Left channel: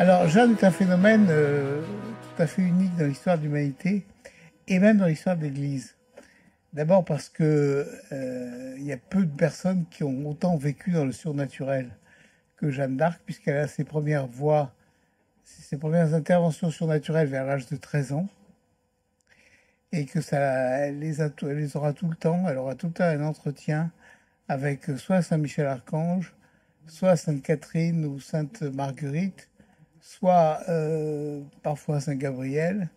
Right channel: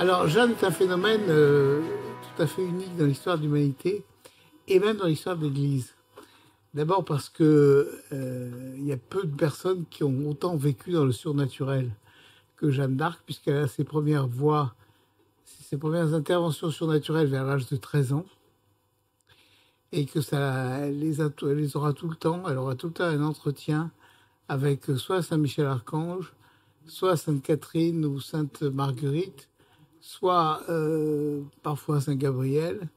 Alors, Jeanne est un phénomène tout à fait unique dans l'histoire de l'humanité et même dans l'histoire de l'Église. D'abord parce que il y a peu de personnes qui ont autant vécu dans le surnaturel que Jeanne d'Arc, puisqu'elle a ses premières voix, ses premières interventions surnaturelles vers l'âge de 13 ans, et que ça, elle les aura tout le temps. Elle aura tout le temps un entretien avec soit Saint Michel Archange, soit Sainte Catherine ou Sainte Marguerite, soit parfois Saint Gabriel.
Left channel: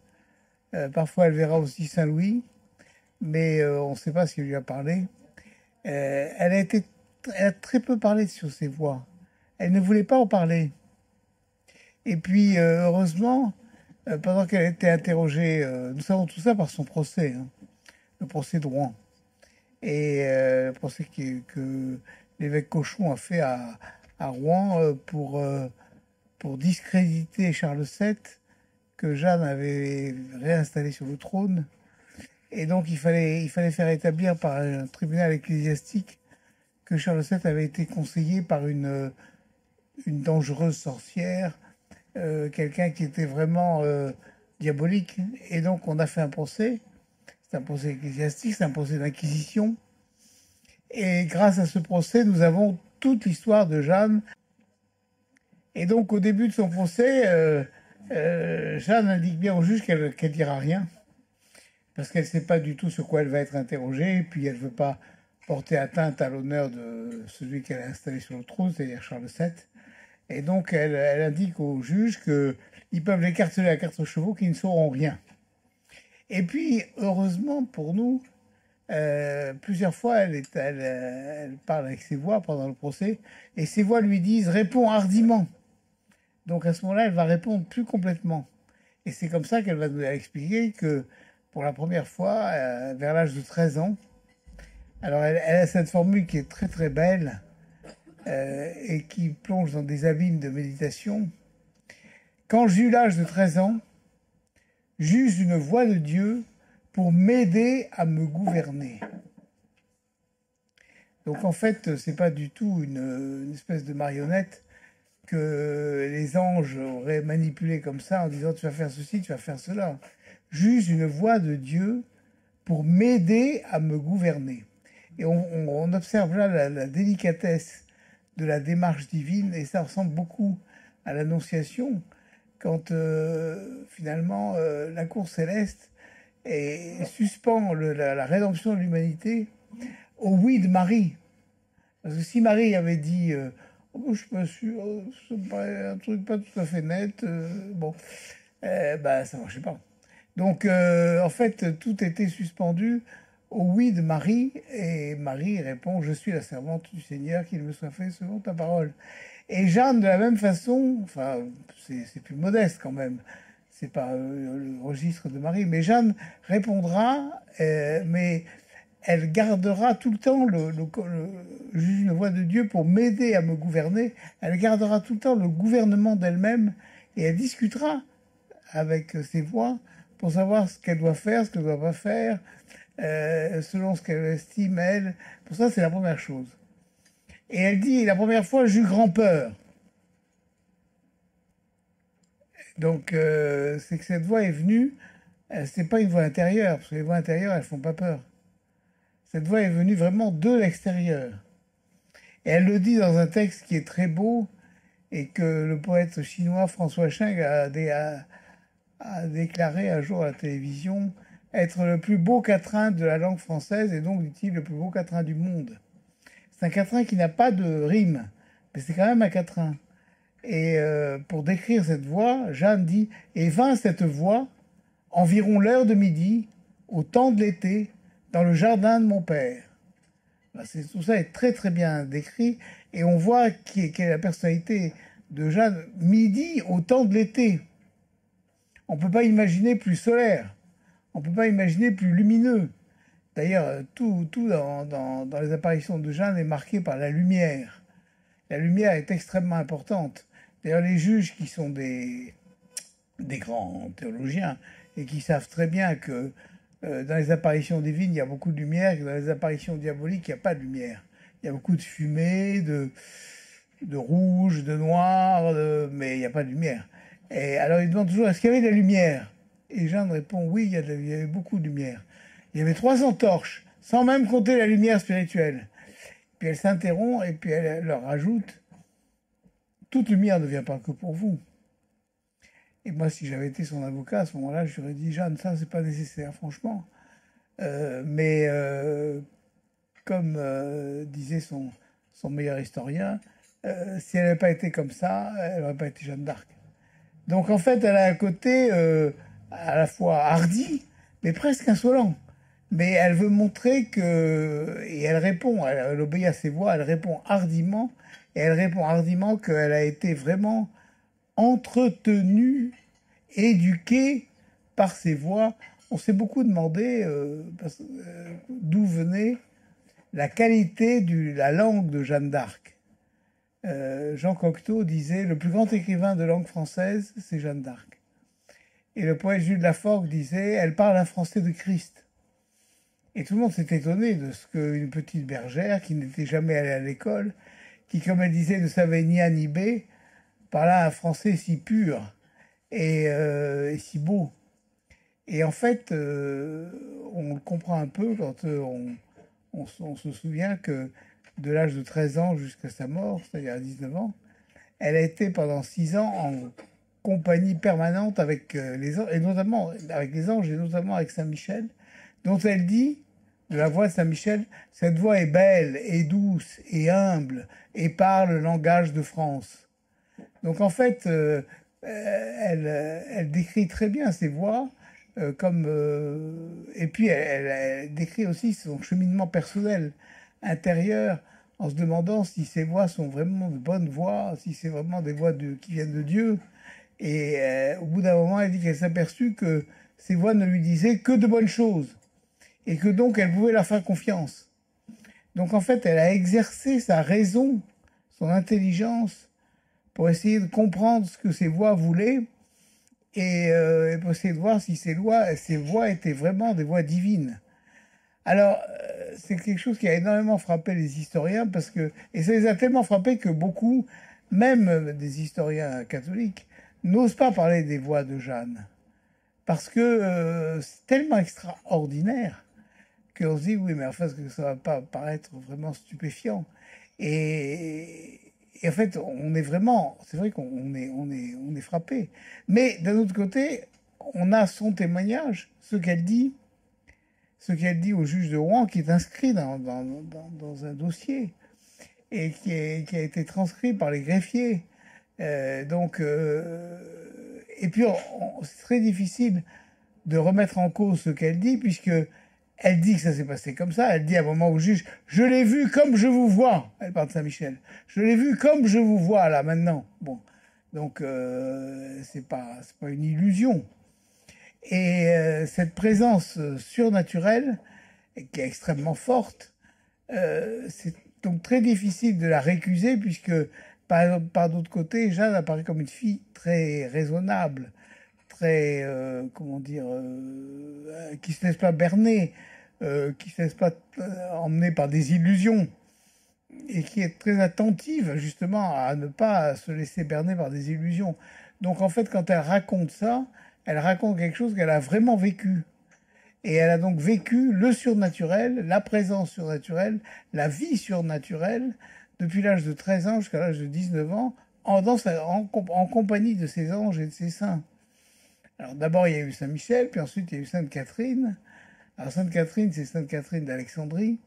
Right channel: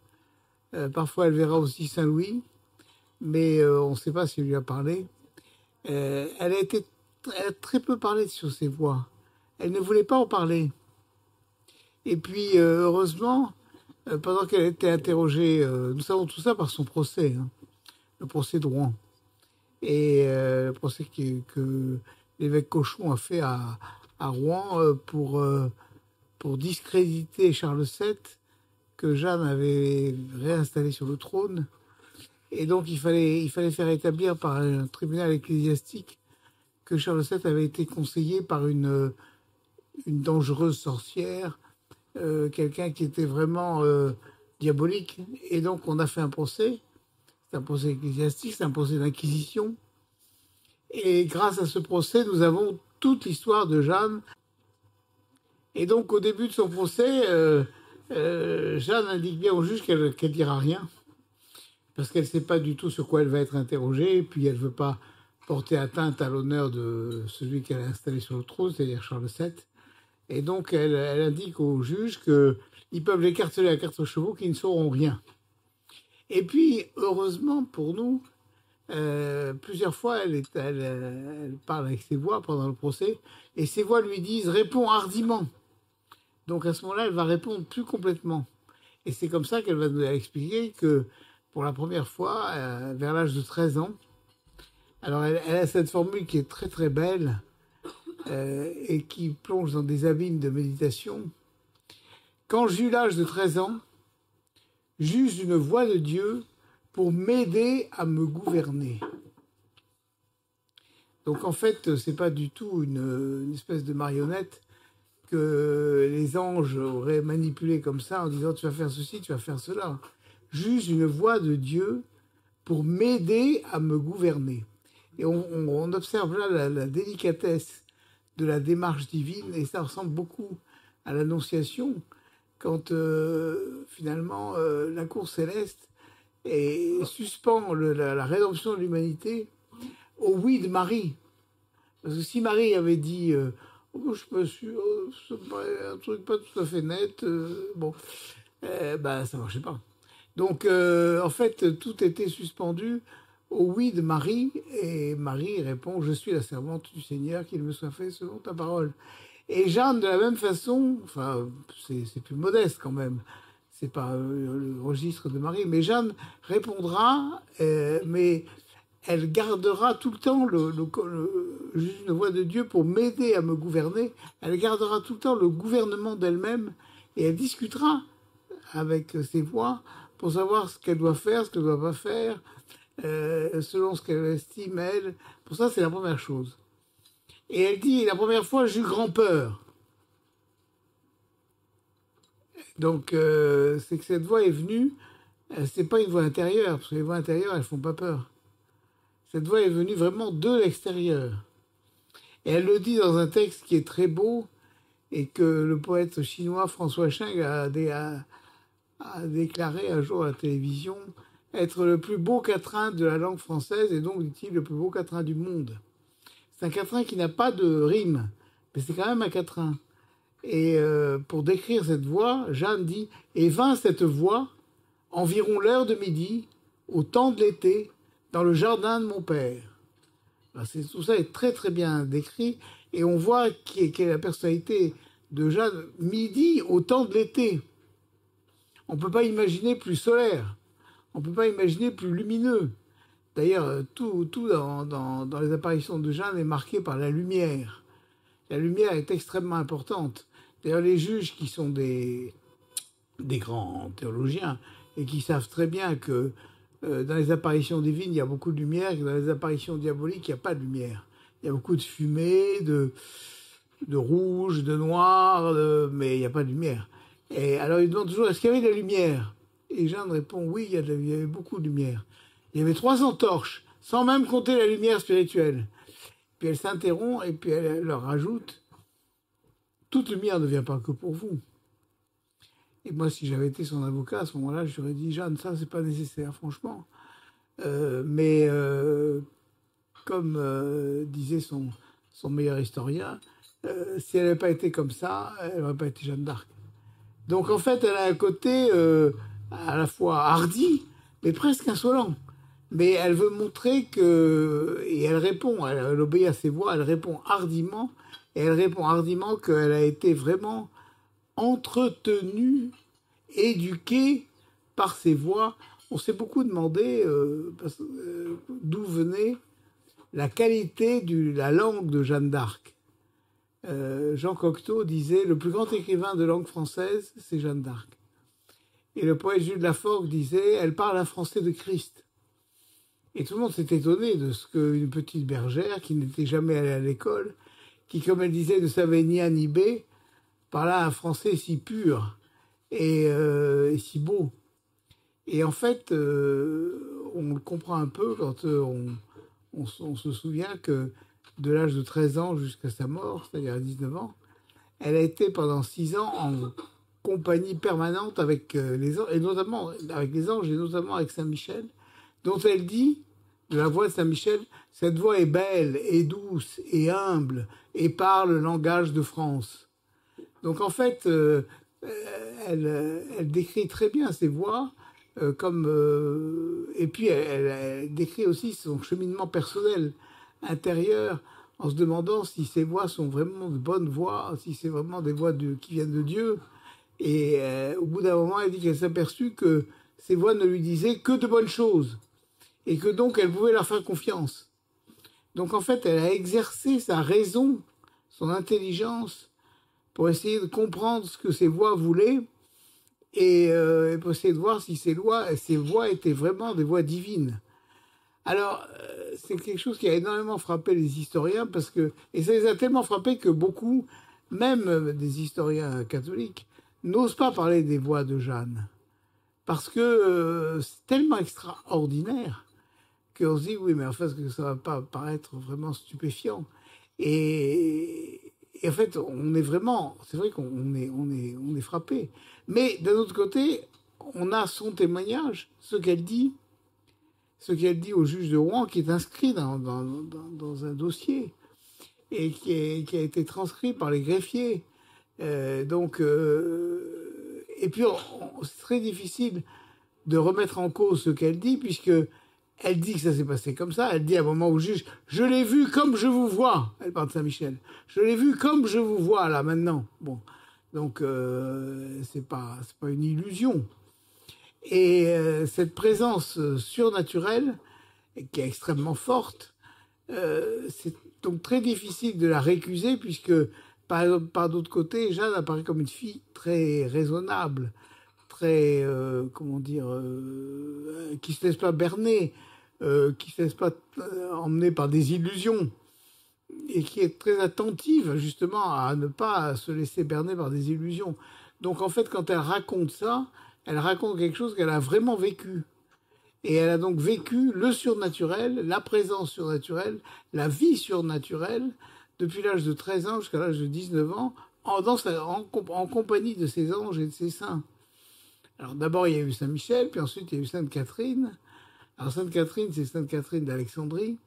Parfois, elle verra aussi Saint Louis, mais on ne sait pas s'il lui a parlé. Elle a très peu parlé sur ses voix. Elle ne voulait pas en parler. Et puis, heureusement, pendant qu'elle était interrogée, nous savons tout ça par son procès, hein, le procès de Rouen. Et le procès que l'évêque Cochon a fait à Rouen pour discréditer Charles VII, que Jeanne avait réinstallé sur le trône. Et donc, il fallait faire établir par un tribunal ecclésiastique que Charles VII avait été conseillé par une dangereuse sorcière, quelqu'un qui était vraiment diabolique. Et donc, on a fait un procès. C'est un procès ecclésiastique, c'est un procès d'inquisition. Et grâce à ce procès, nous avons toute l'histoire de Jeanne. Et donc, au début de son procès, Jeanne indique bien au juge qu'elle dira rien, parce qu'elle ne sait pas du tout sur quoi elle va être interrogée, et puis elle ne veut pas porter atteinte à l'honneur de celui qu'elle a installé sur le trône, c'est-à-dire Charles VII. Et donc, elle indique au juge qu'ils peuvent l'écarteler à quatre chevaux, qu'ils ne sauront rien. Et puis, heureusement pour nous, plusieurs fois, elle parle avec ses voix pendant le procès, et ses voix lui disent « réponds hardiment ». Donc à ce moment-là, elle va répondre plus complètement. Et c'est comme ça qu'elle va nous expliquer que pour la première fois, vers l'âge de 13 ans, alors elle a cette formule qui est très très belle et qui plonge dans des abîmes de méditation. Quand j'eus l'âge de 13 ans, j'eus une voix de Dieu pour m'aider à me gouverner. Donc en fait, c'est pas du tout une espèce de marionnette que les anges auraient manipulé comme ça en disant tu vas faire ceci, tu vas faire cela. Juste une voix de Dieu pour m'aider à me gouverner. Et on observe là la délicatesse de la démarche divine, et ça ressemble beaucoup à l'Annonciation, quand finalement la cour céleste suspend la rédemption de l'humanité au oui de Marie. Parce que si Marie avait dit oh, je suis pas sûr, ça me paraît un truc pas tout à fait net, bon, bah ça marchait pas. Donc en fait, tout était suspendu au oui de Marie, et Marie répond je suis la servante du Seigneur, qu'il me soit fait selon ta parole. Et Jeanne, de la même façon, enfin, c'est plus modeste quand même, c'est pas le registre de Marie, mais Jeanne répondra, mais elle gardera tout le temps juste une voix de Dieu pour m'aider à me gouverner. Elle gardera tout le temps le gouvernement d'elle-même, et elle discutera avec ses voix pour savoir ce qu'elle doit faire, ce qu'elle ne doit pas faire, selon ce qu'elle estime, elle. Pour ça, c'est la première chose. Et elle dit, la première fois, j'eus grand peur. Donc, c'est que cette voix est venue, c'est pas une voix intérieure, parce que les voix intérieures, elles font pas peur. Cette voix est venue vraiment de l'extérieur. Et elle le dit dans un texte qui est très beau, et que le poète chinois François Cheng a déclaré un jour à la télévision être le plus beau quatrain de la langue française, et donc, dit-il, le plus beau quatrain du monde. C'est un quatrain qui n'a pas de rime, mais c'est quand même un quatrain. Et pour décrire cette voix, Jeanne dit « Et vint cette voix, environ l'heure de midi, au temps de l'été, dans le jardin de mon père. » Tout ça est très très bien décrit, et on voit quelle est la personnalité de Jeanne midi au temps de l'été. On ne peut pas imaginer plus solaire, on ne peut pas imaginer plus lumineux. D'ailleurs, tout dans les apparitions de Jeanne est marqué par la lumière. La lumière est extrêmement importante. D'ailleurs, les juges qui sont des grands théologiens et qui savent très bien que dans les apparitions divines, il y a beaucoup de lumière, et que dans les apparitions diaboliques, il n'y a pas de lumière. Il y a beaucoup de fumée, de rouge, de noir, mais il n'y a pas de lumière. Et alors il demande toujours, est-ce qu'il y avait de la lumière? Et Jeanne répond, oui, il y avait beaucoup de lumière. Il y avait 300 torches, sans même compter la lumière spirituelle. Puis elle s'interrompt et puis elle leur rajoute, toute lumière ne vient pas que pour vous. Et moi, si j'avais été son avocat, à ce moment-là, je lui aurais dit, Jeanne, ça, c'est pas nécessaire, franchement. Mais comme disait son meilleur historien, si elle n'avait pas été comme ça, elle n'aurait pas été Jeanne d'Arc. Donc en fait, elle a un côté à la fois hardi, mais presque insolent. Mais elle veut montrer que... Et elle répond, elle obéit à ses voix, elle répond hardiment. Et elle répond hardiment qu'elle a été vraiment entretenue, éduquée par ses voix. On s'est beaucoup demandé d'où venait la qualité de la langue de Jeanne d'Arc. Jean Cocteau disait « Le plus grand écrivain de langue française, c'est Jeanne d'Arc ». Et le poète Jules Laforgue disait « Elle parle un français de Christ ». Et tout le monde s'est étonné de ce qu'une petite bergère qui n'était jamais allée à l'école, qui, comme elle disait, ne savait ni A ni B, parlait un français si pur et si beau. Et en fait, on le comprend un peu quand on se souvient que de l'âge de 13 ans jusqu'à sa mort, c'est-à-dire à 19 ans, elle a été pendant 6 ans en compagnie permanente avec les anges, et notamment avec les anges, et notamment avec Saint-Michel, dont elle dit, de la voix de Saint-Michel, cette voix est belle, et douce, et humble, et parle le langage de France. Donc en fait, elle décrit très bien ses voix, et puis elle décrit aussi son cheminement personnel, intérieur, en se demandant si ces voix sont vraiment de bonnes voix, si c'est vraiment des voix qui viennent de Dieu. Et au bout d'un moment, elle dit qu'elle s'est aperçue que ces voix ne lui disaient que de bonnes choses, et que donc elle pouvait leur faire confiance. Donc en fait, elle a exercé sa raison, son intelligence, pour essayer de comprendre ce que ces voix voulaient, et pour essayer de voir si ces voix étaient vraiment des voix divines. Alors, c'est quelque chose qui a énormément frappé les historiens, et ça les a tellement frappés que beaucoup, même des historiens catholiques, n'osent pas parler des voix de Jeanne. Parce que c'est tellement extraordinaire qu'on se dit, oui, mais en fait, ça va pas paraître vraiment stupéfiant. Et en fait, on est vraiment, c'est vrai qu'on est frappé. Mais d'un autre côté, on a son témoignage, ce qu'elle dit au juge de Rouen, qui est inscrit dans un dossier et qui a été transcrit par les greffiers. Et puis, c'est très difficile de remettre en cause ce qu'elle dit, puisque elle dit que ça s'est passé comme ça. Elle dit à un moment au juge, je l'ai vu comme je vous vois. Elle parle de Saint-Michel. Je l'ai vu comme je vous vois là maintenant. Bon, donc c'est pas une illusion. Et cette présence surnaturelle, qui est extrêmement forte, c'est donc très difficile de la récuser, puisque par d'autre côté, Jeanne apparaît comme une fille très raisonnable, très, qui se laisse pas berner, qui se laisse pas emmener par des illusions, et qui est très attentive justement à ne pas se laisser berner par des illusions. Donc en fait, quand elle raconte ça, elle raconte quelque chose qu'elle a vraiment vécu. Et elle a donc vécu le surnaturel, la présence surnaturelle, la vie surnaturelle, depuis l'âge de 13 ans jusqu'à l'âge de 19 ans, en compagnie de ses anges et de ses saints. Alors d'abord, il y a eu Saint-Michel, puis ensuite, il y a eu Sainte-Catherine. Alors Sainte-Catherine, c'est Sainte-Catherine d'Alexandrie.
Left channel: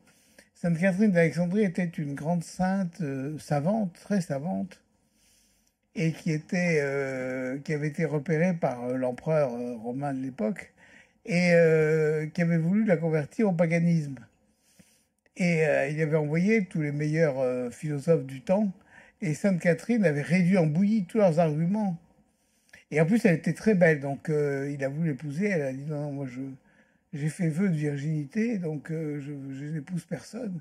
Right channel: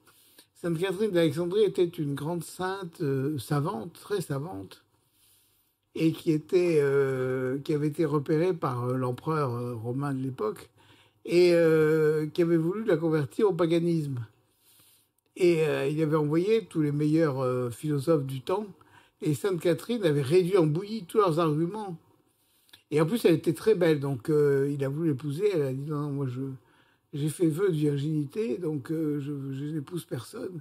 Sainte-Catherine d'Alexandrie était une grande sainte savante, très savante, et qui avait été repérée par l'empereur romain de l'époque, et qui avait voulu la convertir au paganisme. Et il avait envoyé tous les meilleurs philosophes du temps, et Sainte Catherine avait réduit en bouillie tous leurs arguments. Et en plus, elle était très belle, donc il a voulu l'épouser. Elle a dit non, moi j'ai fait vœu de virginité, donc je n'épouse personne.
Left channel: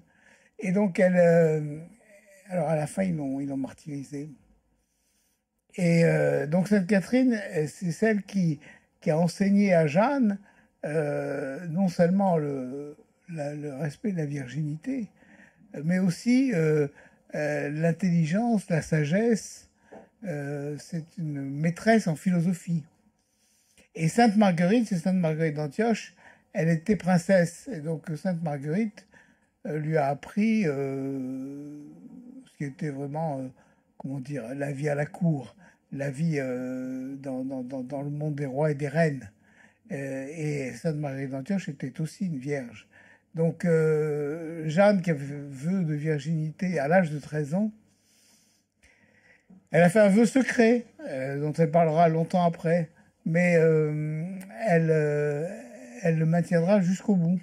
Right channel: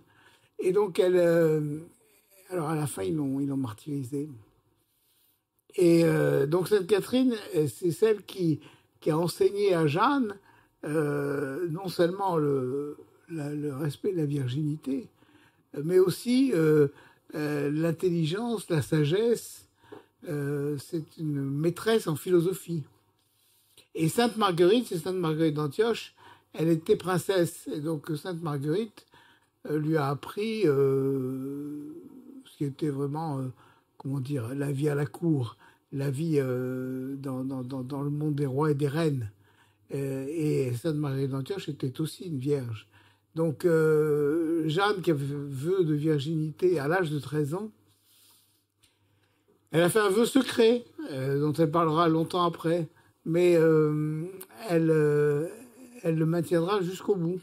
Et donc alors à la fin, ils l'ont martyrisée. Et donc Sainte Catherine, c'est celle qui a enseigné à Jeanne non seulement le respect de la virginité, mais aussi l'intelligence, la sagesse, c'est une maîtresse en philosophie. Et Sainte Marguerite, c'est Sainte Marguerite d'Antioche, elle était princesse. Et donc Sainte Marguerite lui a appris ce qui était vraiment, comment dire, la vie à la cour, la vie dans le monde des rois et des reines. Et Sainte Marguerite d'Antioche était aussi une vierge. Donc Jeanne, qui avait fait vœu de virginité à l'âge de 13 ans, elle a fait un vœu secret, dont elle parlera longtemps après, mais elle, elle le maintiendra jusqu'au bout.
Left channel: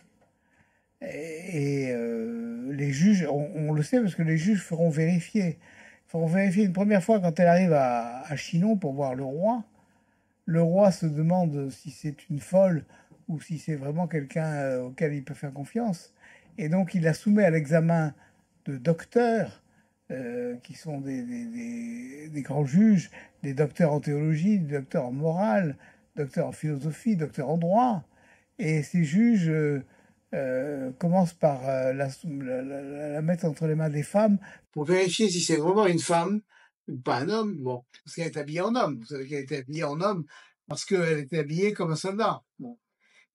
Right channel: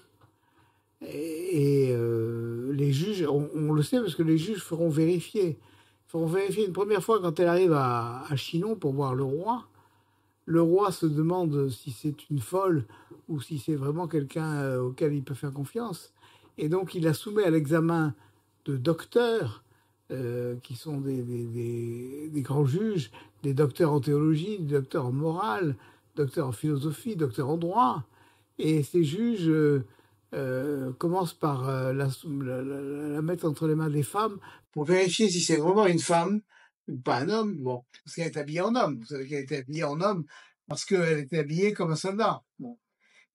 Et les juges, on le sait parce que les juges feront vérifier une première fois quand elle arrive à Chinon pour voir le roi. Le roi se demande si c'est une folle ou si c'est vraiment quelqu'un auquel il peut faire confiance. Et donc il la soumet à l'examen de docteurs, qui sont des grands juges, des docteurs en théologie, des docteurs en morale, docteurs en philosophie, docteurs en droit. Et ces juges commencent par la mettre entre les mains des femmes pour vérifier si c'est vraiment une femme ou pas un homme. Bon, parce qu'elle est habillée en homme. Vous savez qu'elle était habillée en homme parce qu'elle était habillée comme un soldat. Bon.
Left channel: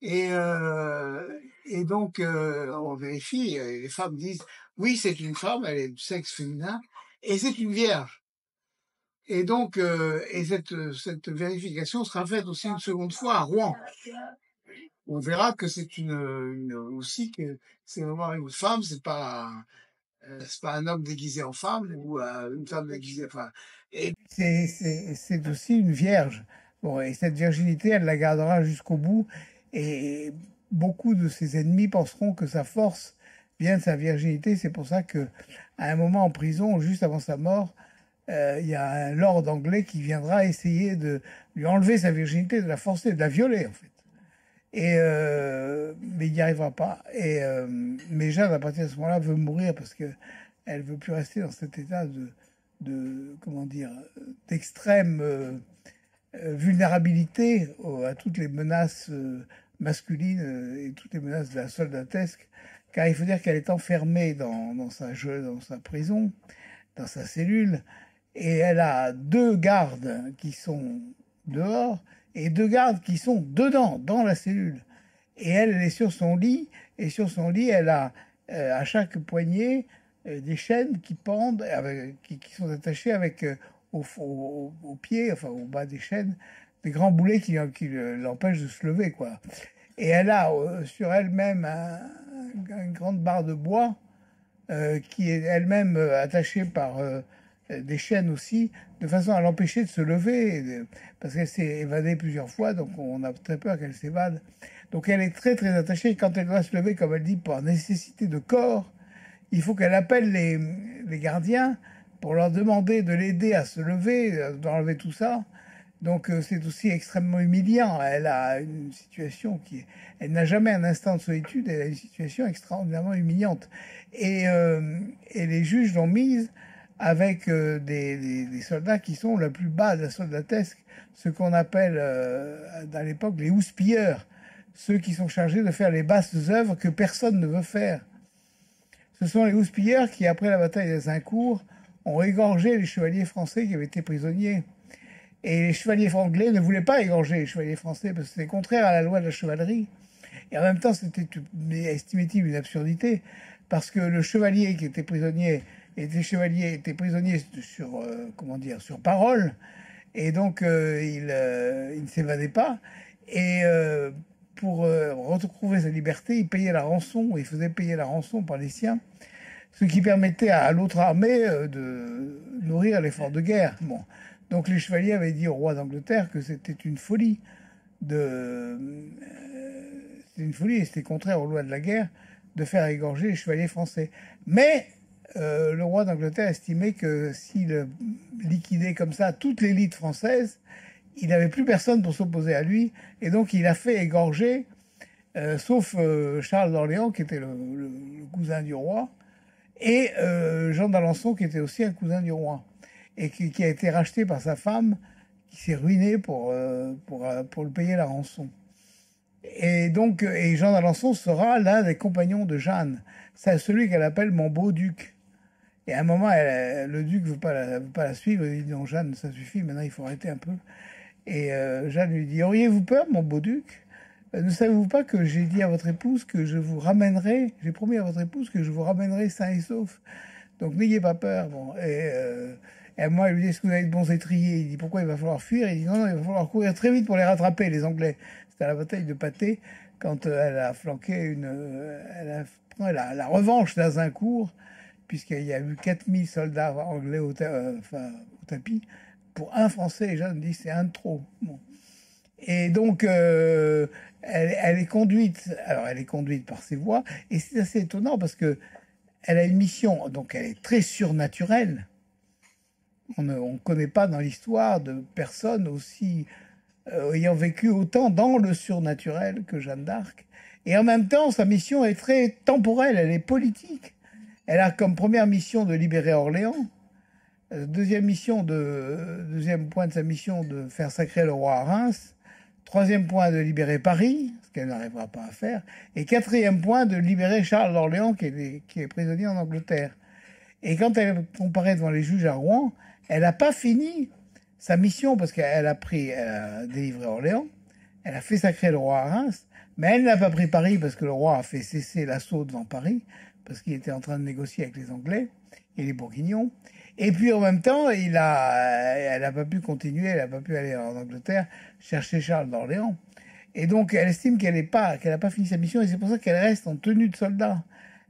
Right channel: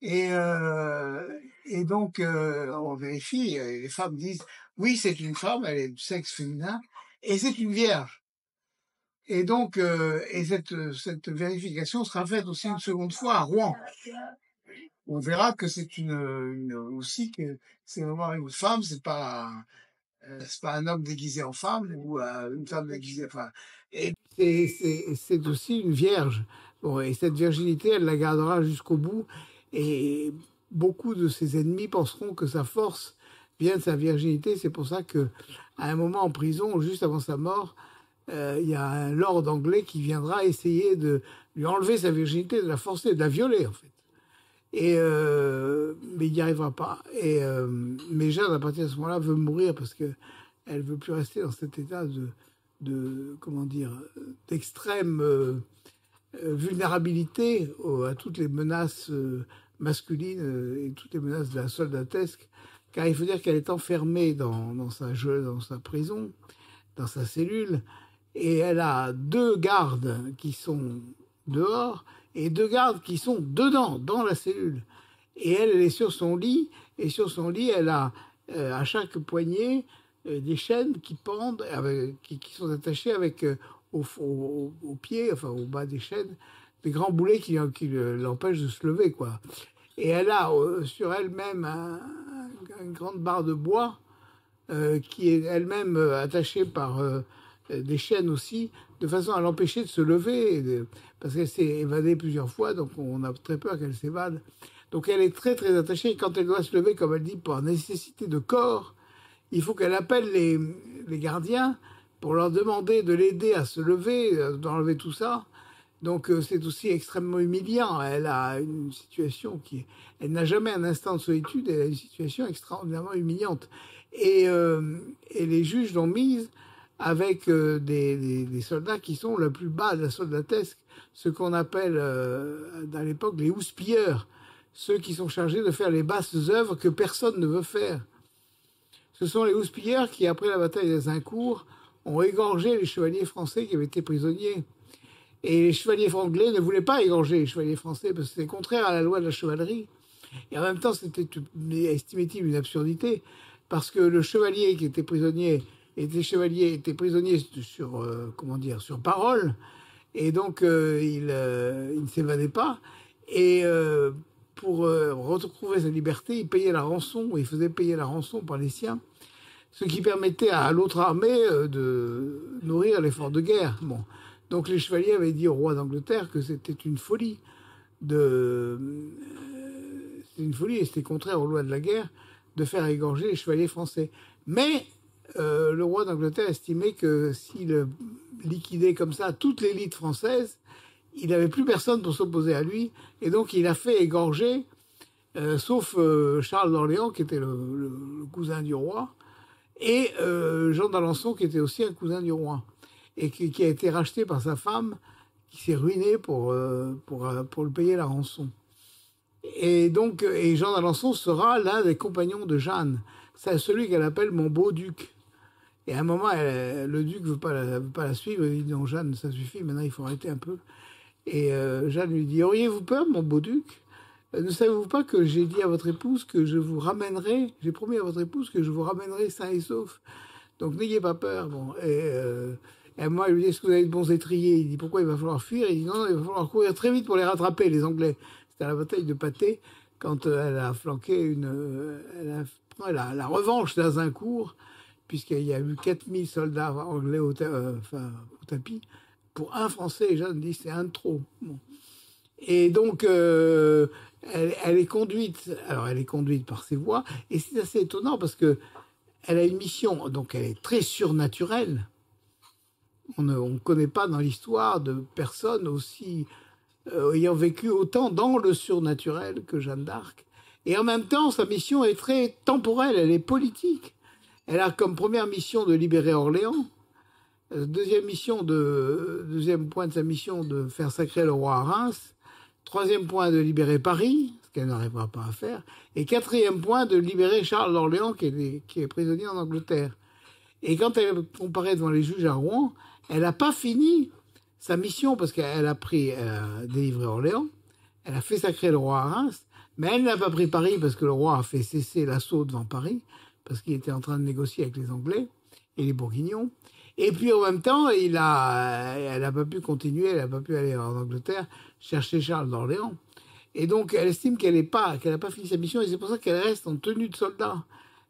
Et, euh, et donc, on vérifie, et les femmes disent, oui, c'est une femme, elle est du sexe féminin, et c'est une vierge. Et donc, cette vérification sera faite aussi une seconde fois à Rouen. On verra que c'est aussi que c'est vraiment une femme, c'est pas un homme déguisé en femme ou une femme déguisée, enfin. Et c'est aussi une vierge. Bon, et cette virginité, elle la gardera jusqu'au bout. Et beaucoup de ses ennemis penseront que sa force vient de sa virginité. C'est pour ça que, à un moment en prison, juste avant sa mort, il y a un lord anglais qui viendra essayer de lui enlever sa virginité, de la forcer, de la violer, en fait. Mais il n'y arrivera pas. Mais Jeanne, à partir de ce moment-là, veut mourir parce que elle veut plus rester dans cet état comment dire, d'extrême vulnérabilité à toutes les menaces masculines et toutes les menaces de la soldatesque. Car il faut dire qu'elle est enfermée dans sa prison, dans sa cellule, et elle a 2 gardes qui sont dehors et 2 gardes qui sont dedans, dans la cellule. Et elle est sur son lit, et sur son lit, elle a à chaque poignet des chaînes qui pendent, qui sont attachées avec au pied, enfin au bas des chaînes, des grands boulets qui l'empêchent de se lever, quoi. Et elle a sur elle-même une grande barre de bois qui est elle-même attachée par des chaînes aussi, de façon à l'empêcher de se lever, parce qu'elle s'est évadée plusieurs fois, donc on a très peur qu'elle s'évade. Donc elle est très très attachée. Quand elle doit se lever, comme elle dit, par nécessité de corps, il faut qu'elle appelle les gardiens pour leur demander de l'aider à se lever, d'enlever tout ça. Donc c'est aussi extrêmement humiliant. Elle a une situation elle n'a jamais un instant de solitude. Elle a une situation extraordinairement humiliante. Et les juges l'ont mise avec des soldats qui sont le plus bas de la soldatesque, ce qu'on appelle à l'époque les houspilleurs, ceux qui sont chargés de faire les basses œuvres que personne ne veut faire. Ce sont les houspilleurs qui, après la bataille d'Azincourt, ont égorgé les chevaliers français qui avaient été prisonniers. Et les chevaliers anglais ne voulaient pas égorger les chevaliers français parce que c'était contraire à la loi de la chevalerie. Et en même temps, c'était, estimait-il, une absurdité parce que le chevalier qui était prisonnier était prisonnier sur, comment dire, sur parole. Et donc, il ne s'évadait pas. Et pour retrouver sa liberté, il payait la rançon, il faisait payer la rançon par les siens, ce qui permettait à l'autre armée de nourrir l'effort de guerre. Bon. Donc les chevaliers avaient dit au roi d'Angleterre que c'était une folie c'était une folie et c'était contraire aux lois de la guerre de faire égorger les chevaliers français. Mais le roi d'Angleterre estimait que s'il liquidait comme ça toute l'élite française, il n'avait plus personne pour s'opposer à lui, et donc il a fait égorger, sauf Charles d'Orléans, qui était le cousin du roi, et Jean d'Alençon, qui était aussi un cousin du roi, et qui a été racheté par sa femme, qui s'est ruiné pour le payer la rançon. Et donc, et Jean d'Alençon sera l'un des compagnons de Jeanne. C'est celui qu'elle appelle mon beau duc. Et à un moment, le duc veut pas la suivre. Il dit non, Jeanne, ça suffit, maintenant il faut arrêter un peu. Et Jeanne lui dit, auriez-vous peur, mon beau duc? Ne savez-vous pas que j'ai dit à votre épouse que je vous ramènerai, j'ai promis à votre épouse que je vous ramènerai sain et sauf. Donc n'ayez pas peur. Bon, et moi, elle lui dit, est-ce que vous avez de bons étriers? Il dit, pourquoi il va falloir fuir? Il dit, non, non, il va falloir courir très vite pour les rattraper, les Anglais. C'était à la bataille de Patay, quand elle a flanqué elle a pris la revanche d'Azincourt, puisqu'il y a eu 4000 soldats anglais au tapis, pour un Français. Et Jeanne dit, c'est un de trop. Bon. Et donc, elle est conduite. Alors, elle est conduite par ses voix, et c'est assez étonnant parce que elle a une mission. Donc, elle est très surnaturelle. On ne connaît pas dans l'histoire de personne aussi ayant vécu autant dans le surnaturel que Jeanne d'Arc. Et en même temps, sa mission est très temporelle. Elle est politique. Elle a comme première mission de libérer Orléans. Deuxième point de sa mission, de faire sacrer le roi à Reims. Troisième point, de libérer Paris, ce qu'elle n'arrivera pas à faire. Et quatrième point, de libérer Charles d'Orléans, qui est prisonnier en Angleterre. Et quand elle comparaît devant les juges à Rouen, elle n'a pas fini sa mission, parce qu'elle a délivré Orléans, elle a fait sacrer le roi à Reims, mais elle n'a pas pris Paris, parce que le roi a fait cesser l'assaut devant Paris, parce qu'il était en train de négocier avec les Anglais et les Bourguignons. Et puis en même temps, elle n'a pas pu continuer, elle n'a pas pu aller en Angleterre chercher Charles d'Orléans. Et donc elle estime qu'elle n'a pas fini sa mission, et c'est pour ça qu'elle reste en tenue de soldat.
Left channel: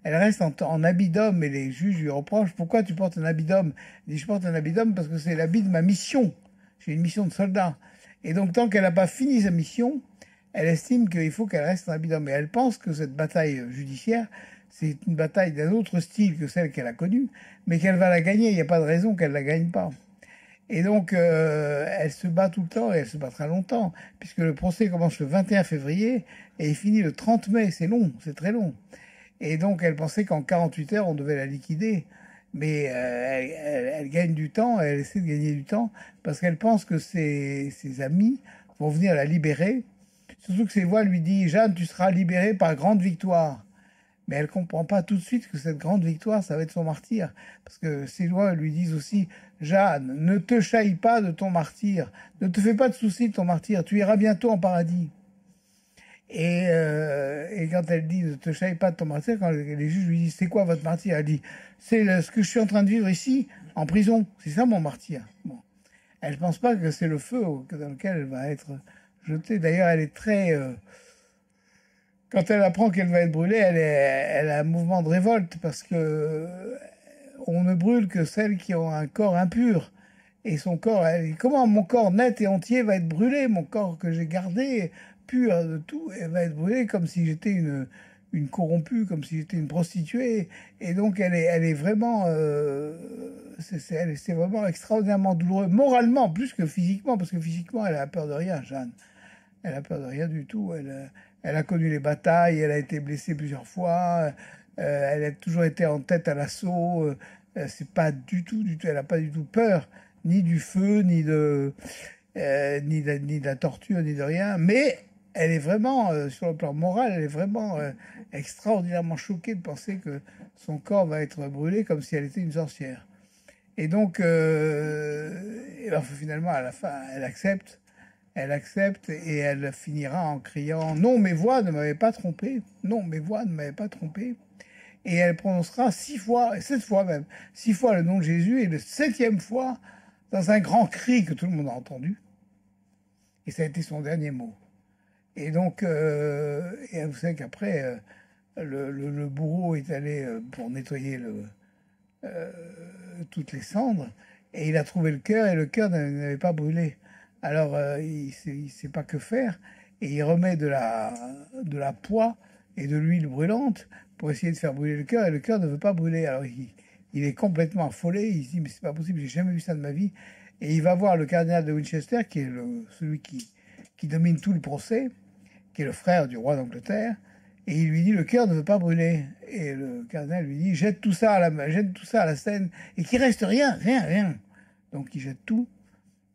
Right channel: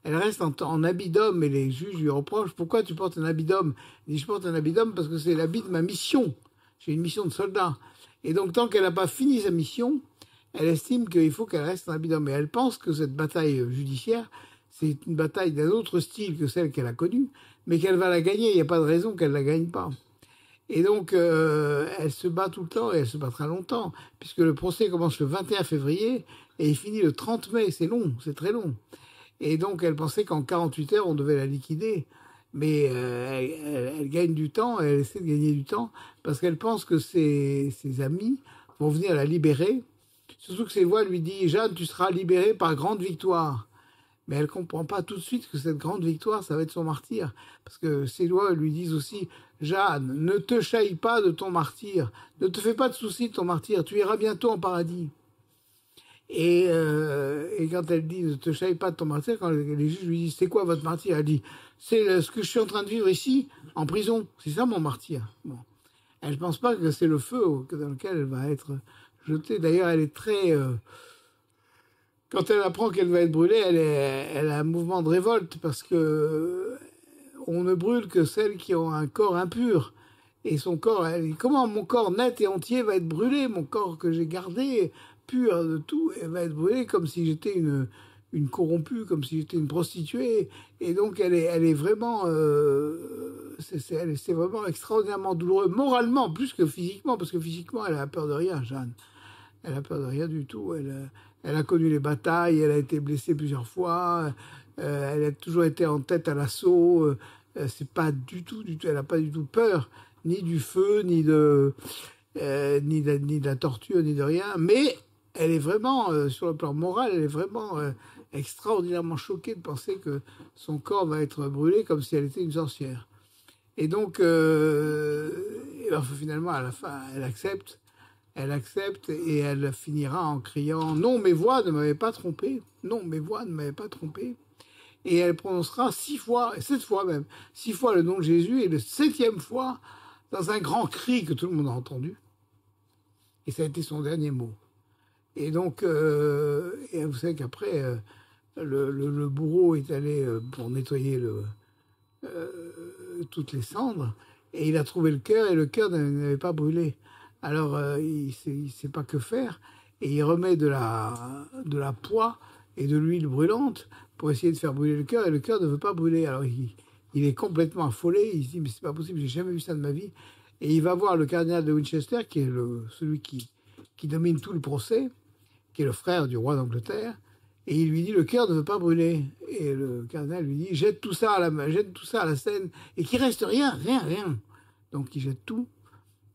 Elle reste en habit d'homme, et les juges lui reprochent, pourquoi tu portes un habit d'homme? Elle dit, je porte un habit d'homme parce que c'est l'habit de ma mission. J'ai une mission de soldat. Et donc tant qu'elle n'a pas fini sa mission, elle estime qu'il faut qu'elle reste en habit d'homme. Et elle pense que cette bataille judiciaire, c'est une bataille d'un autre style que celle qu'elle a connue, mais qu'elle va la gagner. Il n'y a pas de raison qu'elle ne la gagne pas. Et donc, elle se bat tout le temps, et elle se battra longtemps, puisque le procès commence le 21 février et il finit le 30 mai. C'est long, c'est très long. Et donc, elle pensait qu'en 48 heures, on devait la liquider. Mais elle gagne du temps, elle essaie de gagner du temps, parce qu'elle pense que ses amis vont venir la libérer. Surtout que ses voix lui disent, Jeanne, tu seras libérée par grande victoire. Mais elle ne comprend pas tout de suite que cette grande victoire, ça va être son martyr. Parce que ses lois lui disent aussi, Jeanne, ne te chaille pas de ton martyr. Ne te fais pas de soucis de ton martyr. Tu iras bientôt en paradis. Et quand elle dit, ne te chaille pas de ton martyr, quand les juges lui disent, c'est quoi votre martyr? Elle dit, c'est ce que je suis en train de vivre ici, en prison. C'est ça mon martyr. Bon. Elle ne pense pas que c'est le feu dans lequel elle va être jetée. D'ailleurs, elle est très... quand elle apprend qu'elle va être brûlée, elle a un mouvement de révolte, parce que on ne brûle que celles qui ont un corps impur. Et son corps, elle dit, comment mon corps net et entier va être brûlé? Mon corps que j'ai gardé, pur de tout, elle va être brûlée comme si j'étais une corrompue, comme si j'étais une prostituée. Et donc elle est vraiment... c'est vraiment extraordinairement douloureux, moralement, plus que physiquement, parce que physiquement, elle a peur de rien, Jeanne. Elle a peur de rien du tout. Elle a connu les batailles, elle a été blessée plusieurs fois, elle a toujours été en tête à l'assaut. C'est pas du tout, elle n'a pas du tout peur, ni du feu, ni de la torture, ni de rien. Mais elle est vraiment, sur le plan moral, elle est vraiment extraordinairement choquée de penser que son corps va être brûlé comme si elle était une sorcière. Et donc, et ben, finalement, à la fin, elle accepte. Elle accepte, et elle finira en criant « Non, mes voix ne m'avaient pas trompé. Non, mes voix ne m'avaient pas trompé. » Et elle prononcera 6 fois, 7 fois même, 6 fois le nom de Jésus, et le 7e fois, dans un grand cri que tout le monde a entendu. Et ça a été son dernier mot. Et donc, et vous savez qu'après, le bourreau est allé pour nettoyer toutes les cendres, et il a trouvé le cœur, et le cœur n'avait pas brûlé. Alors, il ne sait pas que faire, et il remet de la poix et de l'huile brûlante pour essayer de faire brûler le cœur, et le cœur ne veut pas brûler. Alors, il est complètement affolé, il se dit, mais c'est pas possible, j'ai jamais vu ça de ma vie. Et il va voir le cardinal de Winchester, qui est celui qui domine tout le procès, qui est le frère du roi d'Angleterre, et il lui dit, le cœur ne veut pas brûler. Et le cardinal lui dit, jette tout ça à la Seine, et qu'il reste rien. Donc, il jette tout.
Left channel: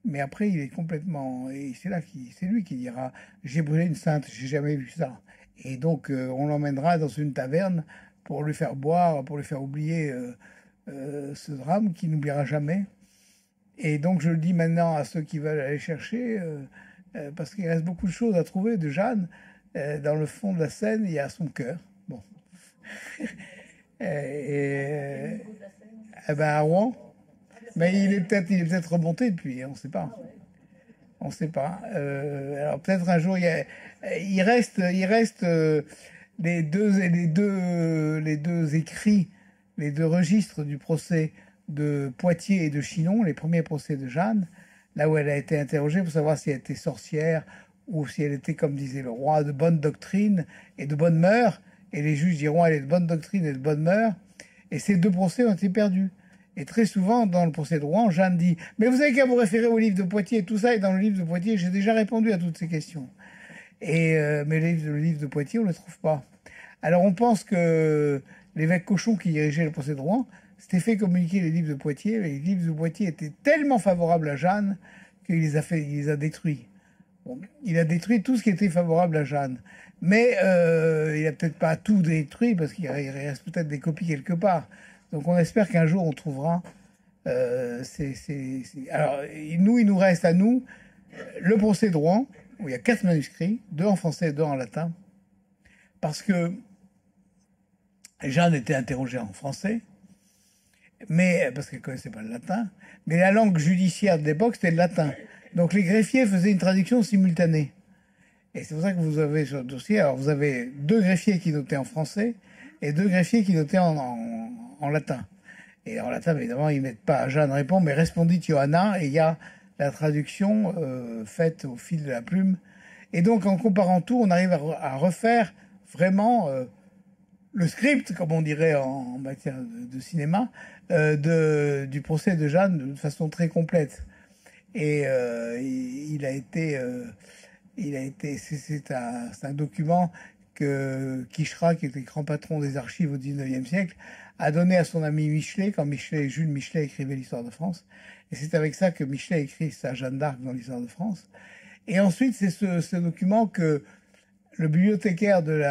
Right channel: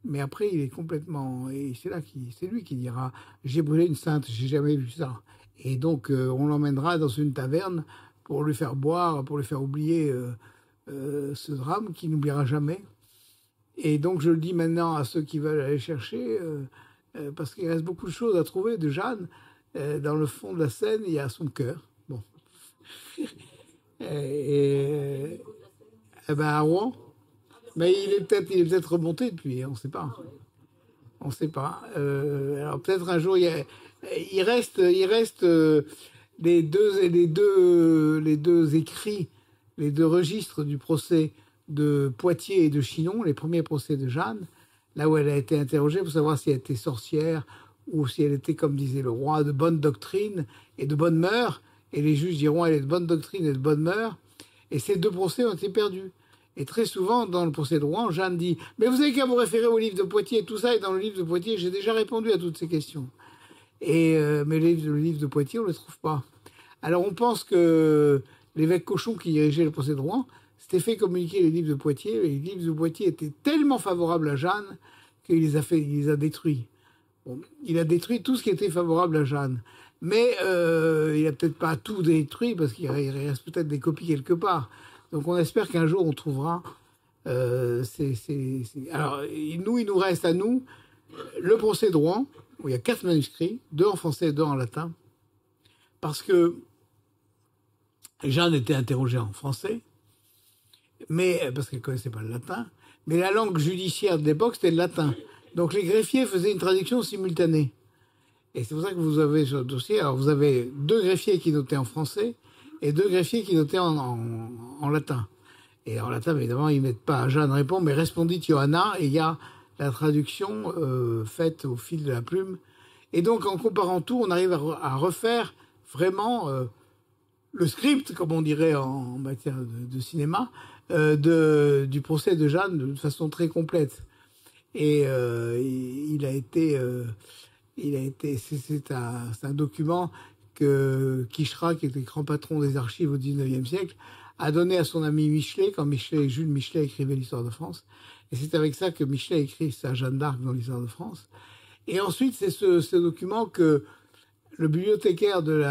Mais après, il est complètement... Et c'est lui qui dira « J'ai brûlé une sainte, j'ai jamais vu ça. » Et donc, on l'emmènera dans une taverne pour lui faire boire, pour lui faire oublier ce drame qu'il n'oubliera jamais. Et donc je le dis maintenant à ceux qui veulent aller chercher, parce qu'il reste beaucoup de choses à trouver de Jeanne. Dans le fond de la Seine, il y a son cœur. Bon. Ben à Rouen. Mais il est peut-être remonté depuis, on ne sait pas. On ne sait pas. Alors peut-être un jour, il reste les deux écrits, les deux registres du procès de Poitiers et de Chinon, les premiers procès de Jeanne, là où elle a été interrogée pour savoir si elle était sorcière ou si elle était, comme disait le roi, de bonne doctrine et de bonne mœurs. Et les juges diront elle est de bonne doctrine et de bonne mœurs. Et ces deux procès ont été perdus. Et très souvent, dans le procès de Rouen, Jeanne dit « Mais vous avez qu'à vous référer au livre de Poitiers et tout ça. Et dans le livre de Poitiers, j'ai déjà répondu à toutes ces questions. » Mais le livre de Poitiers, on ne le trouve pas. Alors on pense que l'évêque Cochon, qui dirigeait le procès de Rouen, s'était fait communiquer les livres de Poitiers. Et les livres de Poitiers étaient tellement favorables à Jeanne qu'il il les a détruits. Bon, il a détruit tout ce qui était favorable à Jeanne. Mais il n'a peut-être pas tout détruit parce qu'il reste peut-être des copies quelque part. Donc on espère qu'un jour on trouvera. Alors il nous reste à nous le procès de Rouen, où il y a 4 manuscrits, 2 en français et 2 en latin. Parce que Jeanne était interrogée en français, mais parce qu'elle ne connaissait pas le latin. Mais la langue judiciaire de l'époque, c'était le latin. Donc les greffiers faisaient une traduction simultanée. Et c'est pour ça que vous avez sur le dossier, alors vous avez 2 greffiers qui notaient en français et 2 greffiers qui notaient en latin. Et en latin, évidemment, ils ne mettent pas Jeanne répond, mais respondit Johanna, et il y a la traduction faite au fil de la plume. Et donc, en comparant tout, on arrive à refaire vraiment le script, comme on dirait en matière de cinéma, du procès de Jeanne de façon très complète. Et c'est un document que Quicherat, qui était grand patron des archives au XIXe siècle, a donné à son ami Michelet, quand Jules Michelet écrivait l'histoire de France. Et c'est avec ça que Michelet écrit sa Jeanne d'Arc dans l'histoire de France. Et ensuite, c'est ce document que le bibliothécaire de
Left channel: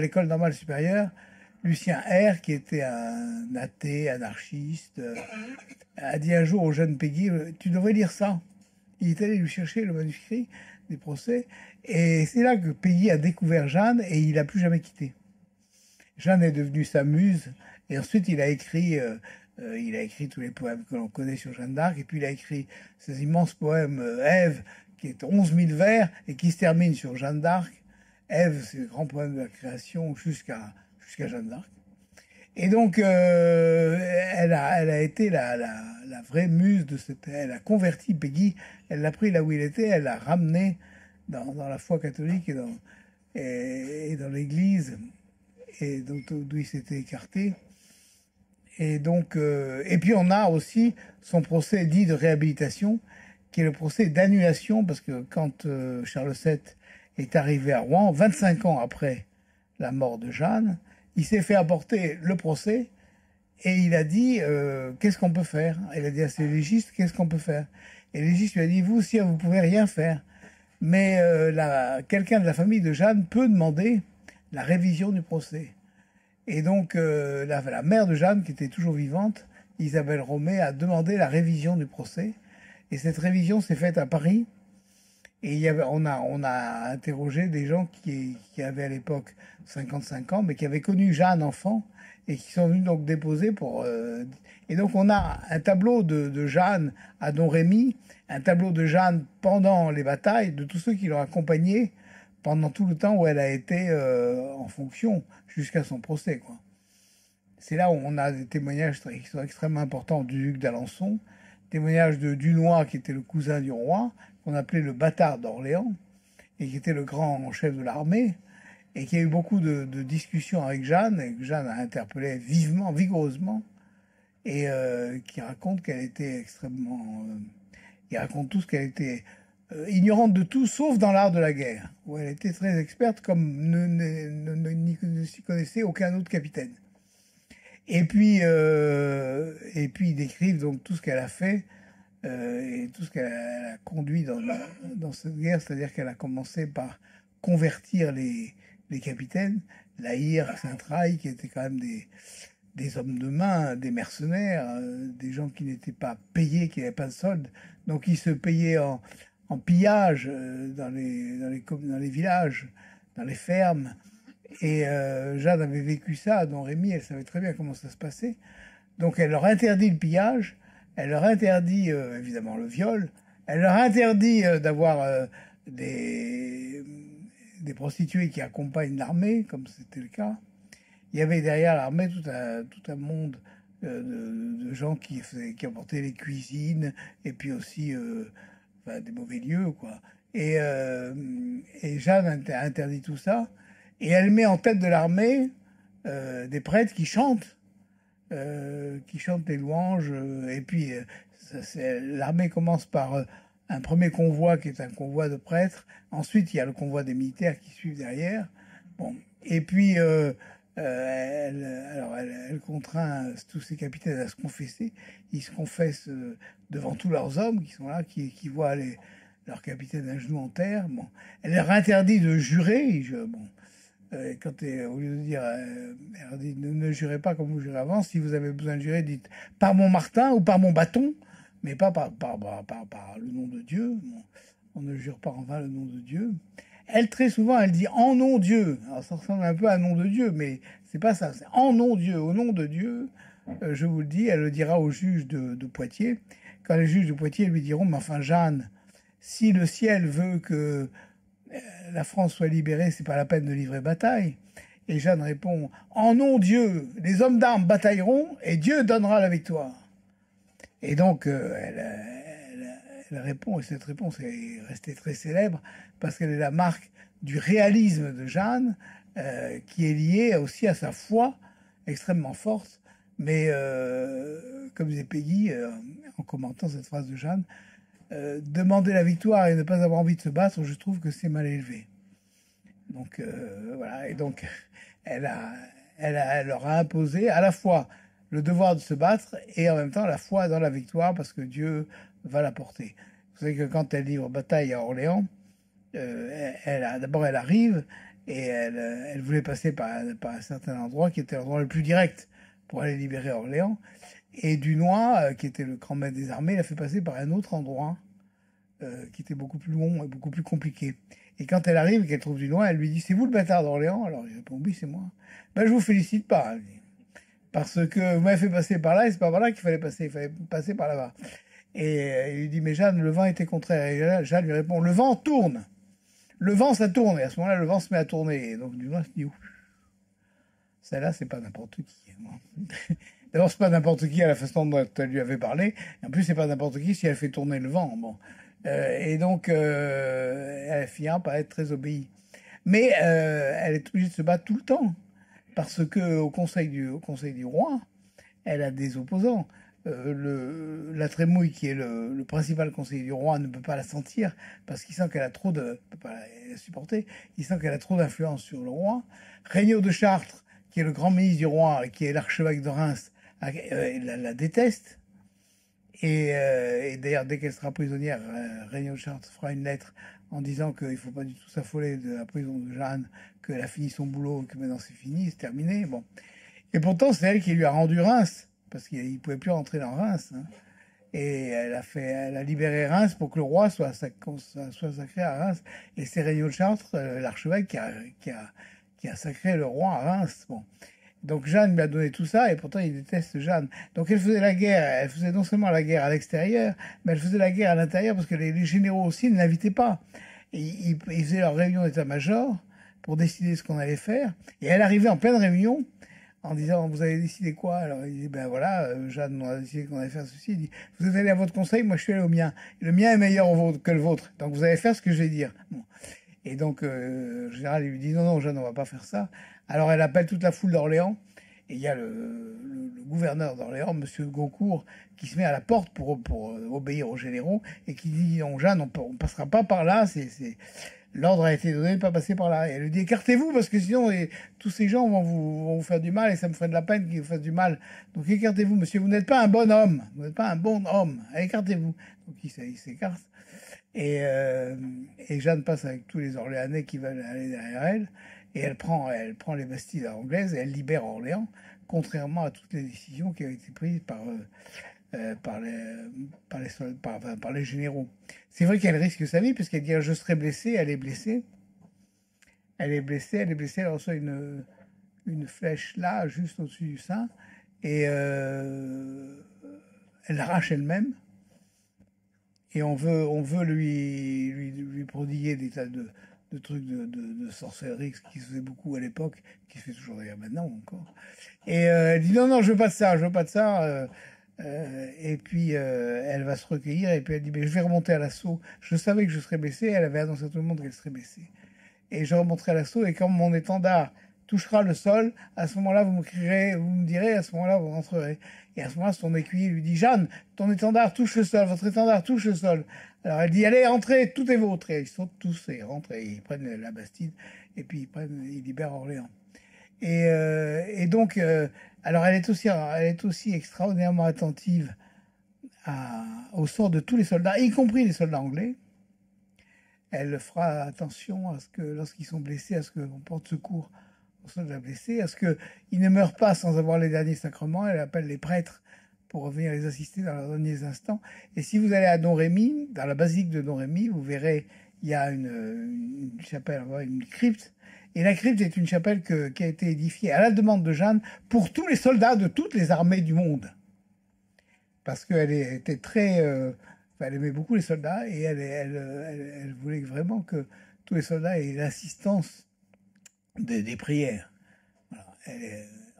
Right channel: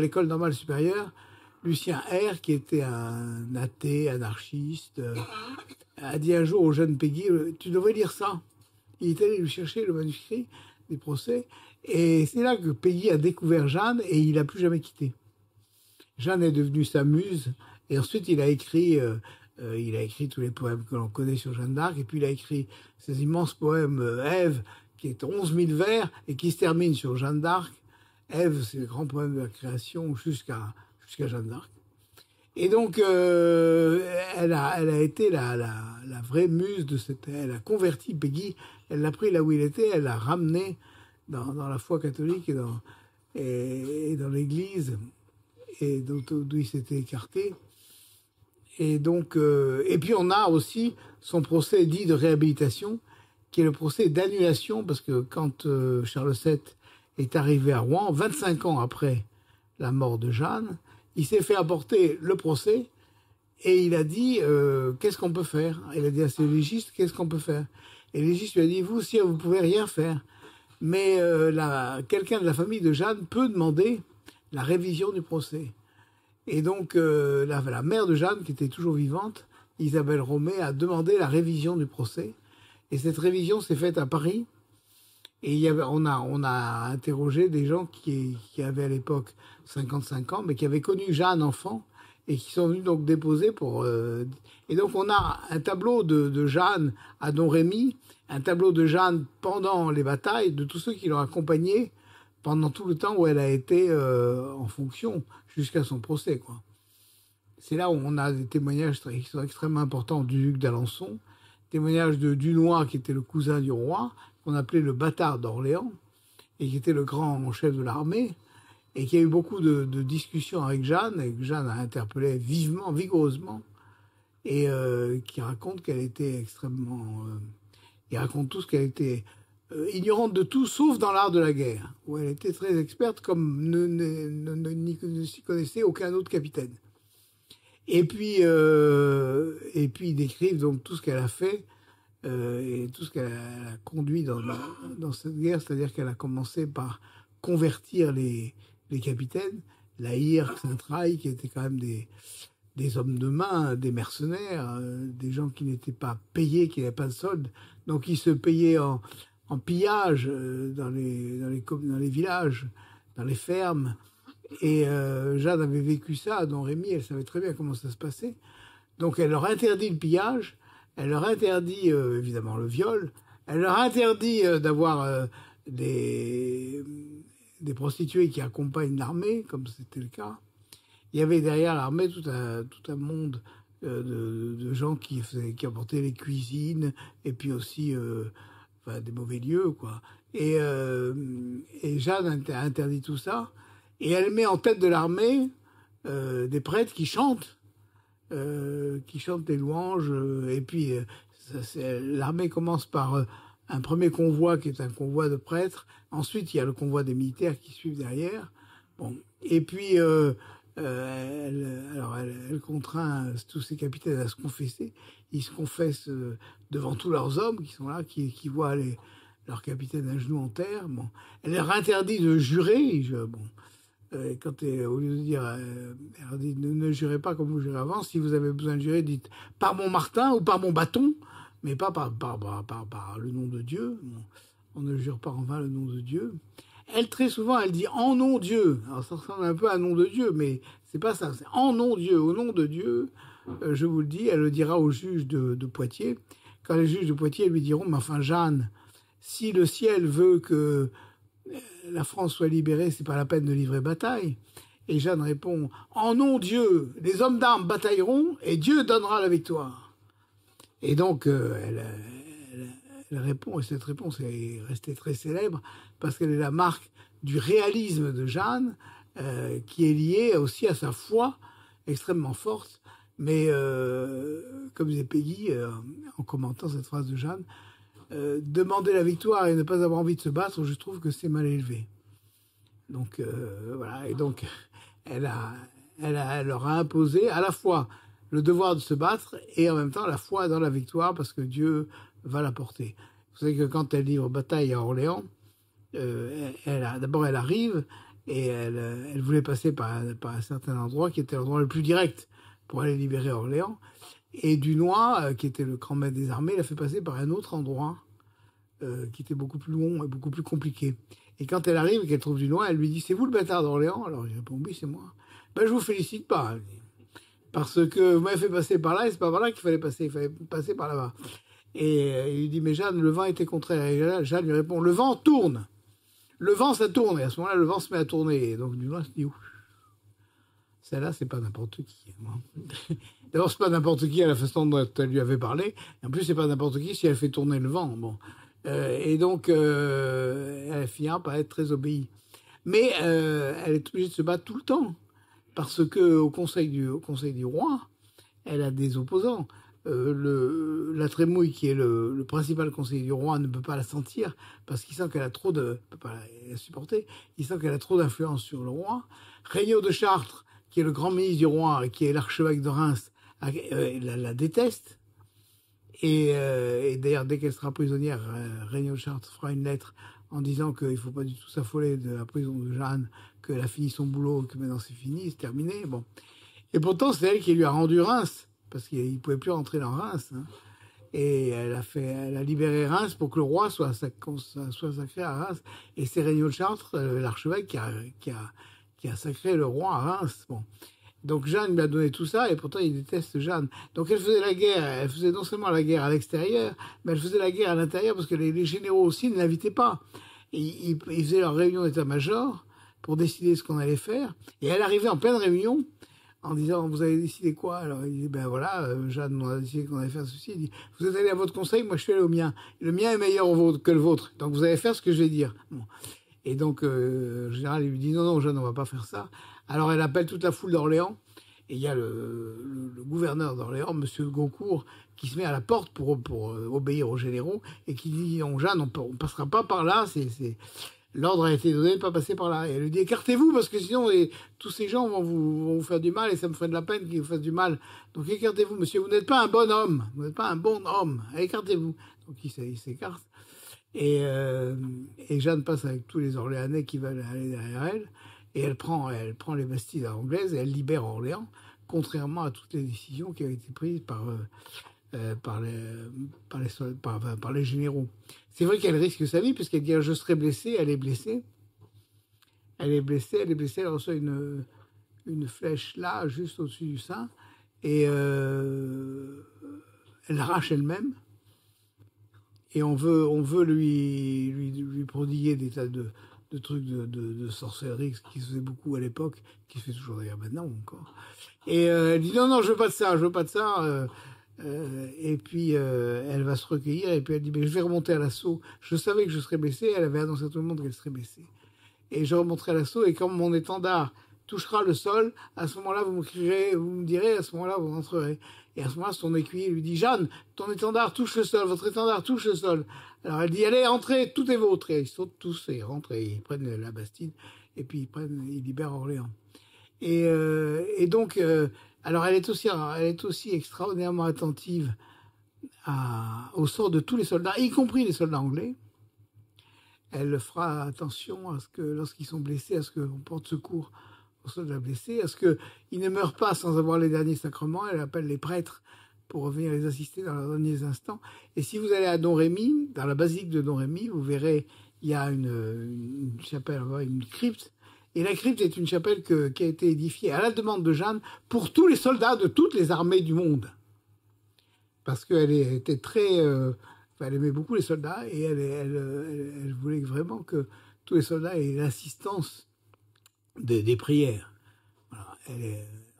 l'école normale supérieure, Lucien R, qui était un athée, anarchiste, a dit un jour au jeune Peggy, tu devrais lire ça. Il est allé lui chercher le manuscrit des procès. Et c'est là que Peggy a découvert Jeanne et il n'a plus jamais quitté. Jeanne est devenue sa muse. Et ensuite, il a écrit tous les poèmes que l'on connaît sur Jeanne d'Arc. Et puis, il a écrit ces immenses poèmes Ève, qui est 11 000 vers et qui se termine sur Jeanne d'Arc. Ève, c'est le grand poème de la création jusqu'à Jeanne d'Arc. Et donc, elle a été la vraie muse de cette. Elle a converti Peggy. Elle l'a pris là où il était. Elle l'a ramené dans la foi catholique et dans l'Église, et d'où il s'était écarté. Et donc, et puis on a aussi son procès dit de réhabilitation, qui est le procès d'annulation, parce que quand Charles VII est arrivé à Rouen, 25 ans après la mort de Jeanne, il s'est fait apporter le procès et il a dit qu'est-ce qu'on peut faire. Il a dit à ses légistes qu'est-ce qu'on peut faire. Et le légiste lui a dit vous, si vous pouvez rien faire, mais quelqu'un de la famille de Jeanne peut demander la révision du procès. Et donc la mère de Jeanne, qui était toujours vivante, Isabelle Romé, a demandé la révision du procès. Et cette révision s'est faite à Paris. Et on a interrogé des gens qui avaient à l'époque 55 ans, mais qui avaient connu Jeanne enfant et qui sont venus donc déposer pour. Et donc on a un tableau de Jeanne à Domrémy, un tableau de Jeanne pendant les batailles, de tous ceux qui l'ont accompagnée pendant tout le temps où elle a été en fonction jusqu'à son procès, quoi. C'est là où on a des témoignages qui sont extrêmement importants du duc d'Alençon, témoignage de Dunois, qui était le cousin du roi, qu'on appelait le bâtard d'Orléans, et qui était le grand chef de l'armée, et qui a eu beaucoup de discussions avec Jeanne, et que Jeanne a interpellé vivement, vigoureusement, et qui raconte qu'elle était extrêmement... il raconte tout ce qu'elle était ignorante de tout, sauf dans l'art de la guerre, où elle était très experte, comme ne s'y connaissait aucun autre capitaine. Et puis ils décrivent donc tout ce qu'elle a fait et tout ce qu'elle a conduit dans cette guerre, c'est-à-dire qu'elle a commencé par convertir les capitaines, La Hire, Saint-Traille, qui étaient quand même des hommes de main, des mercenaires, des gens qui n'étaient pas payés, qui n'avaient pas de solde. Donc ils se payaient en pillage dans les villages, dans les fermes. Et Jeanne avait vécu ça, dont Rémy, elle savait très bien comment ça se passait. Donc elle leur interdit le pillage, elle leur interdit évidemment le viol, elle leur interdit d'avoir des, des prostituées qui accompagnent l'armée, comme c'était le cas. Il y avait derrière l'armée tout un monde de gens qui apportaient les cuisines et puis aussi enfin, des mauvais lieux, quoi. Et Jeanne a interdit tout ça. Et elle met en tête de l'armée des prêtres qui chantent des louanges. Et puis, l'armée commence par un premier convoi qui est un convoi de prêtres. Ensuite, il y a le convoi des militaires qui suivent derrière. Bon. Et puis, elle contraint tous ces capitaines à se confesser. Ils se confessent devant tous leurs hommes qui sont là, qui voient leurs capitaines à genoux en terre. Bon. Elle leur interdit de jurer. Bon. Au lieu de dire, elle leur dit ne jurez pas comme vous jurez avant. Si vous avez besoin de jurer, dites par mon Martin ou par mon bâton, mais pas par le nom de Dieu. Bon, on ne jure pas en vain le nom de Dieu. Elle, très souvent, elle dit en nom Dieu. Alors ça ressemble un peu à nom de Dieu, mais c'est pas ça. C'est en nom Dieu, au nom de Dieu. Je vous le dis, elle le dira aux juges de Poitiers. Quand les juges de Poitiers lui diront, mais enfin Jeanne, si le ciel veut que la France soit libérée, c'est pas la peine de livrer bataille. Et Jeanne répond, en nom Dieu, les hommes d'armes batailleront et Dieu donnera la victoire. Et donc, elle répond, et cette réponse est restée très célèbre, parce qu'elle est la marque du réalisme de Jeanne, qui est liée aussi à sa foi extrêmement forte. Mais, comme disait Peggy, en commentant cette phrase de Jeanne, demander la victoire et ne pas avoir envie de se battre, je trouve que c'est mal élevé. Donc, voilà. Et donc, elle leur a imposé à la fois le devoir de se battre et en même temps la foi dans la victoire parce que Dieu va la porter. Vous savez que quand elle livre bataille à Orléans, d'abord elle arrive et elle voulait passer par un certain endroit qui était l'endroit le plus direct pour aller libérer Orléans. Et Dunois, qui était le grand maître des armées, l'a fait passer par un autre endroit qui était beaucoup plus long et beaucoup plus compliqué. Et quand elle arrive et qu'elle trouve Dunois, elle lui dit « C'est vous le bâtard d'Orléans ?» Alors il répond « Oui, c'est moi. » « Ben, je vous félicite pas. » Parce que vous m'avez fait passer par là et c'est pas par là qu'il fallait passer. Il fallait passer par là-bas. Et il lui dit « Mais Jeanne, le vent était contraire. » Et Jeanne lui répond « Le vent tourne. Le vent, ça tourne. » Et à ce moment-là, le vent se met à tourner. Et donc Dunois se dit « Ouf. Celle-là, c'est pas n'importe qui. » D'abord, c'est pas n'importe qui à la façon dont elle lui avait parlé. Et en plus, c'est pas n'importe qui si elle fait tourner le vent. Bon. Et donc, elle finira par être très obéie. Mais elle est obligée de se battre tout le temps. Parce que au conseil du roi, elle a des opposants. La Trémouille, qui est le principal conseiller du roi, ne peut pas la sentir parce qu'il sent qu'elle a trop de, peut pas la supporter. Il sent qu'elle a trop d'influence sur le roi. Regnault de Chartres, qui est le grand ministre du roi et qui est l'archevêque de Reims, la déteste. Et d'ailleurs, dès qu'elle sera prisonnière, Regnault de Chartres fera une lettre en disant qu'il ne faut pas du tout s'affoler de la prison de Jeanne, qu'elle a fini son boulot, que maintenant c'est fini, c'est terminé. Bon. Et pourtant, c'est elle qui lui a rendu Reims, parce qu'il ne pouvait plus rentrer dans Reims. Hein. Et elle a libéré Reims pour que le roi soit sacré à Reims. Et c'est Regnault de Chartres, l'archevêque, qui a sacré le roi à Reims. Bon. Donc Jeanne lui a donné tout ça, et pourtant il déteste Jeanne. Donc elle faisait la guerre, elle faisait non seulement la guerre à l'extérieur, mais elle faisait la guerre à l'intérieur, parce que les généraux aussi ne l'invitaient pas. Et ils faisaient leur réunion d'état-major pour décider ce qu'on allait faire. Et elle arrivait en pleine réunion, en disant « Vous avez décidé quoi ?» Alors il dit « Ben voilà, Jeanne, on a décidé qu'on allait faire ceci. » Il dit « Vous êtes allé à votre conseil, moi je suis allé au mien. Et le mien est meilleur que le vôtre, donc vous allez faire ce que je vais dire. » Bon. Et donc, le général il lui dit « Non, non, Jeanne, on va pas faire ça. » Alors elle appelle toute la foule d'Orléans, et il y a le gouverneur d'Orléans, Monsieur Gaucourt, qui se met à la porte pour obéir aux généraux, et qui dit « Non, Jeanne, on passera pas par là, l'ordre a été donné de ne pas passer par là. » Et elle lui dit « Écartez-vous, parce que sinon, tous ces gens vont vous faire du mal, et ça me ferait de la peine qu'ils vous fassent du mal. Donc écartez-vous, monsieur, vous n'êtes pas un bon homme. Vous n'êtes pas un bon homme. Écartez-vous. » Donc il s'écarte. Et Jeanne passe avec tous les Orléanais qui veulent aller derrière elle. Et elle prend les Bastilles anglaises et elle libère Orléans contrairement à toutes les décisions qui avaient été prises par les généraux. C'est vrai qu'elle risque sa vie, puisqu'elle dit je serai blessée, elle est blessée. Elle est blessée, elle reçoit une flèche là, juste au-dessus du sein, et elle l'arrache elle-même. Et on veut lui prodiguer des tas de trucs de sorcellerie, ce qui se faisait beaucoup à l'époque, qui se fait toujours d'ailleurs maintenant encore. Et elle dit non, je veux pas de ça, je veux pas de ça. Et puis elle va se recueillir, et puis elle dit mais je vais remonter à l'assaut. Je savais que je serais blessée, elle avait annoncé à tout le monde qu'elle serait blessée. Et je remonterai à l'assaut, et quand mon étendard touchera le sol, à ce moment-là, vous me crierez, vous me direz, à ce moment-là, vous rentrerez. Et à ce moment-là, son écuyer lui dit, Jeanne, ton étendard touche le sol, votre étendard touche le sol. Alors elle dit, allez, entrez, tout est vôtre. Et ils sautent tous, et ils rentrent, et ils prennent la Bastide, et puis ils libèrent Orléans. Et donc, alors elle est aussi extraordinairement attentive au sort de tous les soldats, y compris les soldats anglais. Elle fera attention à ce que, lorsqu'ils sont blessés, à ce qu'on porte secours aux soldats blessés, à ce qu'ils ne meurent pas sans avoir les derniers sacrements. Elle appelle les prêtres pour venir les assister dans leurs derniers instants. Et si vous allez à Domrémy, dans la basilique de Domrémy, vous verrez, il y a une chapelle, une crypte. Et la crypte est une chapelle qui a été édifiée à la demande de Jeanne pour tous les soldats de toutes les armées du monde. Parce qu'elle était très... elle aimait beaucoup les soldats, et elle voulait vraiment que tous les soldats aient l'assistance des prières. Voilà.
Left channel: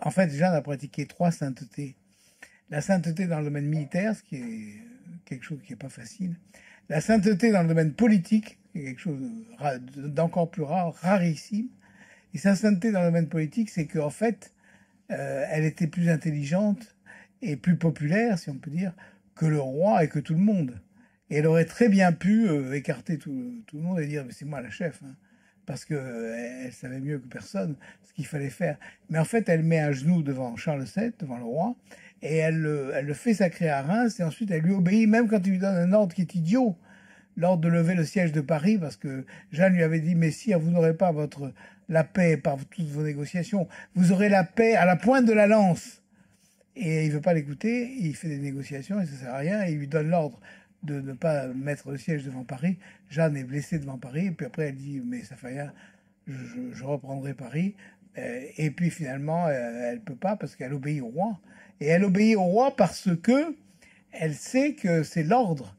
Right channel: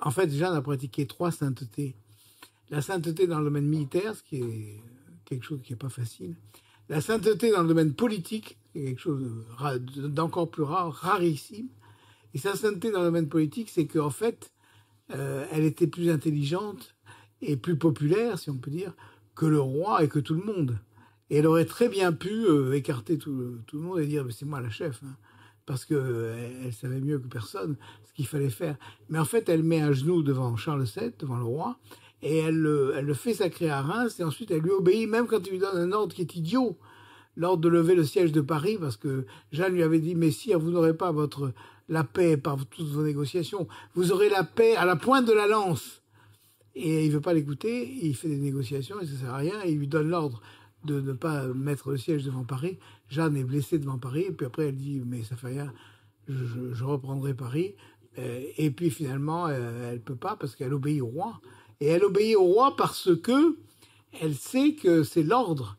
En fait, Jeanne a pratiqué 3 saintetés. La sainteté dans le domaine militaire, ce qui est quelque chose qui n'est pas facile. La sainteté dans le domaine politique, qui est quelque chose d'encore plus rare, rarissime. Et sa sainteté dans le domaine politique, c'est qu'en fait, elle était plus intelligente et plus populaire, si on peut dire, que le roi et que tout le monde. Et elle aurait très bien pu écarter tout le monde et dire c'est moi la chef, hein, parce que elle savait mieux que personne ce qu'il fallait faire. Mais en fait, elle met un genou devant Charles VII, devant le roi, et elle le fait sacrer à Reims, et ensuite elle lui obéit, même quand il lui donne un ordre qui est idiot, l'ordre de lever le siège de Paris, parce que Jeanne lui avait dit mais si vous n'aurez pas la paix par toutes vos négociations, vous aurez la paix à la pointe de la lance. Et il veut pas l'écouter, il fait des négociations et ça sert à rien, et il lui donne l'ordre de ne pas mettre le siège devant Paris. Jeanne est blessée devant Paris, et puis après elle dit mais ça fait rien, je reprendrai Paris. Et puis finalement elle peut pas, parce qu'elle obéit au roi. Et elle obéit au roi parce que elle sait que c'est l'ordre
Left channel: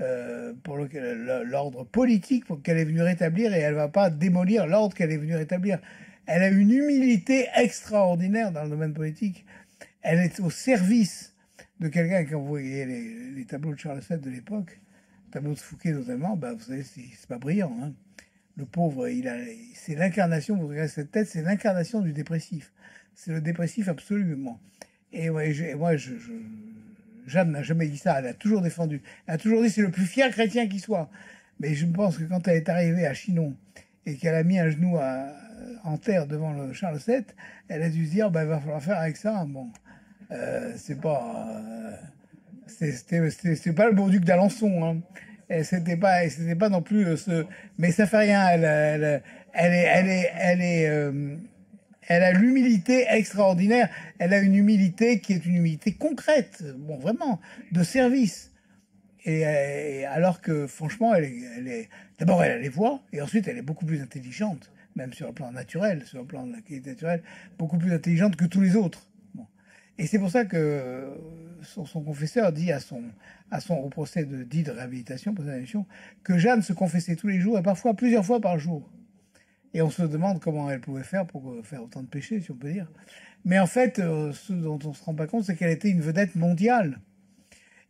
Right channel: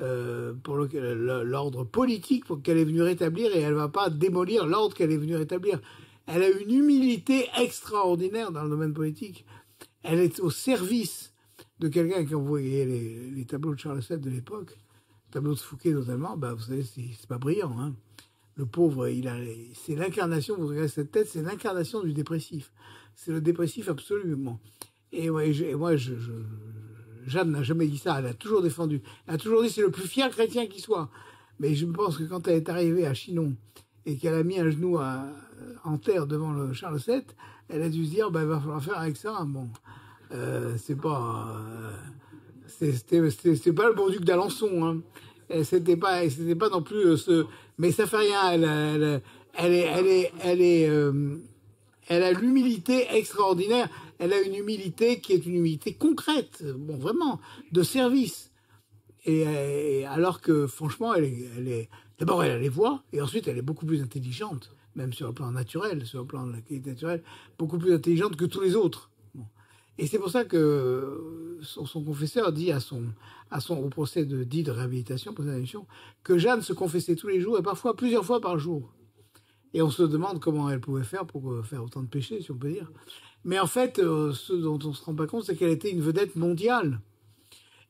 l'ordre politique qu'elle est venue rétablir, et elle va pas démolir l'ordre qu'elle est venue rétablir. Elle a une humilité extraordinaire dans le domaine politique. Elle est au service de quelqu'un. Quand vous voyez les tableaux de Charles VII de l'époque, tableaux de Fouquet notamment, vous savez, c'est pas brillant, hein. Le pauvre, c'est l'incarnation, vous regardez cette tête, c'est l'incarnation du dépressif. C'est le dépressif absolument. Et moi, Jeanne n'a jamais dit ça. Elle a toujours défendu. Elle a toujours dit c'est le plus fier chrétien qui soit. Mais je pense que quand elle est arrivée à Chinon et qu'elle a mis un genou en terre devant le Charles VII, elle a dû se dire il va falloir faire avec ça. Bon, c'est pas c'était pas le beau duc d'Alençon, hein. Et c'était pas non plus mais ça fait rien. Elle a l'humilité extraordinaire. Elle a une humilité qui est une humilité concrète, bon, vraiment, de service. Et alors que, franchement, d'abord, elle a les voix, et ensuite, elle est beaucoup plus intelligente, même sur le plan naturel, sur le plan de la qualité naturelle, beaucoup plus intelligente que tous les autres. Bon. Et c'est pour ça que son confesseur dit au procès de réhabilitation, que Jeanne se confessait tous les jours, et parfois plusieurs fois par jour. Et on se demande comment elle pouvait faire pour faire autant de péchés, si on peut dire. Mais en fait, ce dont on se rend pas compte, c'est qu'elle était une vedette mondiale.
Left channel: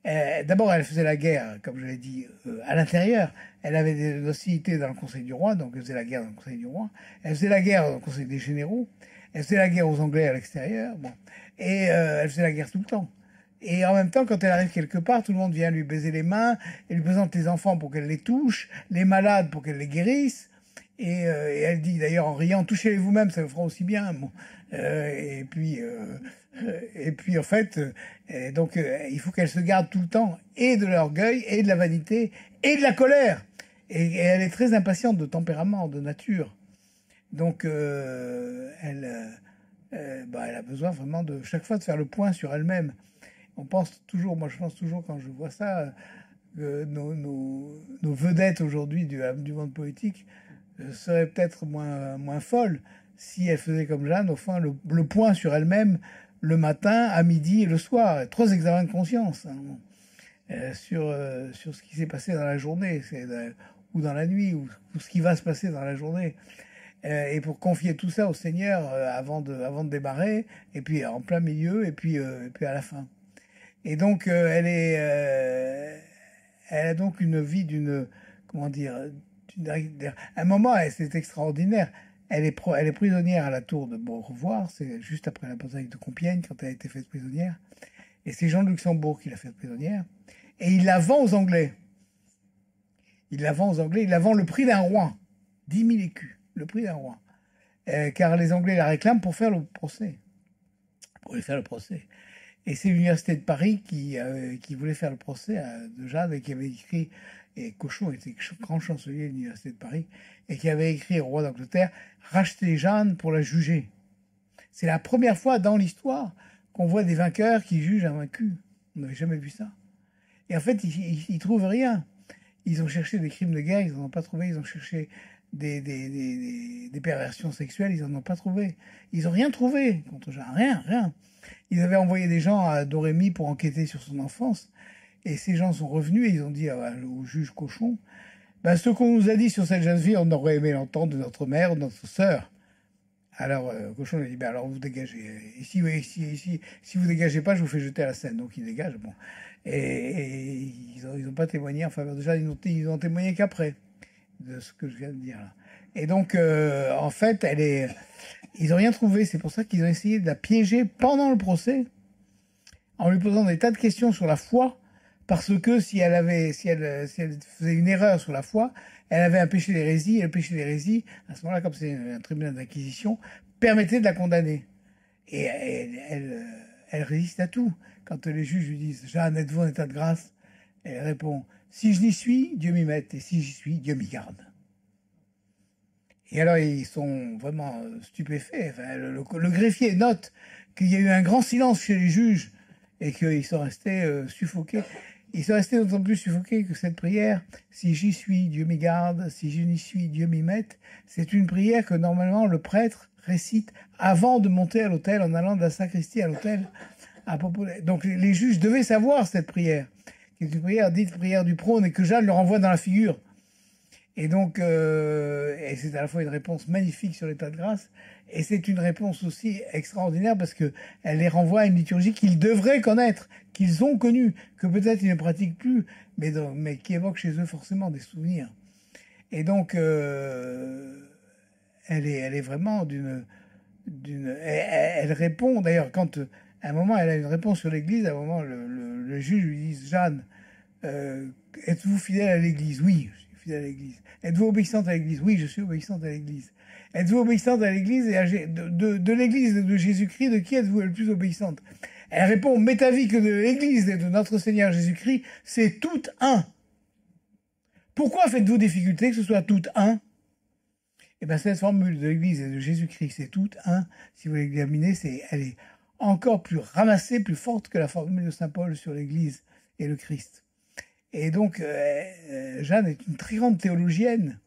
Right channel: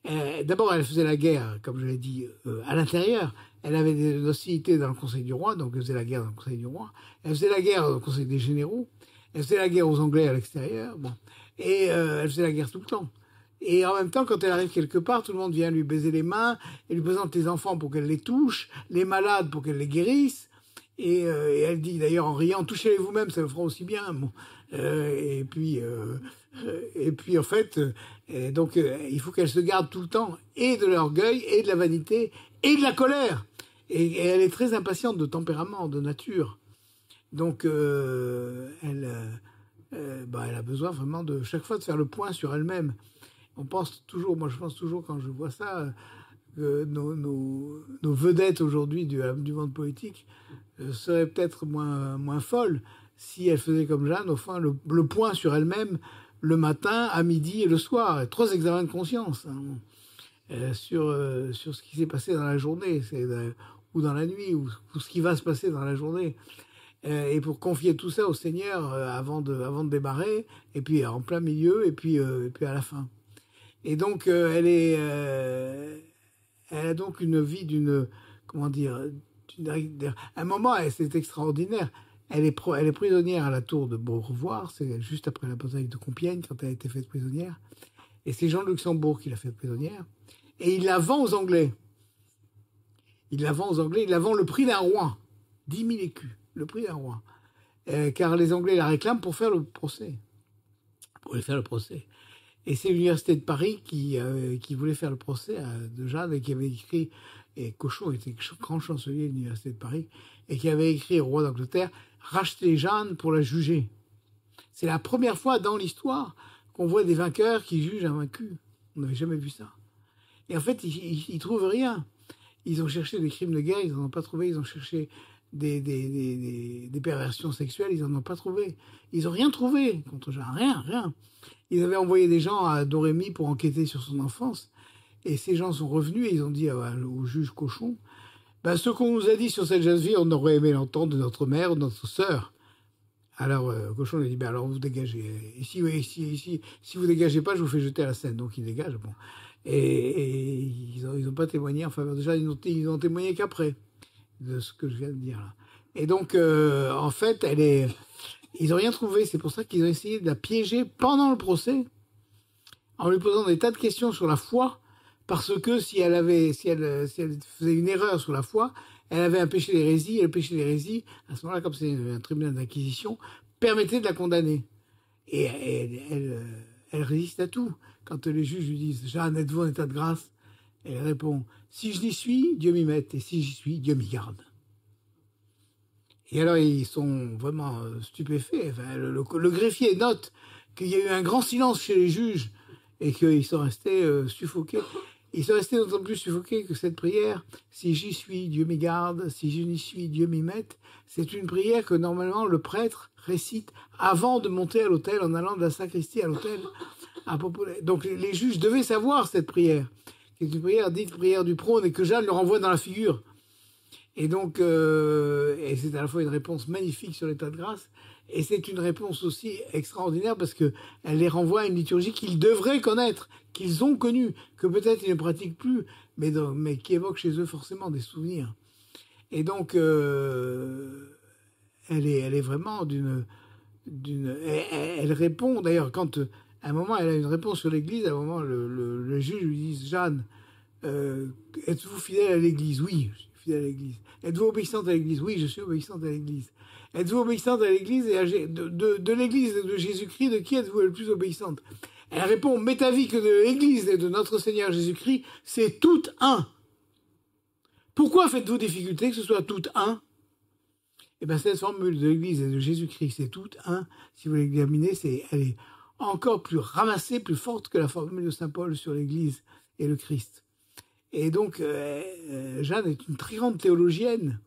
D'abord, elle faisait la guerre, comme je l'ai dit, à l'intérieur. Elle avait des hostilités dans le Conseil du Roi, donc elle faisait la guerre dans le Conseil du Roi. Elle faisait la guerre dans le Conseil des généraux. Elle faisait la guerre aux Anglais à l'extérieur. Bon. Et elle faisait la guerre tout le temps. Et en même temps, quand elle arrive quelque part, tout le monde vient lui baiser les mains, elle lui présente les enfants pour qu'elle les touche, les malades pour qu'elle les guérisse. Et elle dit d'ailleurs en riant, touchez-les vous-même, ça le fera aussi bien. Bon. Et puis en fait, donc il faut qu'elle se garde tout le temps et de l'orgueil et de la vanité et de la colère. Et elle est très impatiente de tempérament, de nature. Donc elle a besoin vraiment de chaque fois de faire le point sur elle-même. On pense toujours, moi je pense toujours quand je vois ça, que nos vedettes aujourd'hui du monde politique seraient peut-être moins folles si elles faisaient comme Jeanne, au fond, le point sur elles-mêmes le matin, à midi et le soir. 3 examens de conscience sur ce qui s'est passé dans la journée ou dans la nuit, ou ce qui va se passer dans la journée. Et pour confier tout ça au Seigneur avant de démarrer, et puis en plein milieu, et puis à la fin. Et donc, elle a donc une vie comment dire, un moment, c'est extraordinaire. Elle est prisonnière à la tour de Beaurevoir, c'est juste après la bataille de Compiègne, quand elle a été faite prisonnière. Et c'est Jean de Luxembourg qui l'a faite prisonnière. Et il la vend aux Anglais. Il la vend le prix d'un roi. 10 000 écus, le prix d'un roi. Car les Anglais la réclament pour faire le procès. Pour lui faire le procès. Et c'est l'université de Paris qui voulait faire le procès de Jeanne et qui avait écrit, et Cochon était grand chancelier de l'université de Paris, et qui avait écrit au roi d'Angleterre, racheter Jeanne pour la juger. C'est la première fois dans l'histoire qu'on voit des vainqueurs qui jugent un vaincu. On n'avait jamais vu ça. Et en fait, ils trouvent rien. Ils ont cherché des crimes de guerre, ils n'en ont pas trouvé. Ils ont cherché des perversions sexuelles, ils n'en ont pas trouvé. Ils n'ont rien trouvé contre Jeanne, rien. Ils avaient envoyé des gens à Dorémy pour enquêter sur son enfance. Et ces gens sont revenus et ils ont dit au juge Cochon, ce qu'on nous a dit sur cette jeune fille, on aurait aimé l'entendre de notre mère ou de notre sœur. Alors Cochon lui a dit, alors vous dégagez. Et si vous dégagez pas, je vous fais jeter à la Seine. Donc il dégage. Bon. Et ils ont pas témoigné en faveur de Jeanne, ils ont témoigné qu'après de ce que je viens de dire là. Et donc, en fait, ils n'ont rien trouvé. C'est pour ça qu'ils ont essayé de la piéger pendant le procès, en lui posant des tas de questions sur la foi, parce que si elle faisait une erreur sur la foi, elle avait un péché d'hérésie, et le péché d'hérésie, à ce moment-là, comme c'est un tribunal d'inquisition, permettait de la condamner. Et elle résiste à tout. Quand les juges lui disent « Jeanne, êtes-vous en état de grâce ?» Elle répond « Si je n'y suis, Dieu m'y mette, et si j'y suis, Dieu m'y garde. » Et alors, ils sont vraiment stupéfaits. Enfin, le greffier note qu'il y a eu un grand silence chez les juges et qu'ils sont restés suffoqués. Ils sont restés d'autant plus suffoqués que cette prière, si j'y suis, Dieu m'y garde, si je n'y suis, Dieu m'y mette, c'est une prière que normalement le prêtre récite avant de monter à l'autel, en allant de la sacristie à l'autel. Donc les juges devaient savoir cette prière, qui est une prière dite prière du prône et que Jeanne leur envoie dans la figure. Et donc, et c'est à la fois une réponse magnifique sur l'état de grâce, et c'est une réponse aussi extraordinaire parce que elle les renvoie à une liturgie qu'ils devraient connaître, qu'ils ont connue, que peut-être ils ne pratiquent plus, mais qui évoque chez eux forcément des souvenirs. Et donc, elle est vraiment elle répond, d'ailleurs, quand à un moment elle a une réponse sur l'Église, à un moment le juge lui dit, Jeanne, êtes-vous fidèle à l'Église? Oui, je suis fidèle à l'Église. Êtes-vous obéissante à l'Église? Oui, je suis obéissante à l'Église. Êtes-vous obéissante à l'Église et de l'Église et de Jésus-Christ, de qui êtes-vous le plus obéissante? Elle répond, m'est avis que de l'Église et de notre Seigneur Jésus-Christ, c'est tout un. Pourquoi faites-vous difficulté que ce soit tout un? Eh bien, cette formule de l'Église et de Jésus-Christ, c'est tout un. Si vous l'examinez, elle est encore plus ramassée, plus forte que la formule de Saint Paul sur l'Église et le Christ. Et donc, Jeanne est une très grande théologienne.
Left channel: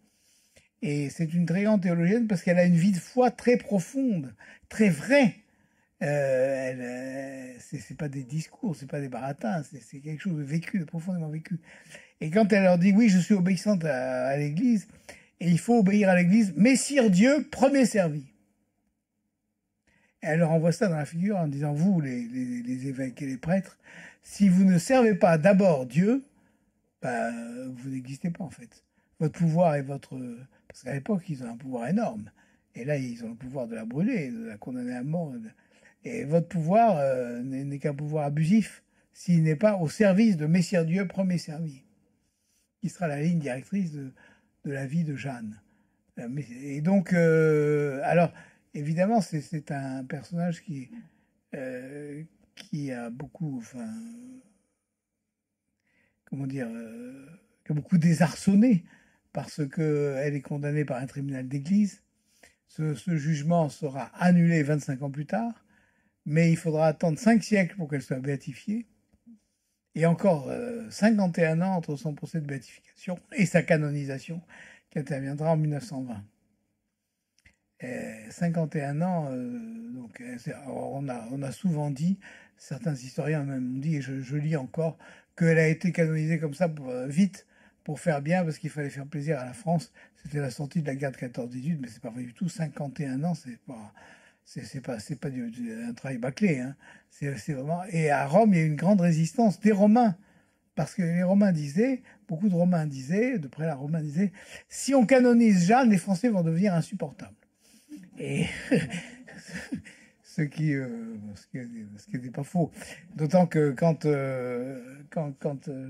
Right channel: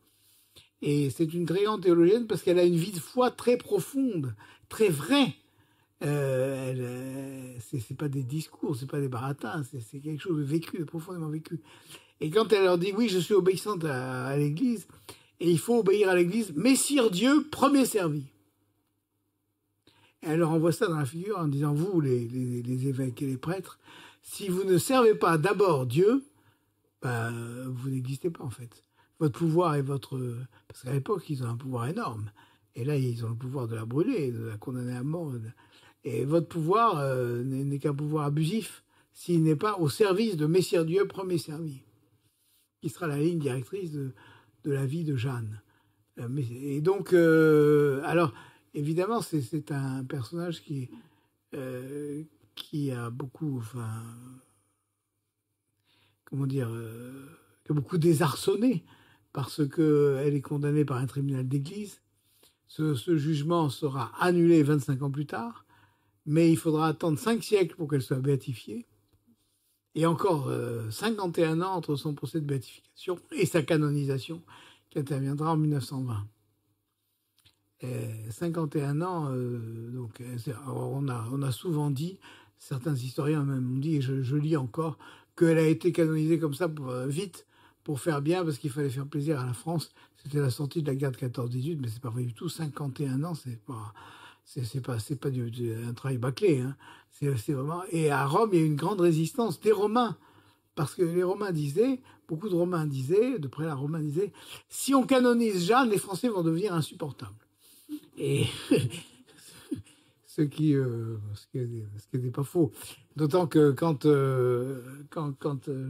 Et c'est une très grande théologienne parce qu'elle a une vie de foi très profonde, très vraie. C'est pas des discours, c'est pas des baratins, c'est quelque chose de vécu, de profondément vécu. Et quand elle leur dit, oui, je suis obéissante à l'Église, et il faut obéir à l'Église, Messire Dieu, premier servi. Et elle leur envoie ça dans la figure en disant, vous, les évêques et les prêtres, si vous ne servez pas d'abord Dieu, vous n'existez pas en fait. Votre pouvoir est parce qu'à l'époque, ils ont un pouvoir énorme. Et là, ils ont le pouvoir de la brûler, de la condamner à mort. Et votre pouvoir n'est qu'un pouvoir abusif s'il n'est pas au service de Messire Dieu, premier servi, qui sera la ligne directrice de la vie de Jeanne. Et donc, alors, évidemment, c'est un personnage qui a beaucoup, comment dire, qui a beaucoup désarçonné parce qu'elle est condamnée par un tribunal d'église Ce jugement sera annulé 25 ans plus tard, mais il faudra attendre 5 siècles pour qu'elle soit béatifiée, et encore 51 ans entre son procès de béatification et sa canonisation, qui interviendra en 1920. 51 ans, donc on a souvent dit, certains historiens même ont dit, et je lis encore, qu'elle a été canonisée comme ça vite, pour faire bien, parce qu'il fallait faire plaisir à la France. C'était la sortie de la guerre de 14-18, mais c'est pas vrai du tout. 51 ans, c'est pas un travail bâclé, hein. C'est vraiment. Et à Rome, il y a eu une grande résistance des Romains, parce que les Romains disaient, beaucoup de Romains disaient, de près la Romain disait, si on canonise Jeanne, les Français vont devenir insupportables. Et ce qui n'était pas faux. D'autant que quand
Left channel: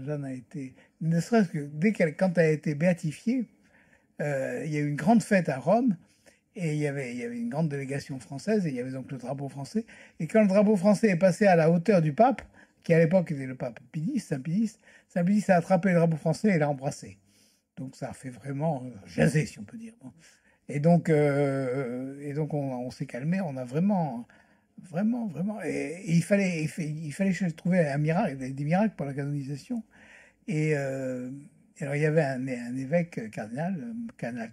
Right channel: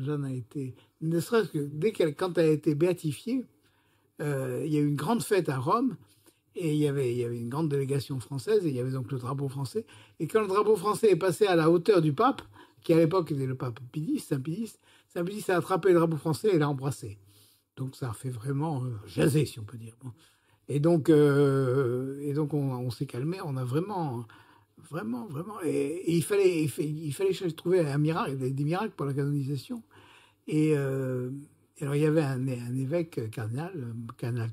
Jeanne a été, ne serait-ce que quand elle a été béatifiée, il y a eu une grande fête à Rome, et il y avait une grande délégation française, et il y avait donc le drapeau français. Et quand le drapeau français est passé à la hauteur du pape, qui à l'époque était le pape Saint Pidis a attrapé le drapeau français et l'a embrassé. Donc ça a fait vraiment jaser, si on peut dire. Bon. Et donc on s'est calmé, on a vraiment. Et il fallait trouver un miracle, des miracles pour la canonisation. Et alors il y avait un évêque cardinal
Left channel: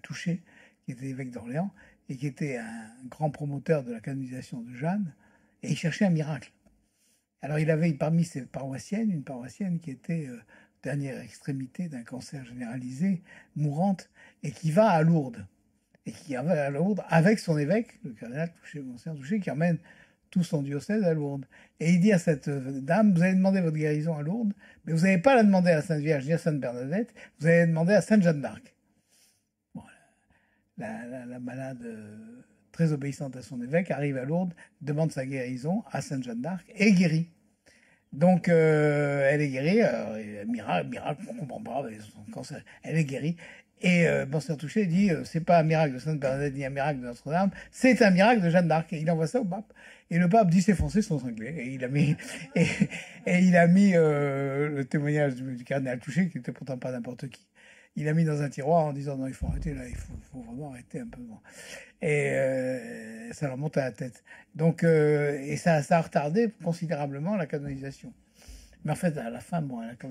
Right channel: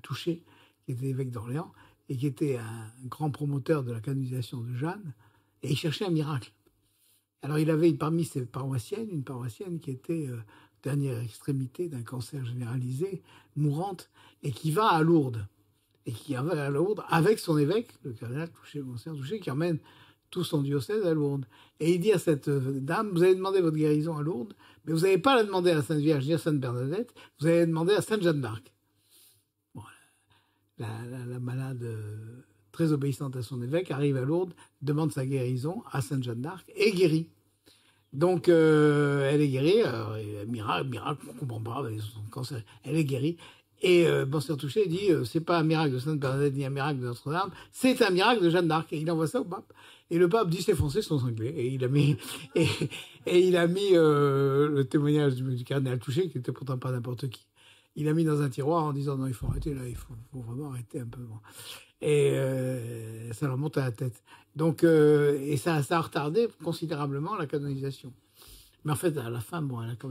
Touchet, qui était évêque d'Orléans, et qui était un grand promoteur de la canonisation de Jeanne, et il cherchait un miracle. Alors il avait parmi ses paroissiennes, une paroissienne qui était dernière extrémité d'un cancer généralisé, mourante, et qui va à Lourdes. Et qui va à Lourdes avec son évêque, le cardinal Touchet, Monseigneur Touchet, qui emmène tout son diocèse à Lourdes. Et il dit à cette dame, vous allez demander votre guérison à Lourdes, mais vous n'allez pas la demander à la Sainte Vierge ni à Sainte Bernadette, vous allez la demander à Sainte Jeanne d'Arc. Bon, la malade, très obéissante à son évêque, arrive à Lourdes, demande sa guérison à Sainte Jeanne d'Arc et guérit. Donc, elle est guérie, miracle, on ne comprend pas, avec son cancer, elle est guérie. Et Monseigneur Touchet dit, c'est pas un miracle de Sainte Bernadette ni un miracle de Notre-Dame, c'est un miracle de Jeanne d'Arc. Et il envoie ça au pape. Et le pape dit, ces Français sont cinglés. Et il a mis, le témoignage du cardinal Touchet, qui était pourtant pas n'importe qui. Il a mis dans un tiroir en disant, non, il faut arrêter là, il faut vraiment arrêter un peu. Bon. Et ça leur monte à la tête. Donc, et ça a retardé considérablement la canonisation. Mais en fait, à la fin, bon, elle a quand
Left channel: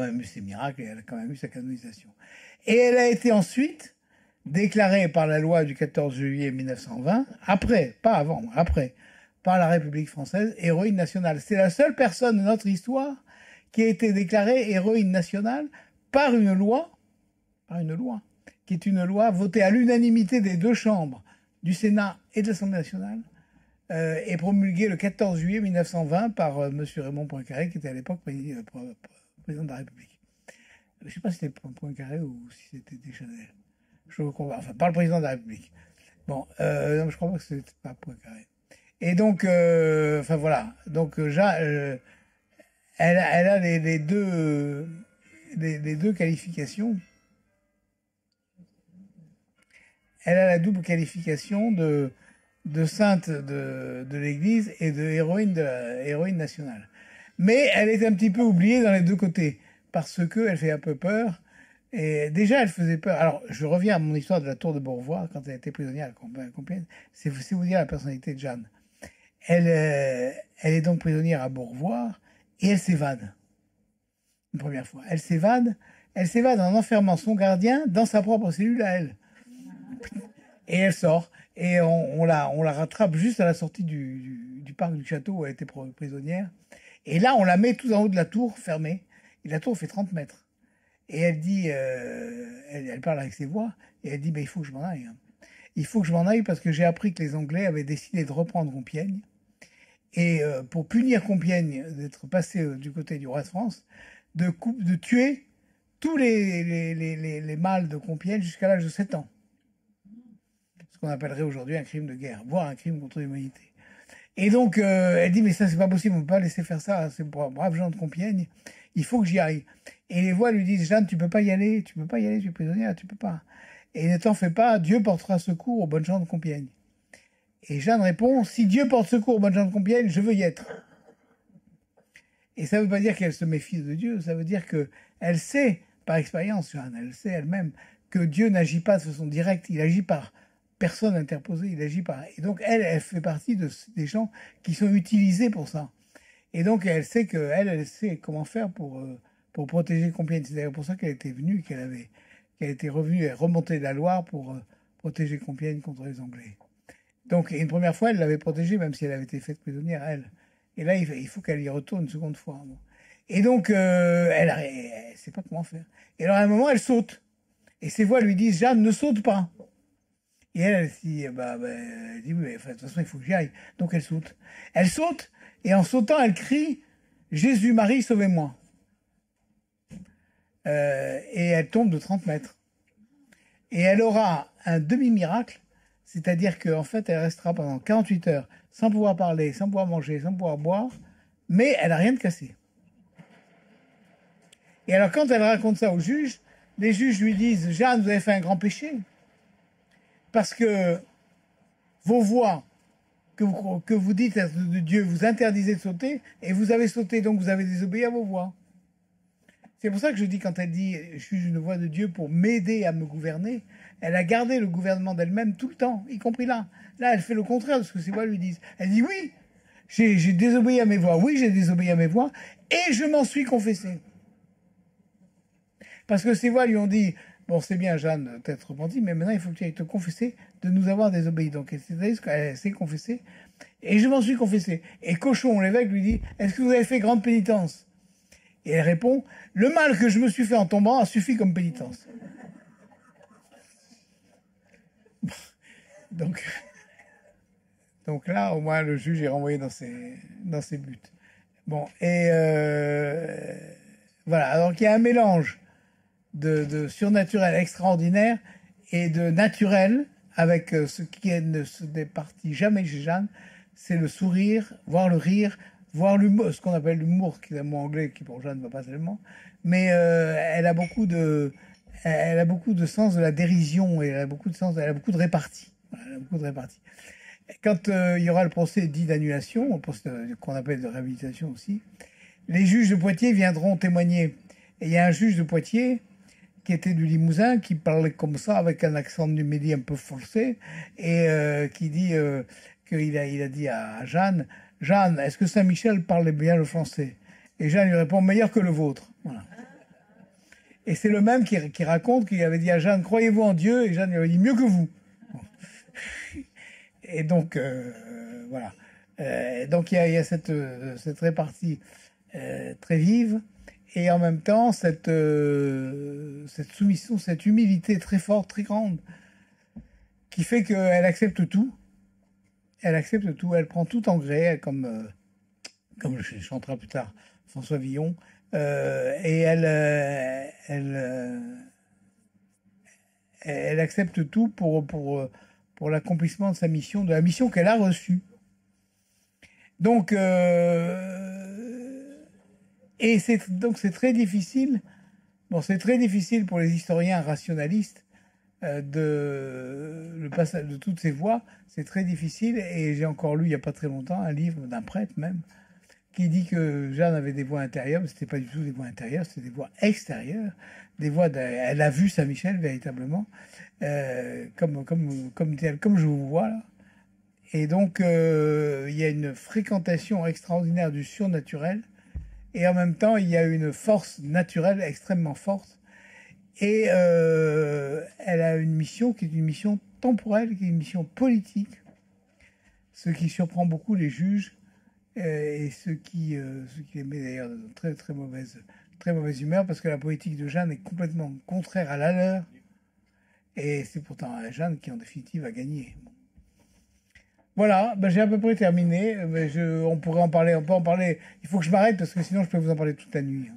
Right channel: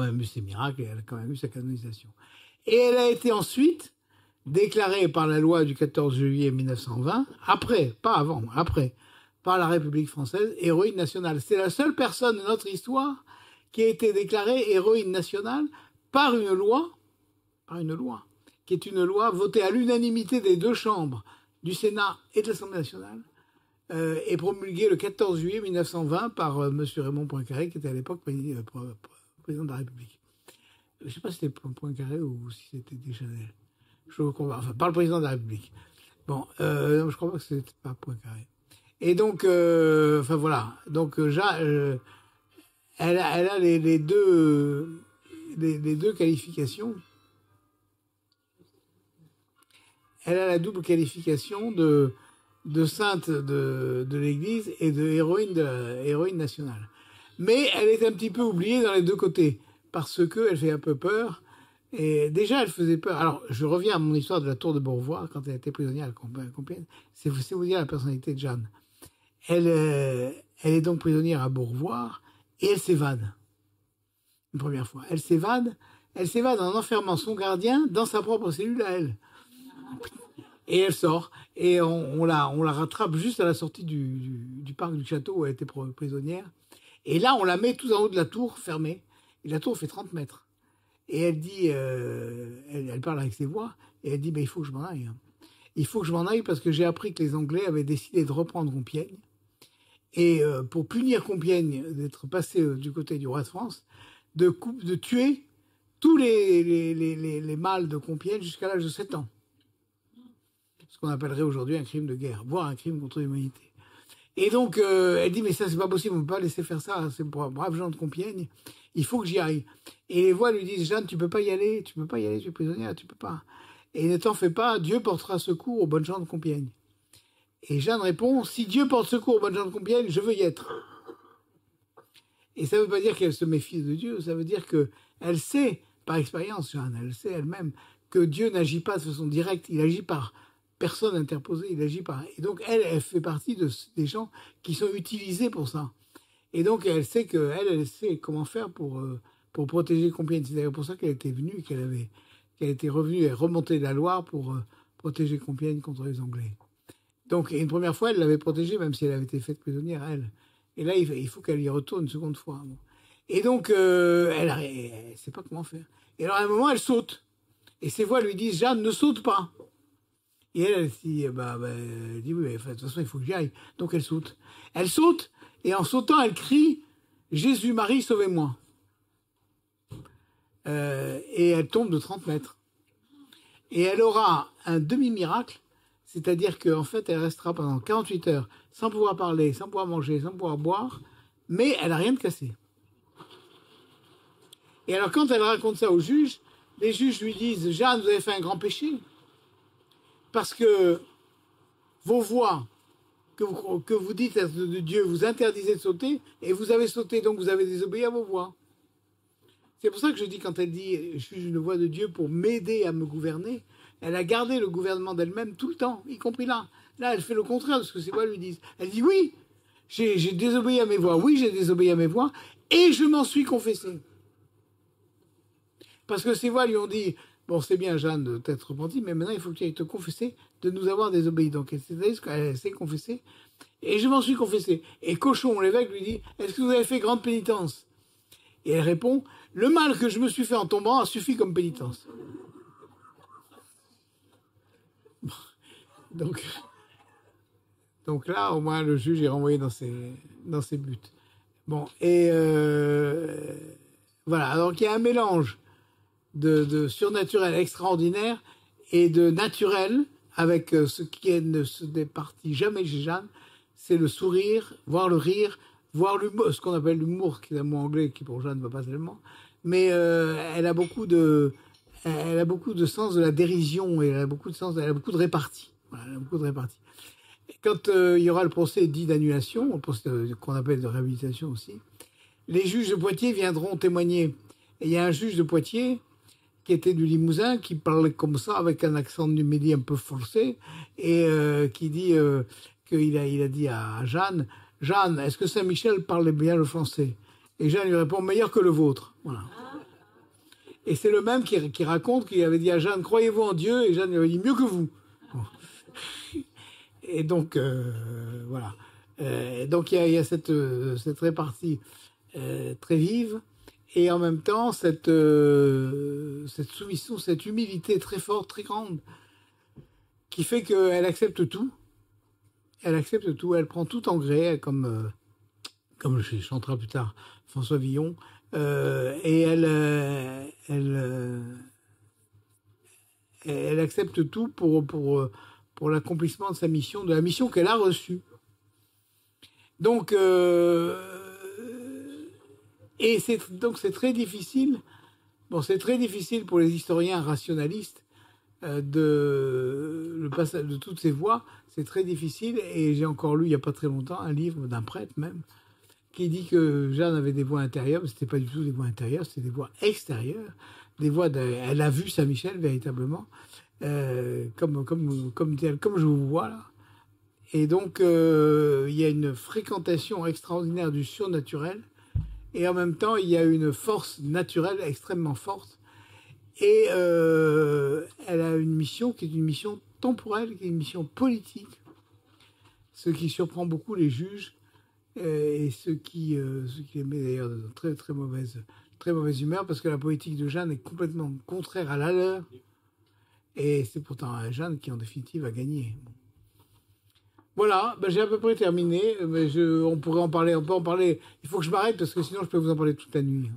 même eu ses miracles et elle a quand même eu sa canonisation. Et elle a été ensuite déclarée par la loi du 14 juillet 1920, après, pas avant, après, par la République française, héroïne nationale. C'est la seule personne de notre histoire qui a été déclarée héroïne nationale par une loi, qui est une loi votée à l'unanimité des deux chambres du Sénat et de l'Assemblée nationale, et promulguée le 14 juillet 1920 par M. Raymond Poincaré, qui était à l'époque président de la République. Je ne sais pas si c'était Poincaré ou si c'était Deschanel. Je crois pas. Enfin, par le président de la République. Bon, non, je crois pas que c'était pas Poincaré. Et donc, enfin voilà. Donc, elle a les deux qualifications. Elle a la double qualification de sainte de l'Église et de héroïne nationale. Mais elle est un petit peu oubliée dans les deux côtés, parce qu'elle fait un peu peur. Et déjà, elle faisait peur. Alors, je reviens à mon histoire de la tour de Beaurevoir, quand elle était prisonnière à Compiègne. C'est vous dire la personnalité de Jeanne. Elle est donc prisonnière à Beaurevoir, et elle s'évade. Une première fois. Elle s'évade en enfermant son gardien dans sa propre cellule à elle. Et elle sort. Et on la rattrape juste à la sortie du parc du château où elle était prisonnière. Et là, on la met tout en haut de la tour, fermée. Et la tour fait 30 mètres. Et elle dit, elle parle avec ses voix, et elle dit, il faut que je m'en aille. Il faut que je m'en aille parce que j'ai appris que les Anglais avaient décidé de reprendre Compiègne. Et pour punir Compiègne d'être passé du côté du roi de France, de tuer tous les mâles de Compiègne jusqu'à l'âge de 7 ans. Ce qu'on appellerait aujourd'hui un crime de guerre, voire un crime contre l'humanité. Et donc, elle dit, mais ça, c'est pas possible, on peut pas laisser faire ça, c'est pour braves gens de Compiègne, il faut que j'y aille. Et les voix lui disent, Jeanne, tu peux pas y aller, tu es prisonnière, tu peux pas. Et ne t'en fais pas, Dieu portera secours aux bonnes gens de Compiègne. Et Jeanne répond, si Dieu porte secours aux bonnes gens de Compiègne, je veux y être. Et ça veut pas dire qu'elle se méfie de Dieu, ça veut dire que elle sait, par expérience, Jeanne, elle sait elle-même que Dieu n'agit pas de façon directe, il agit par personne interposée, il agit par... Et donc, elle fait partie des gens qui sont utilisés pour ça. Et donc, elle sait elle sait comment faire pour protéger Compiègne. C'est d'ailleurs pour ça qu'elle était venue, qu'elle était revenue et remontée de la Loire pour protéger Compiègne contre les Anglais. Donc, une première fois, elle l'avait protégée, même si elle avait été faite prisonnière, elle. Et là, il faut qu'elle y retourne une seconde fois. Bon. Et donc, elle ne sait pas comment faire. Et alors, à un moment, elle saute. Et ses voix lui disent, Jeanne, ne saute pas. Et elle dit, elle dit, oui, mais de toute façon, il faut que j'y aille. Donc, elle saute. Elle saute, et en sautant, elle crie, Jésus, Marie, sauvez-moi. Et elle tombe de 30 mètres. Et elle aura un demi-miracle, c'est-à-dire qu'en fait, elle restera pendant 48 heures sans pouvoir parler, sans pouvoir manger, sans pouvoir boire, mais elle n'a rien de cassé. Et alors, quand elle raconte ça aux juges, les juges lui disent, Jeanne, vous avez fait un grand péché, parce que vos voix que vous dites de Dieu vous interdisez de sauter, et vous avez sauté, donc vous avez désobéi à vos voix. C'est pour ça que je dis, quand elle dit « je suis une voix de Dieu pour m'aider à me gouverner », elle a gardé le gouvernement d'elle-même tout le temps, y compris là. Là, elle fait le contraire de ce que ses voix lui disent. Elle dit « oui, j'ai désobéi à mes voix, oui, j'ai désobéi à mes voix, et je m'en suis confessé ». Parce que ses voix lui ont dit « bon, c'est bien, Jeanne, de t'être repentie, mais maintenant, il faut que tu ailles te confesser de nous avoir désobéi. » Donc, elle s'est confessée, et je m'en suis confessé. Et Cochon, l'évêque, lui dit « est-ce que vous avez fait grande pénitence ?» Et elle répond « le mal que je me suis fait en tombant a suffi comme pénitence. » Donc là, au moins, le juge est renvoyé dans ses buts. Bon, et voilà. Donc il y a un mélange de surnaturel extraordinaire et de naturel avec ce qui ne se départit jamais chez Jeanne, c'est le sourire, voir le rire, voir l'humour, ce qu'on appelle l'humour, qui est un mot anglais qui pour Jeanne ne va pas tellement, mais elle a beaucoup de sens de la dérision et elle a beaucoup de répartie. Voilà, elle a beaucoup de répartie. Quand il y aura le procès dit d'annulation, le procès qu'on appelle de réhabilitation aussi, les juges de Poitiers viendront témoigner. Et il y a un juge de Poitiers qui était du Limousin, qui parlait comme ça, avec un accent du Midi un peu forcé, et qui dit qu'il a dit à Jeanne, « Jeanne, est-ce que Saint-Michel parlait bien le français ?» Et Jeanne lui répond, « meilleur que le vôtre. » Voilà. Et c'est le même qui raconte qu'il avait dit à Jeanne, « croyez-vous en Dieu ?» Et Jeanne lui avait dit, « mieux que vous. » Et donc, voilà. Donc, il y a cette répartie très vive. Et en même temps, cette soumission, cette humilité très forte, très grande, qui fait qu'elle accepte tout. Elle accepte tout. Elle prend tout en gré, comme le chantera plus tard François Villon. Et elle accepte tout pour l'accomplissement de sa mission, de la mission qu'elle a reçue. Donc, c'est très difficile. Bon, c'est très difficile pour les historiens rationalistes le passage de toutes ces voix. C'est très difficile. Et j'ai encore lu il n'y a pas très longtemps un livre d'un prêtre même qui dit que Jeanne avait des voix intérieures, mais c'était pas du tout des voix intérieures, c'était des voix extérieures, des voix. Elle a vu Saint-Michel véritablement, comme je vous vois là. Et donc il y a une fréquentation extraordinaire du surnaturel. Et en même temps, il y a une force naturelle extrêmement forte. Et elle a une mission qui est une mission temporelle, qui est une mission politique. Ce qui surprend beaucoup les juges et ce qui les met d'ailleurs dans très, très mauvaise humeur, parce que la politique de Jeanne est complètement contraire à la leur. Et c'est pourtant Jeanne qui, en définitive, a gagné. Bon. Voilà, j'ai à peu près terminé. Mais on pourrait en parler, on peut en parler. Il faut que je m'arrête parce que sinon je peux vous en parler toute la nuit.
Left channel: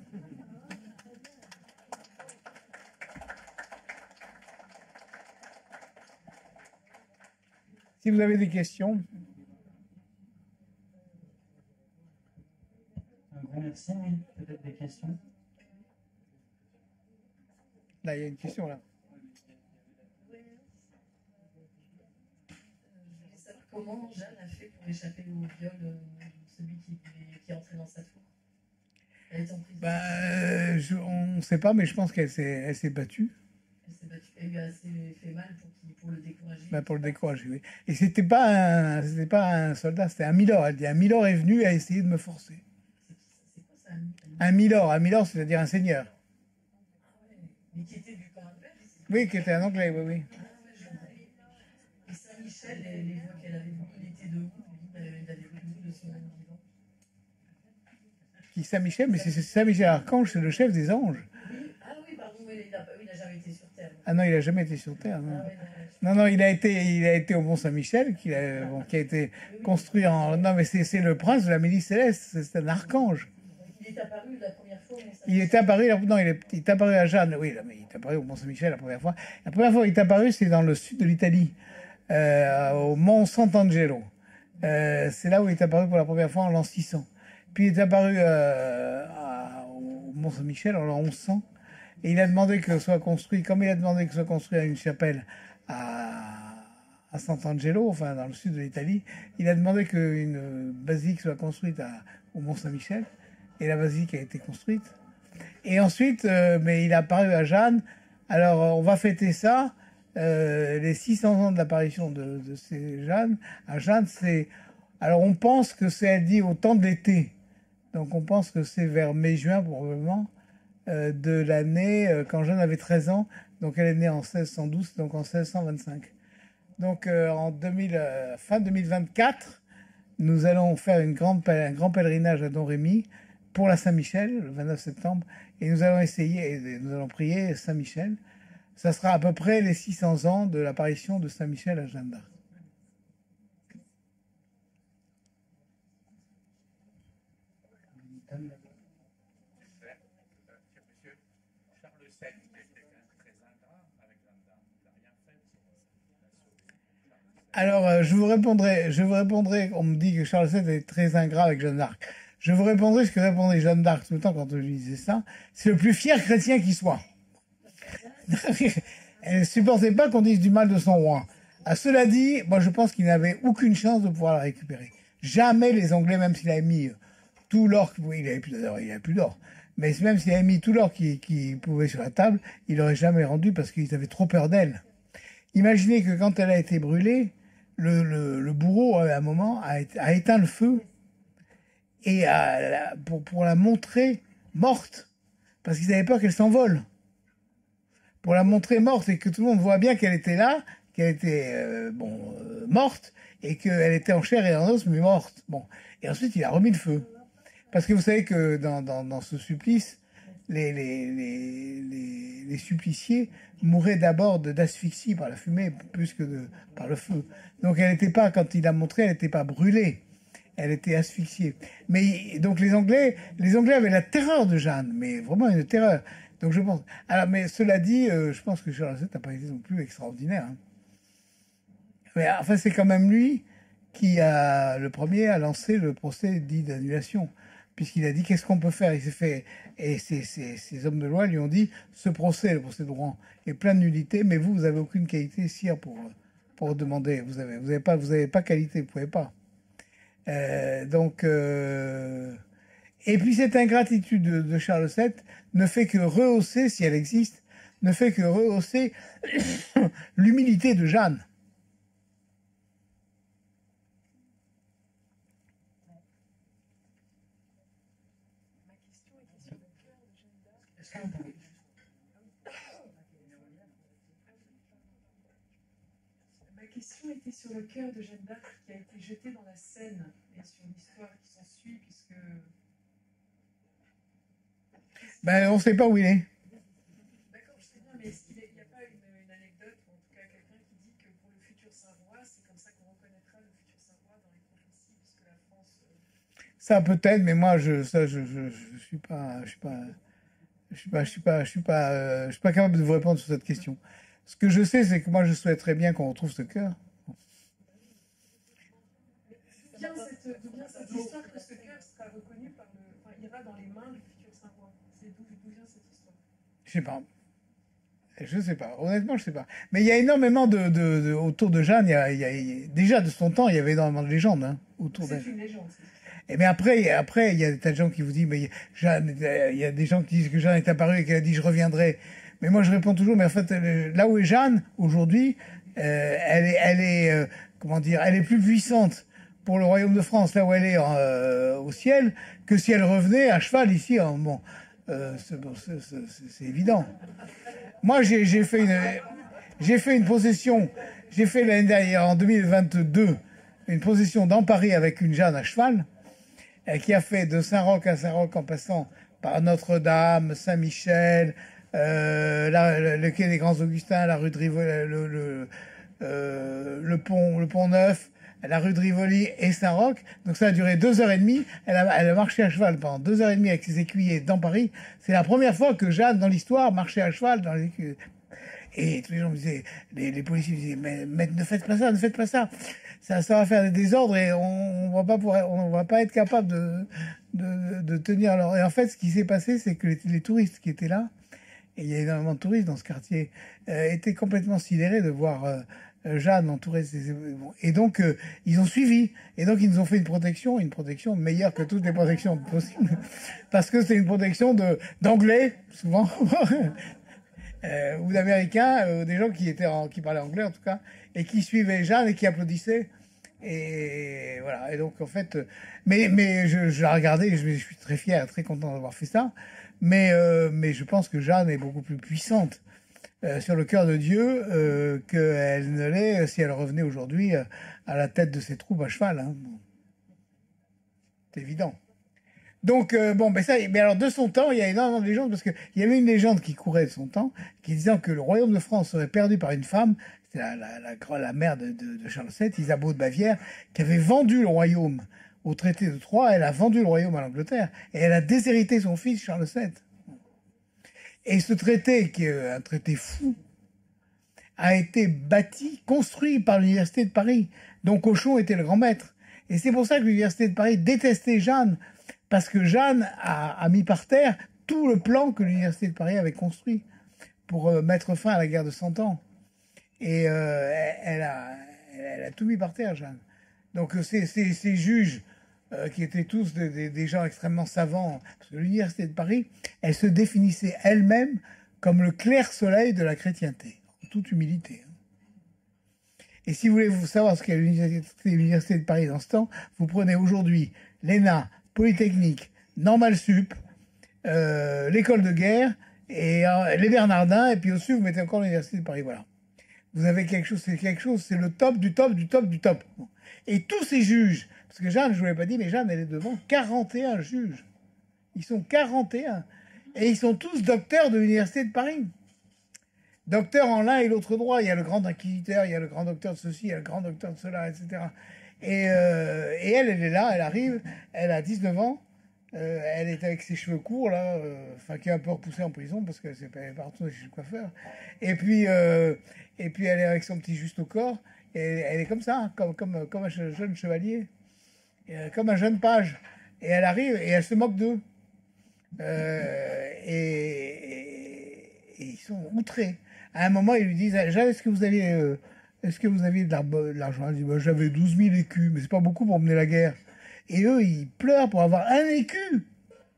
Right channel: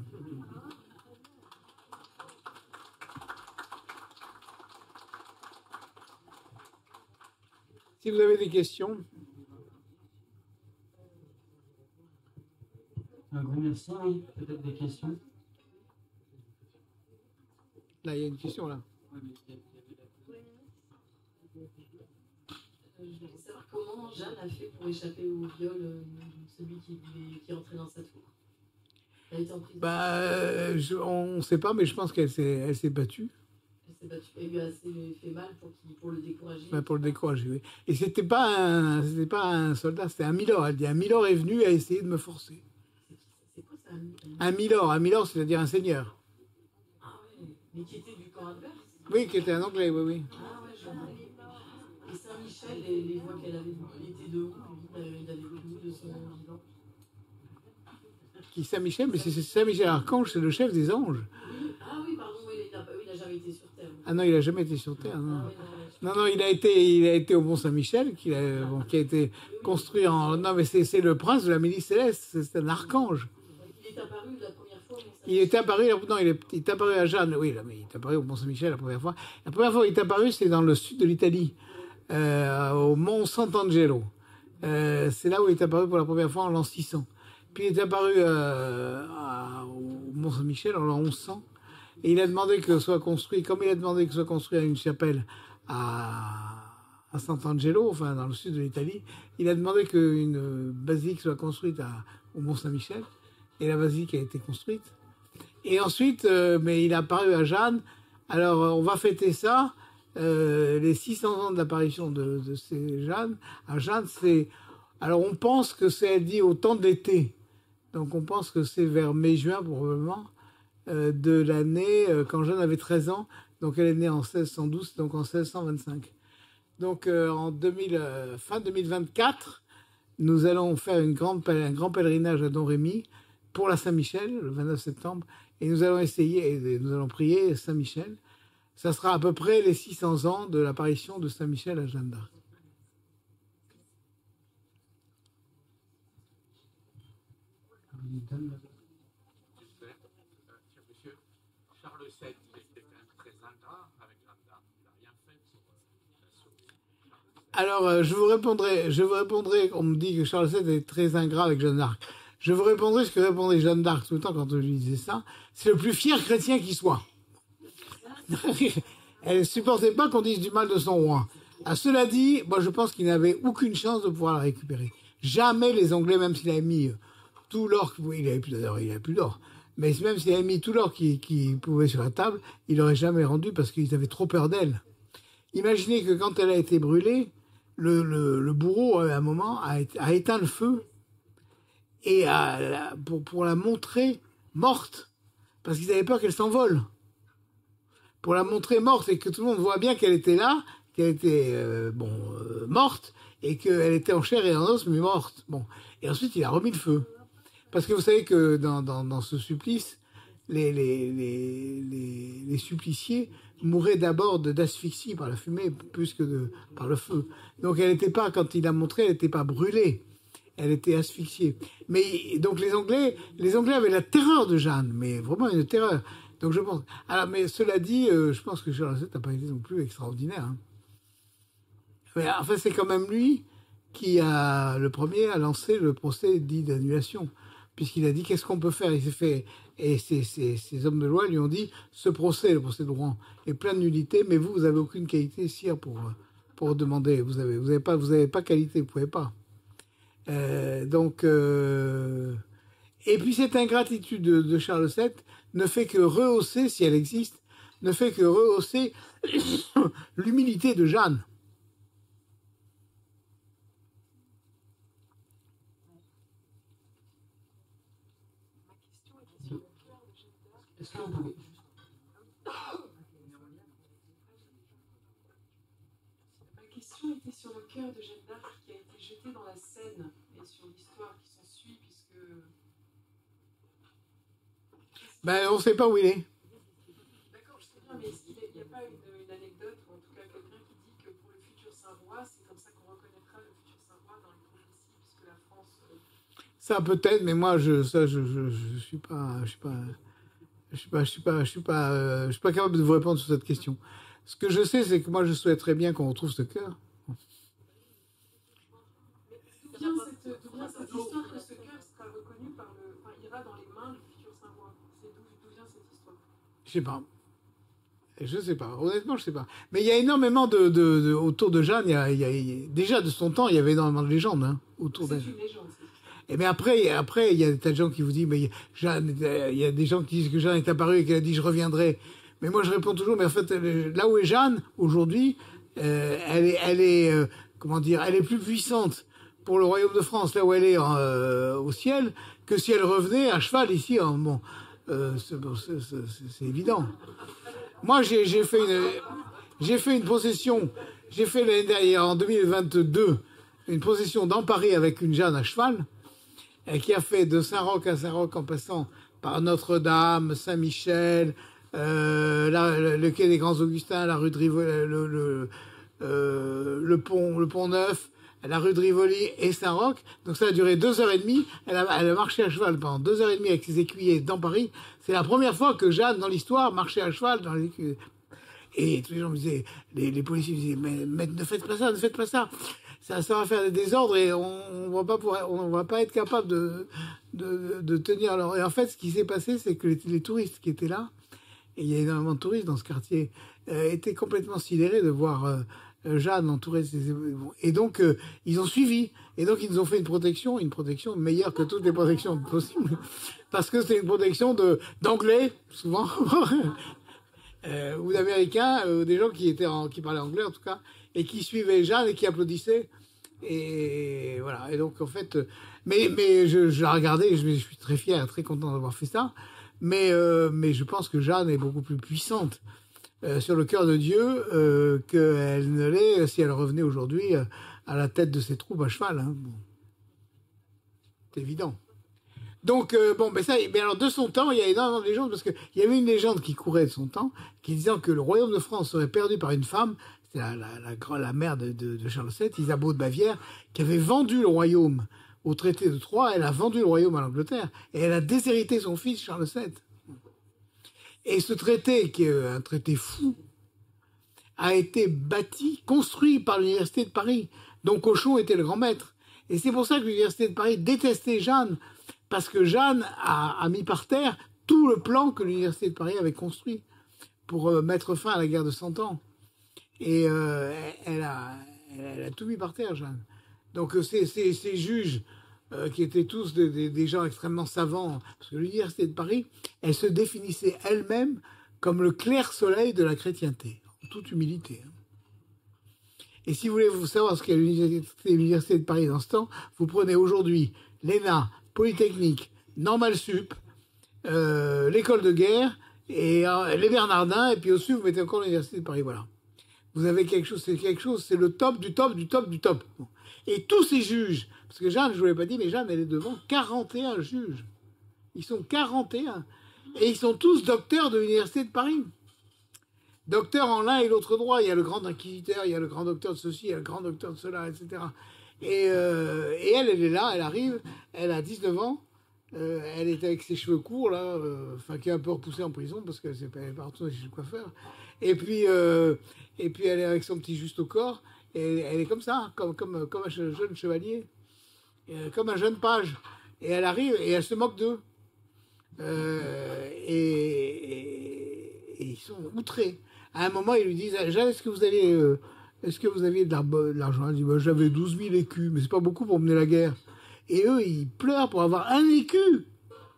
Si vous avez des questions. Un grand merci. Oui, peut-être des questions. Là, il y a une question là. Je voulais savoir comment Jeanne a fait pour échapper au viol de celui qui est entré dans sa tour. Elle était en prison. On ne sait pas, mais je pense qu'elle s'est battue. s'est battu. Elle lui a assez fait mal pour le décourager. Ben, pour le décourager, oui. Et c'était pas un soldat, c'était un milord. Elle dit, un milord est venu à essayer de me forcer. C'est quoi ça, Un milord, c'est-à-dire un seigneur. Ah ouais, mais qui était du camp adverse? Oui, qui était un anglais, oui, oui. Ah ouais, je vois. Et Saint-Michel, les voix qu'elle avait vues, il était de où, lui? Il avait vu où de son vivant? Qui Saint-Michel, mais c'est Saint-Michel Archange, c'est le chef des anges. Oui, ah oui, pardon, oui, il a jamais été sur Terre. Ah non, il n'a jamais été sur Terre, non. Ah ouais, non, Non, non, il a été au Mont Saint-Michel, qui a été construit en... Non, mais c'est le prince de la milice céleste, c'est un archange. il est apparu la première fois au Mont Il est apparu, non, il est apparu à Jeanne, oui, mais il est apparu au Mont Saint-Michel la première fois. La première fois qu'il est apparu, c'est dans le sud de l'Italie, au Mont Sant'Angelo. C'est là où il est apparu pour la première fois en l'an 600. Puis il est apparu au Mont Saint-Michel en l'an 1100. Et il a demandé que soit construit, comme il a demandé que soit construit une chapelle à Sant'Angelo, enfin dans le sud de l'Italie, il a demandé qu'une basilique soit construite au Mont Saint-Michel. Et la basilique a été construite. Et ensuite, mais il a apparu à Jeanne. Alors, on va fêter ça. Les 600 ans de l'apparition de ces Jeanne. À Jeanne, c'est... Alors, on pense que c'est, elle dit, au temps de l'été. Donc, on pense que c'est vers mai-juin, probablement, de l'année, quand Jeanne avait 13 ans. Donc, elle est née en 1612, donc en 1625. Donc, fin 2024, nous allons faire un grand pèlerinage à Domrémy pour la Saint-Michel, le 29 septembre, et nous allons prier Saint-Michel. Ça sera à peu près les 600 ans de l'apparition de Saint-Michel à Jeanne d'Arc. Monsieur Charles VII était quand même très ingrat avec Jeanne d'Arc. Il n'a rien fait pour la sauver. Alors, je vous répondrai, on me dit que Charles VII est très ingrat avec Jeanne d'Arc. Je vous répondrai ce que répondait Jeanne d'Arc tout le temps quand je lui disais ça. C'est le plus fier chrétien qui soit. Elle ne supportait pas qu'on dise du mal de son roi. À cela dit, moi je pense qu'il n'avait aucune chance de pouvoir la récupérer. Jamais les Anglais, même s'il avait mis tout l'or, oui, il avait plus d'or, mais même s'il avait mis tout l'or qu'il pouvait sur la table, il n'aurait jamais rendu parce qu'ils avaient trop peur d'elle. Imaginez que quand elle a été brûlée, le bourreau, à un moment, a éteint le feu et pour la montrer morte, parce qu'ils avaient peur qu'elle s'envole. Pour la montrer morte et que tout le monde voit bien qu'elle était là, qu'elle était morte et qu'elle était en chair et en os, mais morte. Bon. Et ensuite, il a remis le feu. Parce que vous savez que dans ce supplice, les suppliciés mouraient d'abord d'asphyxie par la fumée plus que par le feu. Donc elle n'était pas, quand il a montré, elle n'était pas brûlée. Elle était asphyxiée. Mais donc les Anglais avaient la terreur de Jeanne, mais vraiment une terreur. Donc je pense. Alors, mais cela dit, je pense que Charles VII n'a pas été non plus extraordinaire. Hein. Mais enfin, c'est quand même lui qui le premier a lancé le procès dit d'annulation, puisqu'il a dit qu'est-ce qu'on peut faire. Il s'est fait, et ces hommes de loi lui ont dit ce procès, le procès de Rouen, est plein de nullité, mais vous avez aucune qualité, sire, pour demander. Vous avez pas qualité, vous pouvez pas. Et puis cette ingratitude de Charles VII ne fait que rehausser, si elle existe, ne fait que rehausser l'humilité de Jeanne. Est-ce que vous pouvez... Ma question était sur le cœur de Jeanne d'Arc qui a été jeté dans la Seine et sur l'histoire qui s'ensuit, puisque... On ne sait pas où il est. D'accord, je sais bien, mais est-ce qu'il n'y a pas une anecdote, ou en tout cas quelqu'un qui dit que pour le futur Saint-Roi, c'est comme ça qu'on reconnaîtra le futur Saint-Roi dans les prophéties, puisque la France... Ça peut-être, mais moi je suis pas capable de vous répondre sur cette question. Ce que je sais, c'est que moi je souhaiterais bien qu'on retrouve ce cœur. D'où vient cette histoire que ce cœur sera reconnu ira dans les mains du futur Saint-Roi? D'où vient cette histoire? Je sais pas. Honnêtement, je sais pas. Mais il y a énormément autour de Jeanne. Déjà de son temps, il y avait énormément de légendes autour d'elle. C'est une légende. Et mais après, il y a des tas de gens qui vous disent, mais Jeanne, il y a des gens qui disent que Jeanne est apparue et qu'elle a dit je reviendrai. Mais moi, je réponds toujours, mais en fait, là où est Jeanne, aujourd'hui, comment dire, elle est plus puissante pour le royaume de France, là où elle est au ciel, que si elle revenait à cheval ici. Bon, c'est évident. Moi, j'ai fait une procession, j'ai fait l'année dernière, en 2022, une procession dans Paris avec une Jeanne à cheval, qui a fait de Saint-Roch à Saint-Roch en passant par Notre-Dame, Saint-Michel, le quai des Grands Augustins, la rue de Rivoli, le pont Neuf, la rue de Rivoli et Saint-Roch. Donc ça a duré 2h30. Elle a marché à cheval pendant 2h30 avec ses écuyers dans Paris. C'est la première fois que Jeanne, dans l'histoire, marchait à cheval dans les écuyers. Et tous les gens me disaient, les policiers me disaient, mais ne faites pas ça, ne faites pas ça. Ça va faire des désordres et on va pas être capable de tenir. Alors, et en fait, ce qui s'est passé, c'est que les touristes qui étaient là, et il y a énormément de touristes dans ce quartier, étaient complètement sidérés de voir Jeanne entourée de ses... Et donc, ils ont suivi. Et donc, ils nous ont fait une protection meilleure que toutes les protections possibles. Parce que c'est une protection d'anglais, souvent, ou d'américains, des gens qui parlaient anglais, en tout cas, et qui suivaient Jeanne et qui applaudissaient. Et voilà. Et donc, en fait, mais je la regardais et je suis très fier, très content d'avoir fait ça. Mais je pense que Jeanne est beaucoup plus puissante sur le cœur de Dieu qu'elle ne l'est si elle revenait aujourd'hui à la tête de ses troupes à cheval. Hein. Bon. C'est évident. Donc, mais alors, de son temps, il y a énormément de légendes, parce qu'il y avait une légende qui courait de son temps, qui disait que le royaume de France serait perdu par une femme, c'était la mère de Charles VII, Isabeau de Bavière, qui avait vendu le royaume au traité de Troyes. Elle a vendu le royaume à l'Angleterre, et elle a déshérité son fils, Charles VII. Et ce traité, qui est un traité fou, a été construit par l'Université de Paris, dont Cauchon était le grand maître. Et c'est pour ça que l'Université de Paris détestait Jeanne, parce que Jeanne a mis par terre tout le plan que l'Université de Paris avait construit pour mettre fin à la guerre de 100 ans. Et elle a tout mis par terre, Jeanne. Donc ces juges, qui étaient tous des gens extrêmement savants, parce que l'Université de Paris, elle se définissait elle-même comme le clair soleil de la chrétienté, en toute humilité. Et si vous voulez savoir ce qu'est l'Université de Paris dans ce temps, vous prenez aujourd'hui l'ENA, Polytechnique, Normal Sup, l'école de guerre, et les Bernardins, et puis au-dessus, vous mettez encore l'Université de Paris. Voilà. Vous avez quelque chose, c'est le top du top du top du top. Et tous ces juges, parce que Jeanne, je ne vous l'ai pas dit, mais Jeanne, elle est devant 41 juges. Ils sont 41. Et ils sont tous docteurs de l'Université de Paris. Docteurs en l'un et l'autre droit. Il y a le grand inquisiteur, il y a le grand docteur de ceci, il y a le grand docteur de cela, etc. Et elle est là, elle arrive, elle a 19 ans. Elle est avec ses cheveux courts, là, qui est un peu repoussée en prison parce qu'elle n'est pas retournée chez le coiffeur. Et puis elle est avec son petit juste au corps. Et elle est comme ça, comme un jeune chevalier, comme un jeune page. Et elle arrive et elle se moque d'eux. Et ils sont outrés. À un moment, ils lui disent, Jeanne, est-ce que vous aviez de l'argent? Elle dit, bah, j'avais 12 000 écus, mais c'est pas beaucoup pour mener la guerre. Et eux, ils pleurent pour avoir 1 écu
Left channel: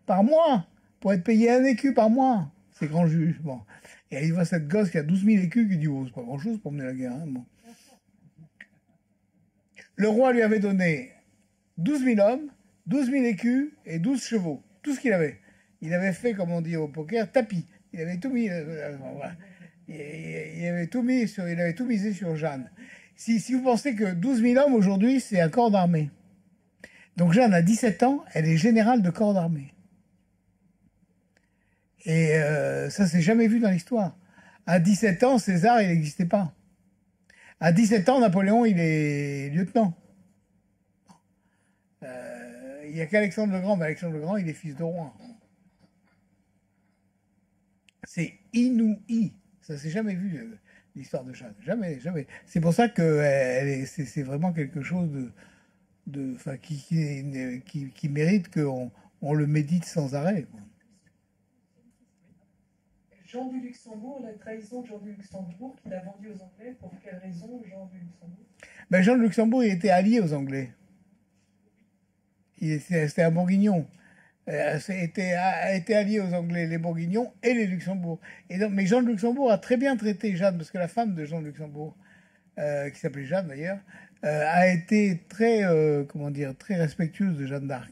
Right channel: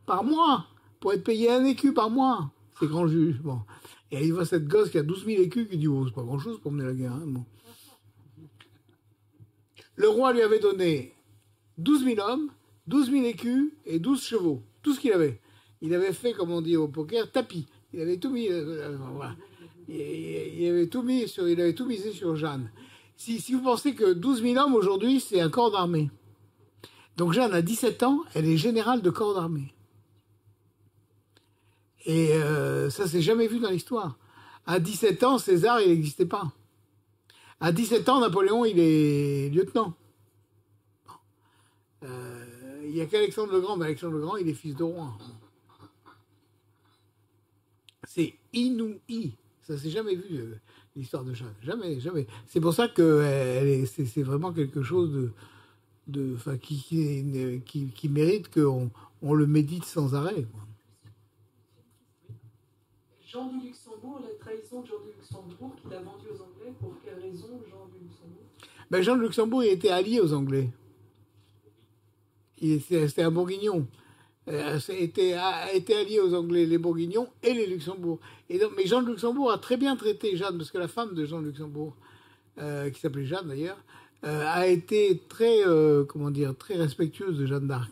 par mois, pour être payé 1 écu par mois, ces grands juges. Bon. Et il voit cette gosse qui a 12 000 écus qui dit, oh, c'est pas grand-chose pour mener la guerre. Hein. Bon. Le roi lui avait donné 12 000 hommes, 12 000 écus et 12 chevaux, tout ce qu'il avait. Il avait fait, comme on dit au poker, tapis. Il avait tout mis. Voilà. Il avait tout misé sur Jeanne. Si vous pensez que 12 000 hommes aujourd'hui, c'est un corps d'armée. Donc Jeanne a 17 ans, elle est générale de corps d'armée. Et ça, c'est jamais vu dans l'histoire. À 17 ans, César, il n'existait pas. À 17 ans, Napoléon, il est lieutenant. Il n'y a qu'Alexandre le Grand, mais Alexandre le Grand, il est fils de roi. C'est inouï. Ça s'est jamais vu, l'histoire de Jeanne. Jamais, jamais. C'est pour ça que c'est vraiment quelque chose qui mérite qu'on le médite sans arrêt. Quoi. Jean du Luxembourg, la trahison de Jean du Luxembourg qu'il a vendu aux Anglais, pour quelle raison Jean du Luxembourg? Ben, Jean de Luxembourg, il était allié aux Anglais. C'était un Bourguignon. a été allié aux Anglais, les Bourguignons et les Luxembourg. Et donc, mais Jean de Luxembourg a très bien traité Jeanne, parce que la femme de Jean de Luxembourg, qui s'appelait Jeanne d'ailleurs, a été comment dire, très respectueuse de Jeanne d'Arc.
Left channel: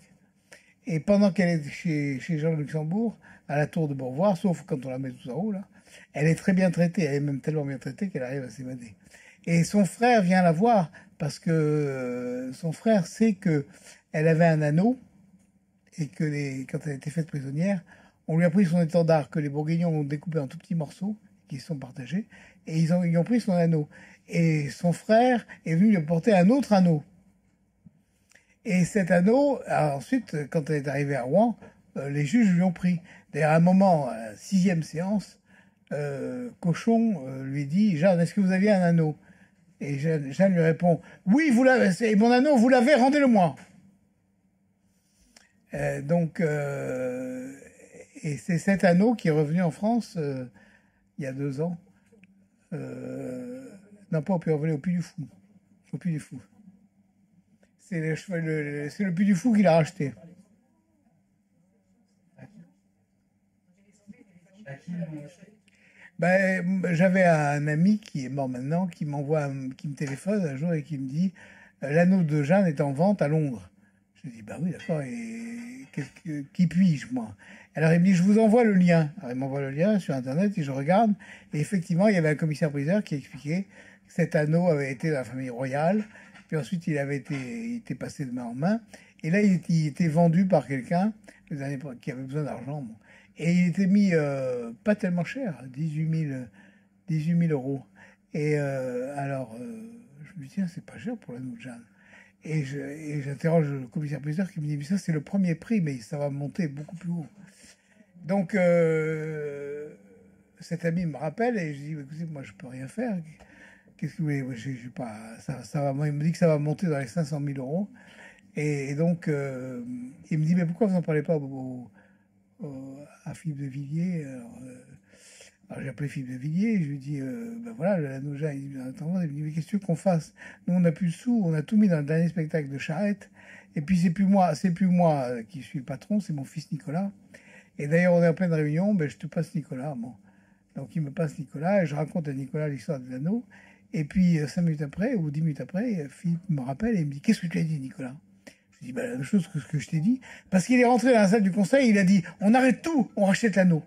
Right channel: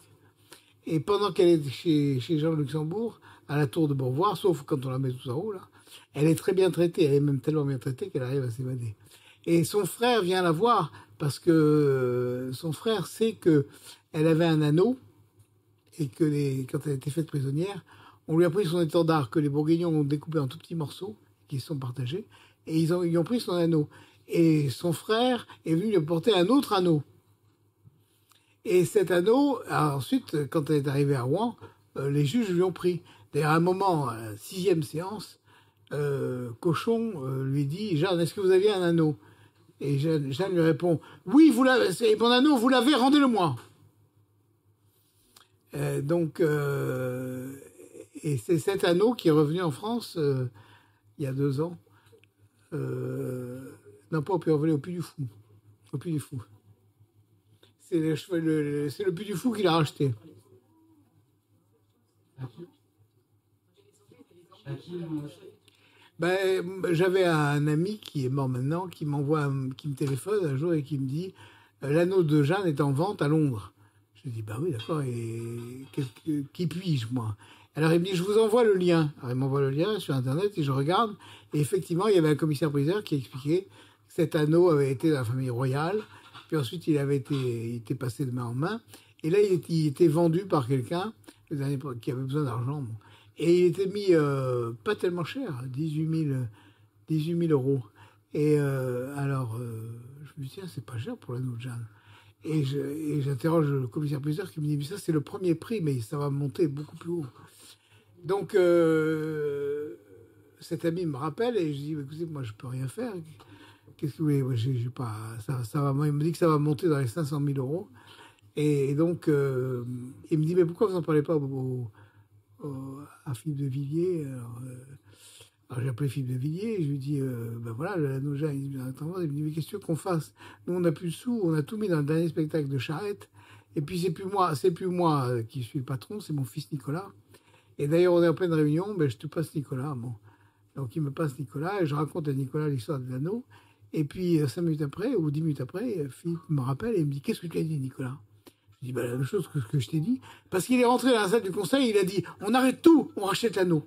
Et pendant qu'elle est chez Jean de Luxembourg, à la tour de Beauvoir, sauf quand on la met tout en haut, là, elle est très bien traitée. Elle est même tellement bien traitée qu'elle arrive à s'évader. Et son frère vient la voir parce que son frère sait qu'elle avait un anneau et que quand elle a été faite prisonnière, on lui a pris son étendard que les Bourguignons ont découpé en tout petits morceaux qui se sont partagés et ils ont pris son anneau. Et son frère est venu lui apporter un autre anneau. Et cet anneau, ensuite, quand elle est arrivée à Rouen, les juges lui ont pris. D'ailleurs, à un moment, à la 6e séance, Cochon lui dit « Jeanne, est-ce que vous aviez un anneau ?» Et Jeanne lui répond « Oui, vous l'avez, c'est mon anneau, vous l'avez, rendez-le-moi !» Et c'est cet anneau qui est revenu en France il y a 2 ans. Non, pas au Puy au Puy du Fou. Au Puy du Fou. C'est le Puy du Fou qui l'a racheté. À qui ils l'ont acheté? Ben, j'avais un ami qui est mort maintenant, qui me téléphone un jour et qui me dit l'anneau de Jeanne est en vente à Londres. Je lui dis bah oui d'accord, et qui puis-je moi? Alors il me dit je vous envoie le lien. Alors il m'envoie le lien sur internet et je regarde et effectivement il y avait un commissaire-priseur qui expliquait que cet anneau avait été dans la famille royale, puis ensuite il était passé de main en main et là il était vendu par quelqu'un qui avait besoin d'argent. Bon. Et il était mis pas tellement cher, 18 000 euros. Et alors, je me dis, tiens, c'est pas cher pour l'anneau de Jeanne. Et j'interroge le commissaire-priseur qui me dit, mais ça, c'est le premier prix, mais ça va monter beaucoup plus haut. Donc, cet ami me rappelle et je dis, écoutez, moi, je peux rien faire. Qu'est-ce que vous voulez? Moi, j'ai pas, il me dit que ça va monter dans les 500 000 euros. Et donc, il me dit, mais pourquoi vous n'en parlez pas à Philippe de Villiers? Alors j'ai appelé Philippe de Villiers et je lui dis ben voilà, l'anneau Jeanne. Il me dit mais qu'est-ce que tu veux qu'on fasse? Nous on n'a plus de sous, on a tout mis dans le dernier spectacle de Charette. Et puis c'est plus moi qui suis le patron, c'est mon fils Nicolas. Et d'ailleurs on est en pleine réunion, ben je te passe Nicolas. Bon. Donc il me passe Nicolas et je raconte à Nicolas l'histoire de l'anneau. Et puis 5 minutes après ou 10 minutes après, Philippe me rappelle et il me dit qu'est-ce que tu as dit Nicolas? Je dis bah, la même chose que ce que je t'ai dit. Parce qu'il est rentré dans la salle du conseil, il a dit on arrête tout, on rachète l'anneau.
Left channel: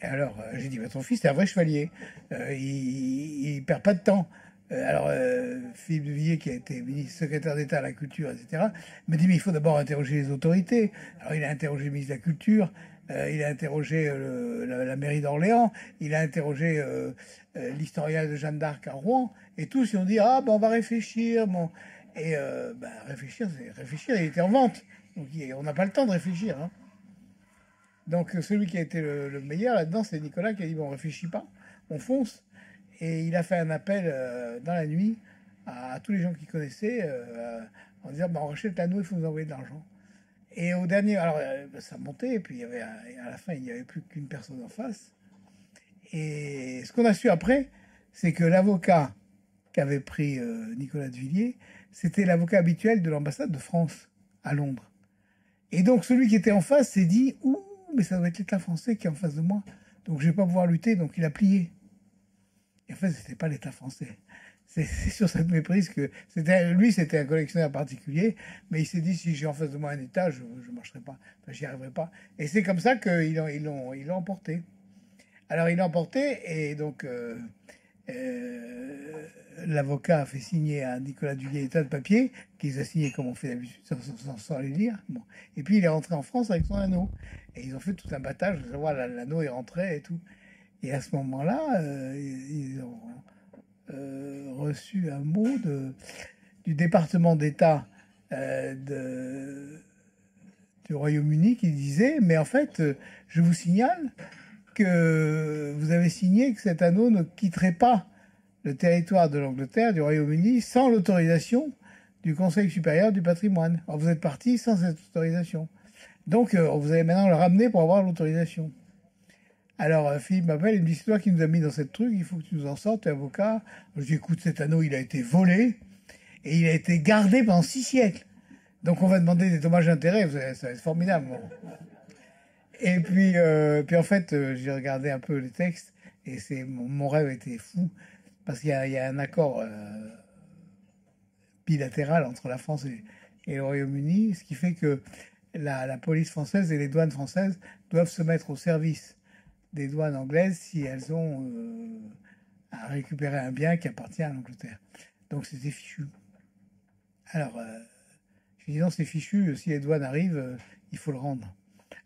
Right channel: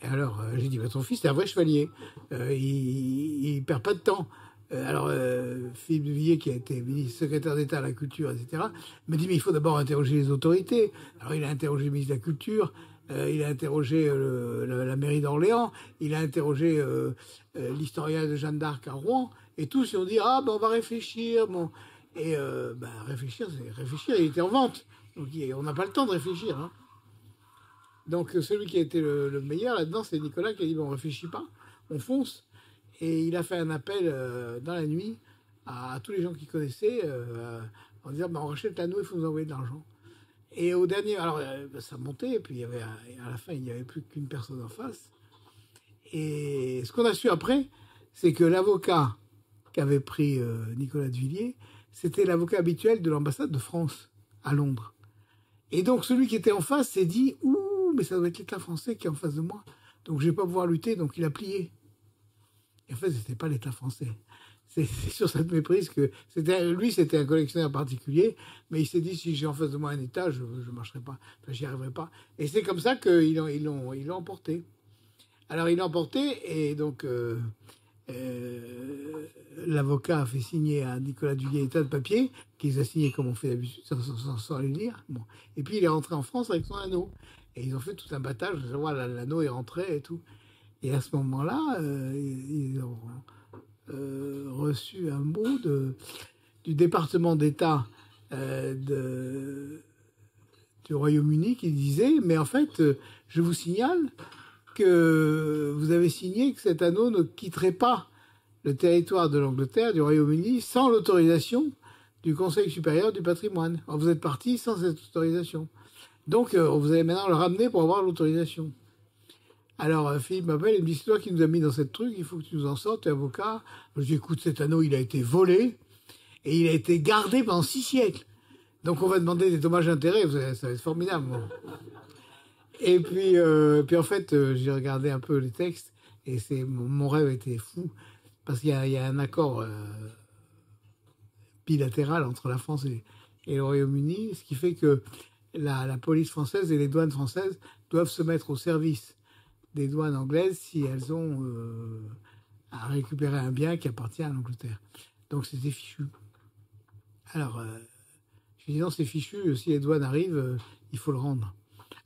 Et alors j'ai dit bah, ton fils c'est un vrai chevalier, il perd pas de temps. Alors Philippe de Villiers qui a été secrétaire d'État à la culture, etc., me dit mais il faut d'abord interroger les autorités. Alors il a interrogé le ministre de la Culture, il a interrogé la mairie d'Orléans, il a interrogé l'historien de Jeanne d'Arc à Rouen, et tous ils ont dit ah ben on va réfléchir. Bon. Et réfléchir, c'est réfléchir, il était en vente. Donc on n'a pas le temps de réfléchir. Hein. Donc celui qui a été le meilleur là-dedans, c'est Nicolas qui a dit bon, on réfléchit pas, on fonce. Et il a fait un appel dans la nuit à tous les gens qu'il connaissait en disant on rachète l'anneau, il faut nous envoyer de l'argent. Et au dernier, alors ça montait, et puis il y avait, à la fin, il n'y avait plus qu'une personne en face. Et ce qu'on a su après, c'est que l'avocat qu'avait pris Nicolas de Villiers, c'était l'avocat habituel de l'ambassade de France à Londres. Et donc celui qui était en face s'est dit « Ouh, mais ça doit être l'État français qui est en face de moi. Donc je ne vais pas pouvoir lutter. » Donc il a plié. Et en fait, ce n'était pas l'État français. C'est sur cette méprise que... Lui, c'était un collectionneur particulier, mais il s'est dit « Si j'ai en face de moi un État, je ne marcherai pas. Enfin, j'y arriverai pas. » Et c'est comme ça qu'ils l'ont emporté. Alors il l'a emporté et donc... l'avocat a fait signer à Nicolas Duguay des tas de papiers qu'ils a signés comme on fait d'habitude sans les lire. Bon. Et puis il est rentré en France avec son anneau. Et ils ont fait tout un battage de savoir l'anneau est rentré et tout. Et à ce moment-là, ils ont reçu un mot du département d'État du Royaume-Uni qui disait mais en fait, je vous signale que vous avez signé que cet anneau ne quitterait pas le territoire de l'Angleterre, du Royaume-Uni, sans l'autorisation du Conseil supérieur du patrimoine. Alors vous êtes parti sans cette autorisation. Donc vous allez maintenant le ramener pour avoir l'autorisation. Alors Philippe m'appelle et me dit c'est toi qui nous as mis dans cette truc, il faut que tu nous en sortes, tu es avocat. Je dis écoute, cet anneau il a été volé et il a été gardé pendant 6 siècles. Donc on va demander des dommages d'intérêt, ça va être formidable. Bon. Et puis en fait, j'ai regardé un peu les textes et mon rêve était fou parce qu'il y a un accord bilatéral entre la France et le Royaume-Uni, ce qui fait que la police française et les douanes françaises doivent se mettre au service des douanes anglaises si elles ont à récupérer un bien qui appartient à l'Angleterre. Donc c'était fichu. Alors, je dis non, c'est fichu, si les douanes arrivent, il faut le rendre.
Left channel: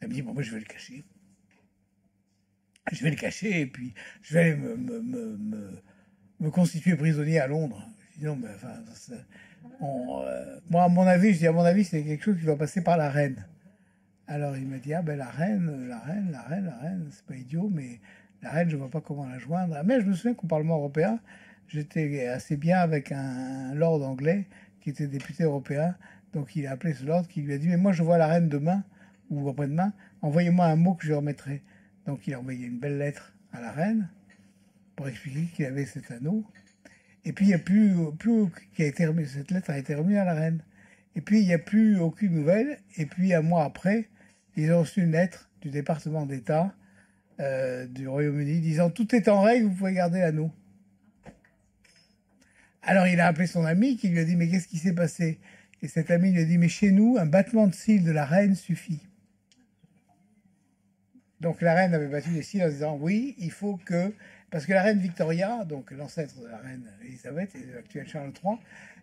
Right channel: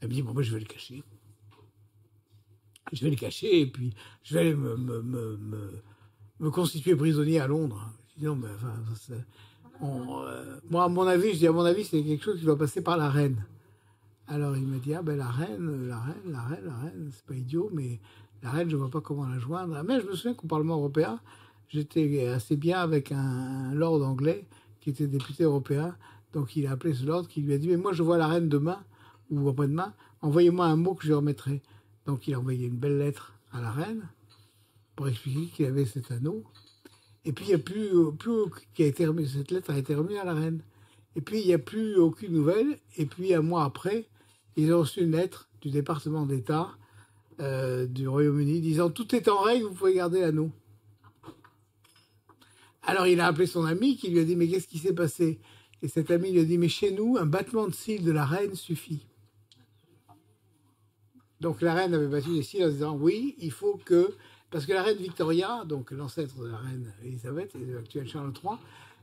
Elle me dit, bon, moi, je vais le cacher. Je vais le cacher et puis je vais aller me constituer prisonnier à Londres. Je dis non, mais enfin, moi, à mon avis, c'est quelque chose qui doit passer par la reine. Alors il m'a dit, ah ben la reine, c'est pas idiot, mais la reine, je vois pas comment la joindre. Mais je me souviens qu'au Parlement européen, j'étais assez bien avec un lord anglais qui était député européen. Donc il a appelé ce lord qui lui a dit, mais moi je vois la reine demain ou après-demain, envoyez-moi un mot que je lui remettrai. Donc il a envoyé une belle lettre à la reine pour expliquer qu'il avait cet anneau. Et puis il n'y a plus qui a été remis, cette lettre a été remise à la reine. Et puis il n'y a plus aucune nouvelle. Et puis un mois après, ils ont reçu une lettre du département d'État du Royaume-Uni disant tout est en règle, vous pouvez garder l'anneau. Alors il a appelé son ami qui lui a dit mais qu'est-ce qui s'est passé? Et cet ami lui a dit mais chez nous, un battement de cils de la reine suffit. Donc la reine avait battu les cils en disant oui, il faut que... Parce que la reine Victoria, donc l'ancêtre de la reine Elisabeth et de l'actuel Charles III,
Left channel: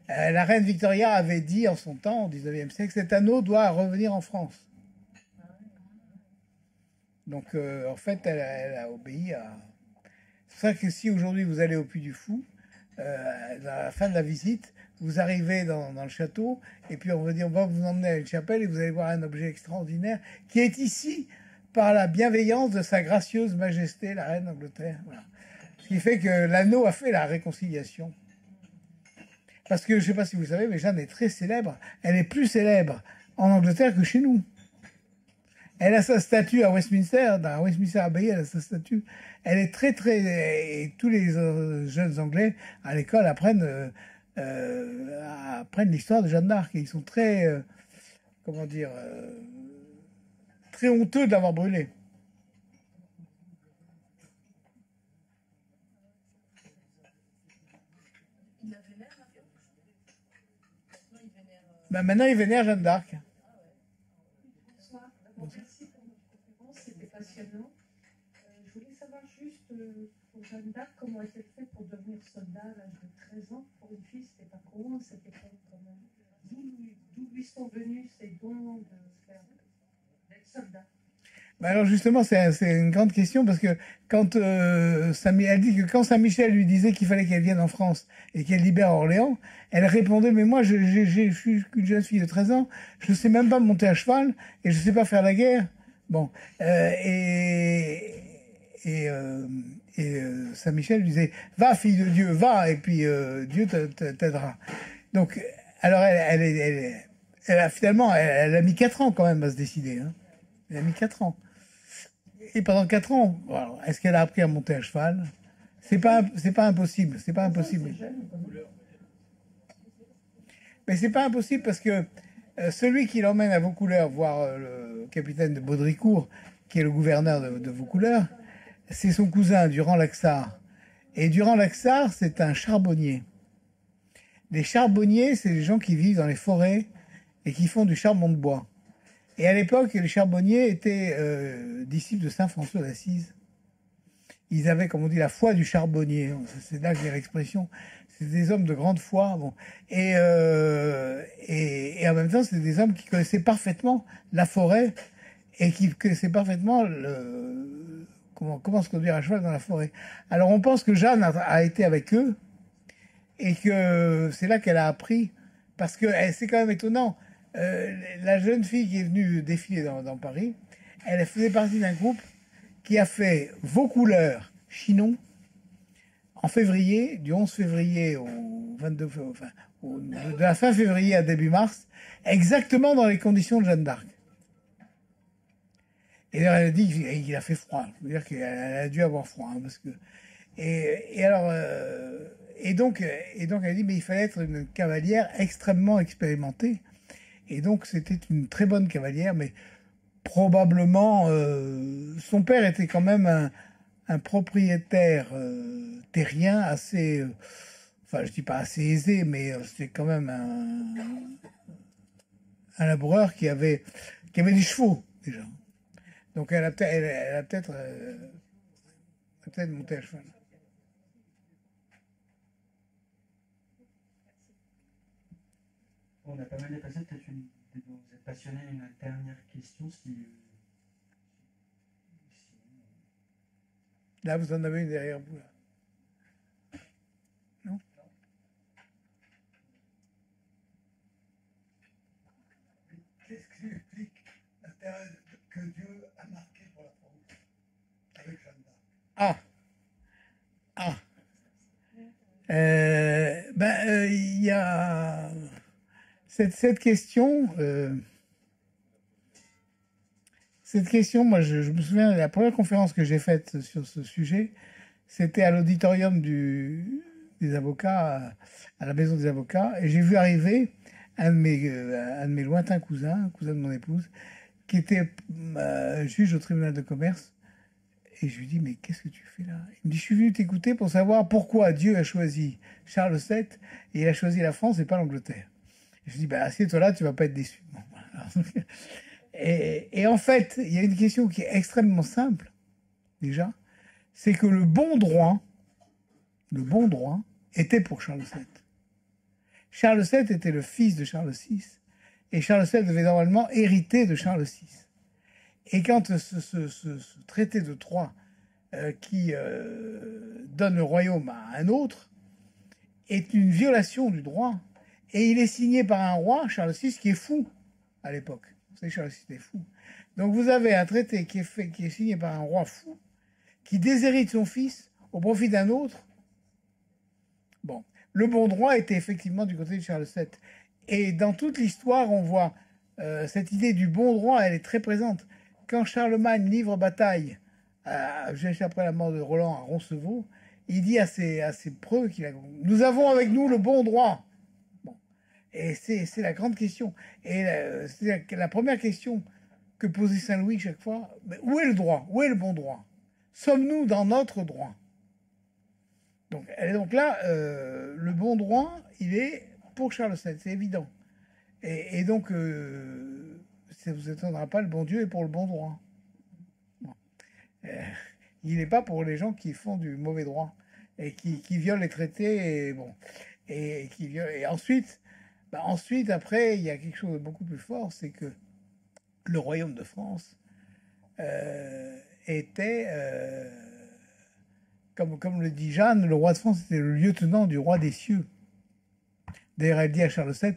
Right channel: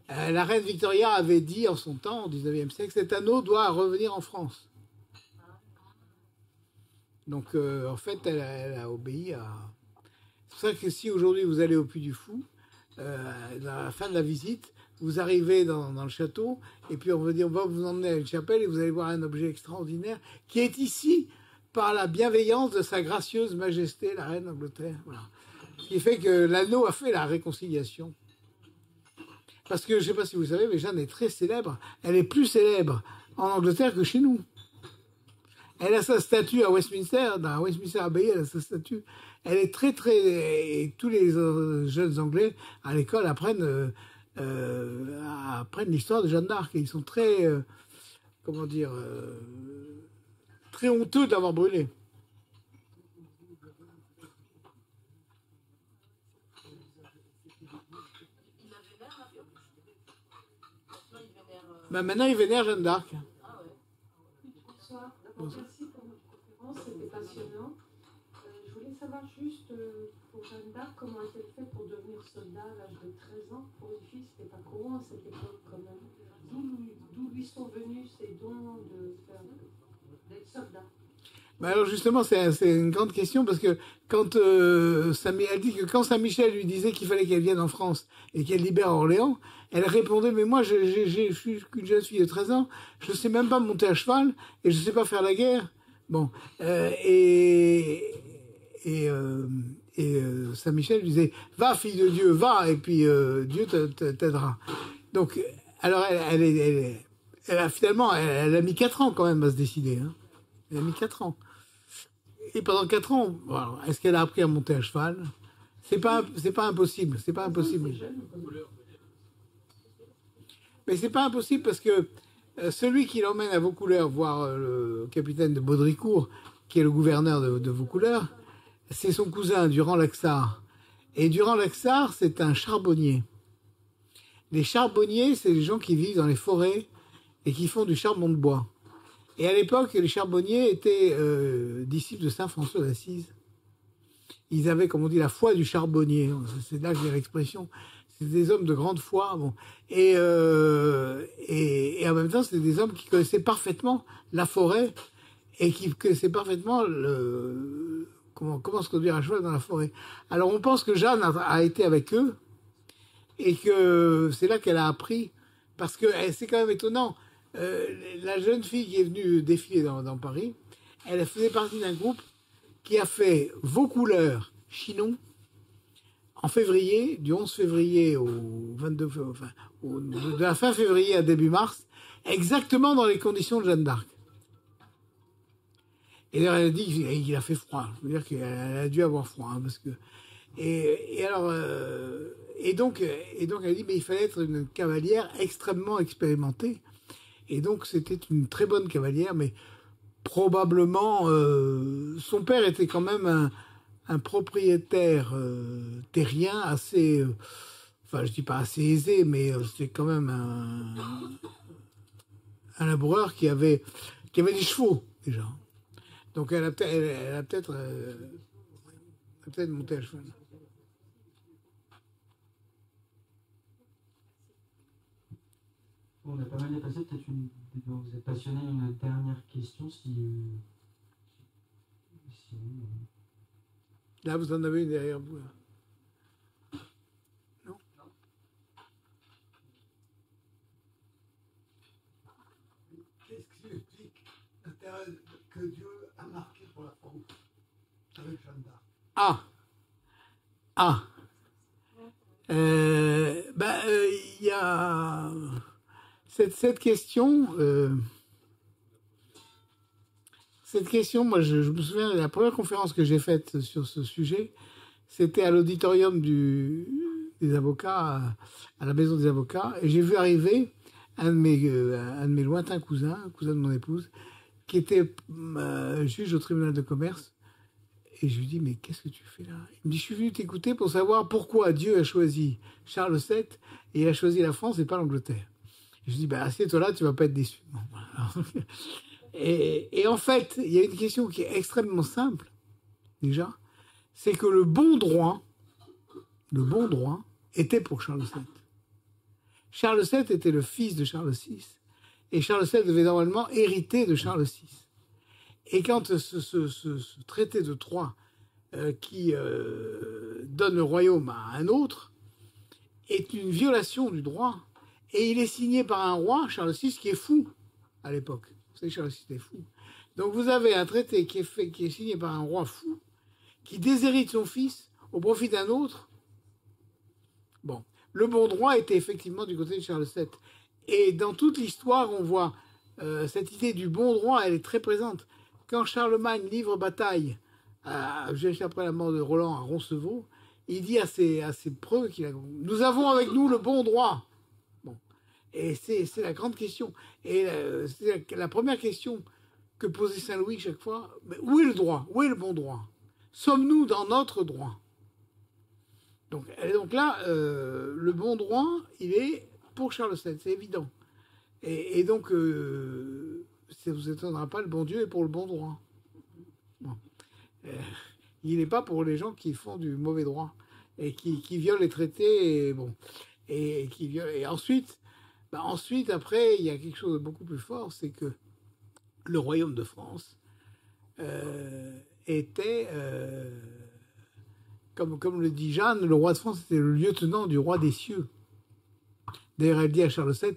la reine Victoria avait dit en son temps, au 19e siècle, cet anneau doit revenir en France. Donc en fait, elle a obéi à... C'est pour ça que si aujourd'hui vous allez au Puy du Fou, à la fin de la visite, vous arrivez dans le château, et puis on va vous emmener à une chapelle, et vous allez voir un objet extraordinaire qui est ici par la bienveillance de sa gracieuse majesté, la reine d'Angleterre. Voilà. Ce qui fait que l'anneau a fait la réconciliation. Parce que, je ne sais pas si vous le savez, mais Jeanne est très célèbre. Elle est plus célèbre en Angleterre que chez nous. Elle a sa statue à Westminster, dans Westminster Abbey, elle a sa statue. Elle est très, très... Et tous les jeunes Anglais, à l'école, apprennent l'histoire de Jeanne d'Arc. Et ils sont très... comment dire... très honteux de l'avoir brûlé. Il la vénère, l'avion? Non, il vénère. Ben maintenant, il vénère Jeanne d'Arc. Ah ouais. Bonsoir. D'abord, merci pour votre conférence, c'était passionnant. Je voulais savoir juste pour Jeanne d'Arc, comment elle s'est fait pour devenir soldat à l'âge de 13 ans. Pour une fille, c'était pas courant à cette époque quand même. D'où lui sont venus ces dons d'être soldat? Ben alors justement, c'est une grande question parce que quand elle dit que quand Saint-Michel lui disait qu'il fallait qu'elle vienne en France et qu'elle libère Orléans, elle répondait mais moi je suis qu'une jeune fille de 13 ans, je sais même pas monter à cheval et je sais pas faire la guerre. Bon Saint-Michel lui disait va fille de Dieu, va et puis Dieu t'aidera. Donc alors elle a finalement elle a mis 4 ans quand même à se décider. Hein. Elle a mis 4 ans. Et pendant 4 ans, alors, est-ce qu'elle a appris à monter à cheval? C'est pas impossible. C'est pas impossible. Mais c'est pas impossible parce que celui qui l'emmène à Vaucouleurs voir le capitaine de Baudricourt, qui est le gouverneur de Vaucouleurs, c'est son cousin, Durand-Laxart. Et Durand-Laxart, c'est un charbonnier. Les charbonniers, c'est les gens qui vivent dans les forêts et qui font du charbon de bois. Et à l'époque, les charbonniers étaient disciples de Saint François d'Assise. Ils avaient, comme on dit, la foi du charbonnier. C'est là que vient l'expression. C'est des hommes de grande foi. Bon. Et en même temps, c'était des hommes qui connaissaient parfaitement la forêt et qui connaissaient parfaitement comment se conduire à cheval dans la forêt. Alors on pense que Jeanne a été avec eux et que c'est là qu'elle a appris. Parce que c'est quand même étonnant. La jeune fille qui est venue défiler dans Paris, elle faisait partie d'un groupe qui a fait Vaucouleurs, Chinon, en février, du 11 février au 22, enfin, de la fin février à début mars, exactement dans les conditions de Jeanne d'Arc. Et elle a dit qu'il a fait froid. Je veux dire qu'elle a dû avoir froid, hein, parce que donc elle a dit mais il fallait être une cavalière extrêmement expérimentée. Et donc, c'était une très bonne cavalière, mais probablement, son père était quand même un propriétaire terrien assez, enfin, je dis pas assez aisé, mais c'était quand même un laboureur qui avait des chevaux déjà. Donc, elle a peut-être monté à cheval. On a pas mal dépassé, peut-être vous êtes passionné, une dernière question si Là, vous en avez une derrière vous. Là. Non? Qu'est-ce qui explique l'intérêt que Dieu a marqué pour la France avec Jeanne d'Arc? Il y a cette question. Cette question, moi, je me souviens de la première conférence que j'ai faite sur ce sujet, c'était à l'auditorium des avocats, à la maison des avocats, et j'ai vu arriver un de mes lointains cousins, un cousin de mon épouse, qui était juge au tribunal de commerce. Et je lui dis, mais qu'est-ce que tu fais là? Il me dit, je suis venu t'écouter pour savoir pourquoi Dieu a choisi Charles VII et il a choisi la France et pas l'Angleterre. Je lui dis, assieds-toi là, tu vas pas être déçu. Bon, voilà. Et en fait, il y a une question qui est extrêmement simple, déjà, c'est que le bon droit était pour Charles VII. Charles VII était le fils de Charles VI, et Charles VII devait normalement hériter de Charles VI. Et quand ce traité de Troyes qui donne le royaume à un autre est une violation du droit, et il est signé par un roi, Charles VI, qui est fou à l'époque. Vous savez, Charles VI est fou. Donc vous avez un traité qui est signé par un roi fou, qui déshérite son fils au profit d'un autre. Bon, le bon droit était effectivement du côté de Charles VII. Et dans toute l'histoire, on voit cette idée du bon droit, elle est très présente. Quand Charlemagne livre bataille, juste après la mort de Roland à Roncevaux, il dit à ses preux nous avons avec nous le bon droit. Bon. Et c'est la grande question. Et c'est la première question que posait Saint-Louis chaque fois. Mais où est le droit? Où est le bon droit? Sommes-nous dans notre droit? Donc là, le bon droit, il est pour Charles VII, c'est évident. Et donc, ça ne vous étonnera pas, le bon Dieu est pour le bon droit. Bon. Il n'est pas pour les gens qui font du mauvais droit et qui violent les traités. Et ensuite, après, il y a quelque chose de beaucoup plus fort, c'est que le royaume de France était, comme le dit Jeanne, le roi de France était le lieutenant du roi des cieux. D'ailleurs, elle dit à Charles VII,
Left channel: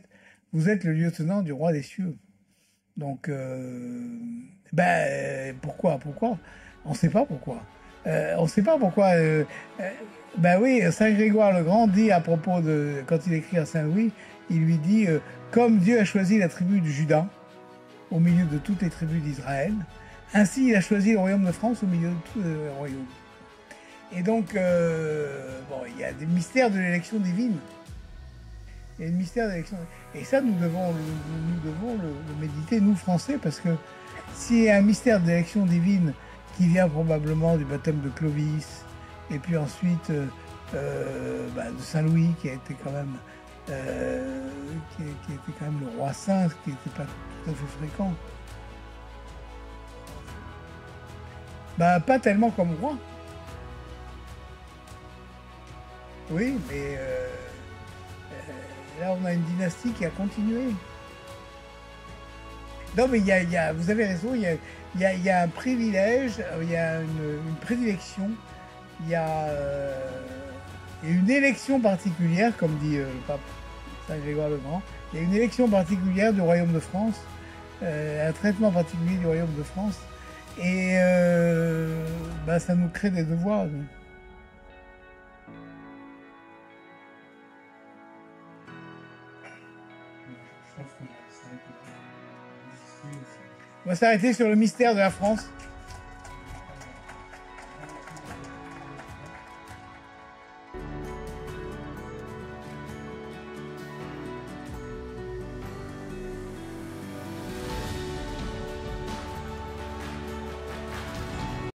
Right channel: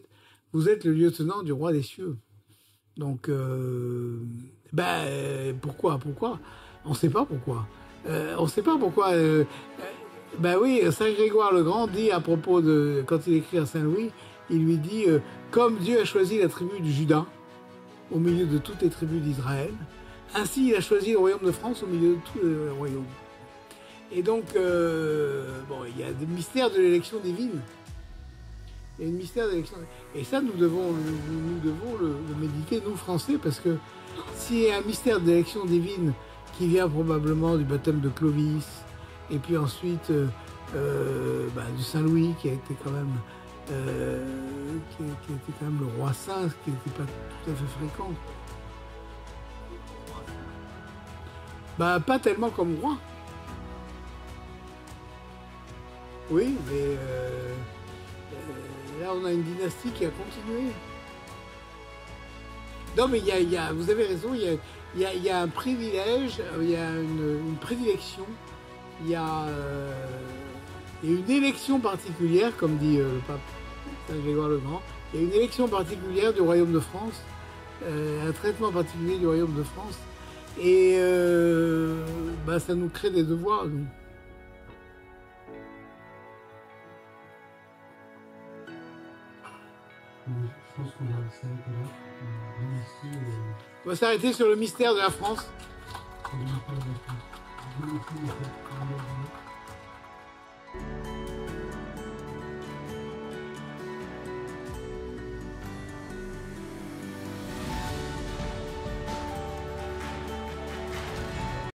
vous êtes le lieutenant du roi des cieux. Donc, pourquoi on ne sait pas pourquoi. On ne sait pas pourquoi. Oui, Saint Grégoire le Grand dit à propos de... Quand il écrit à Saint-Louis, il lui dit comme Dieu a choisi la tribu de Juda au milieu de toutes les tribus d'Israël, ainsi il a choisi le royaume de France au milieu de tous les royaumes. Et donc, il y a des mystères de l'élection divine. Il y a un mystère d'élection. Et ça, nous devons le méditer, nous, Français, parce que s'il y a un mystère d'élection divine qui vient probablement du baptême de Clovis, et puis ensuite de Saint-Louis, qui a été quand même le roi saint, ce qui n'était pas tout à fait fréquent. Pas tellement comme roi. Oui, mais là, on a une dynastie qui a continué. Non, mais vous avez raison, il y a un privilège, il y a une prédilection, il y a une élection particulière, comme dit le pape Saint Grégoire le Grand. Il y a une élection particulière du royaume de France, un traitement particulier du royaume de France. Et ça nous crée des devoirs, nous. Je pense qu'on va s'arrêter là. Merci. On va s'arrêter sur le mystère de la France. Le mystère de la France. Merci.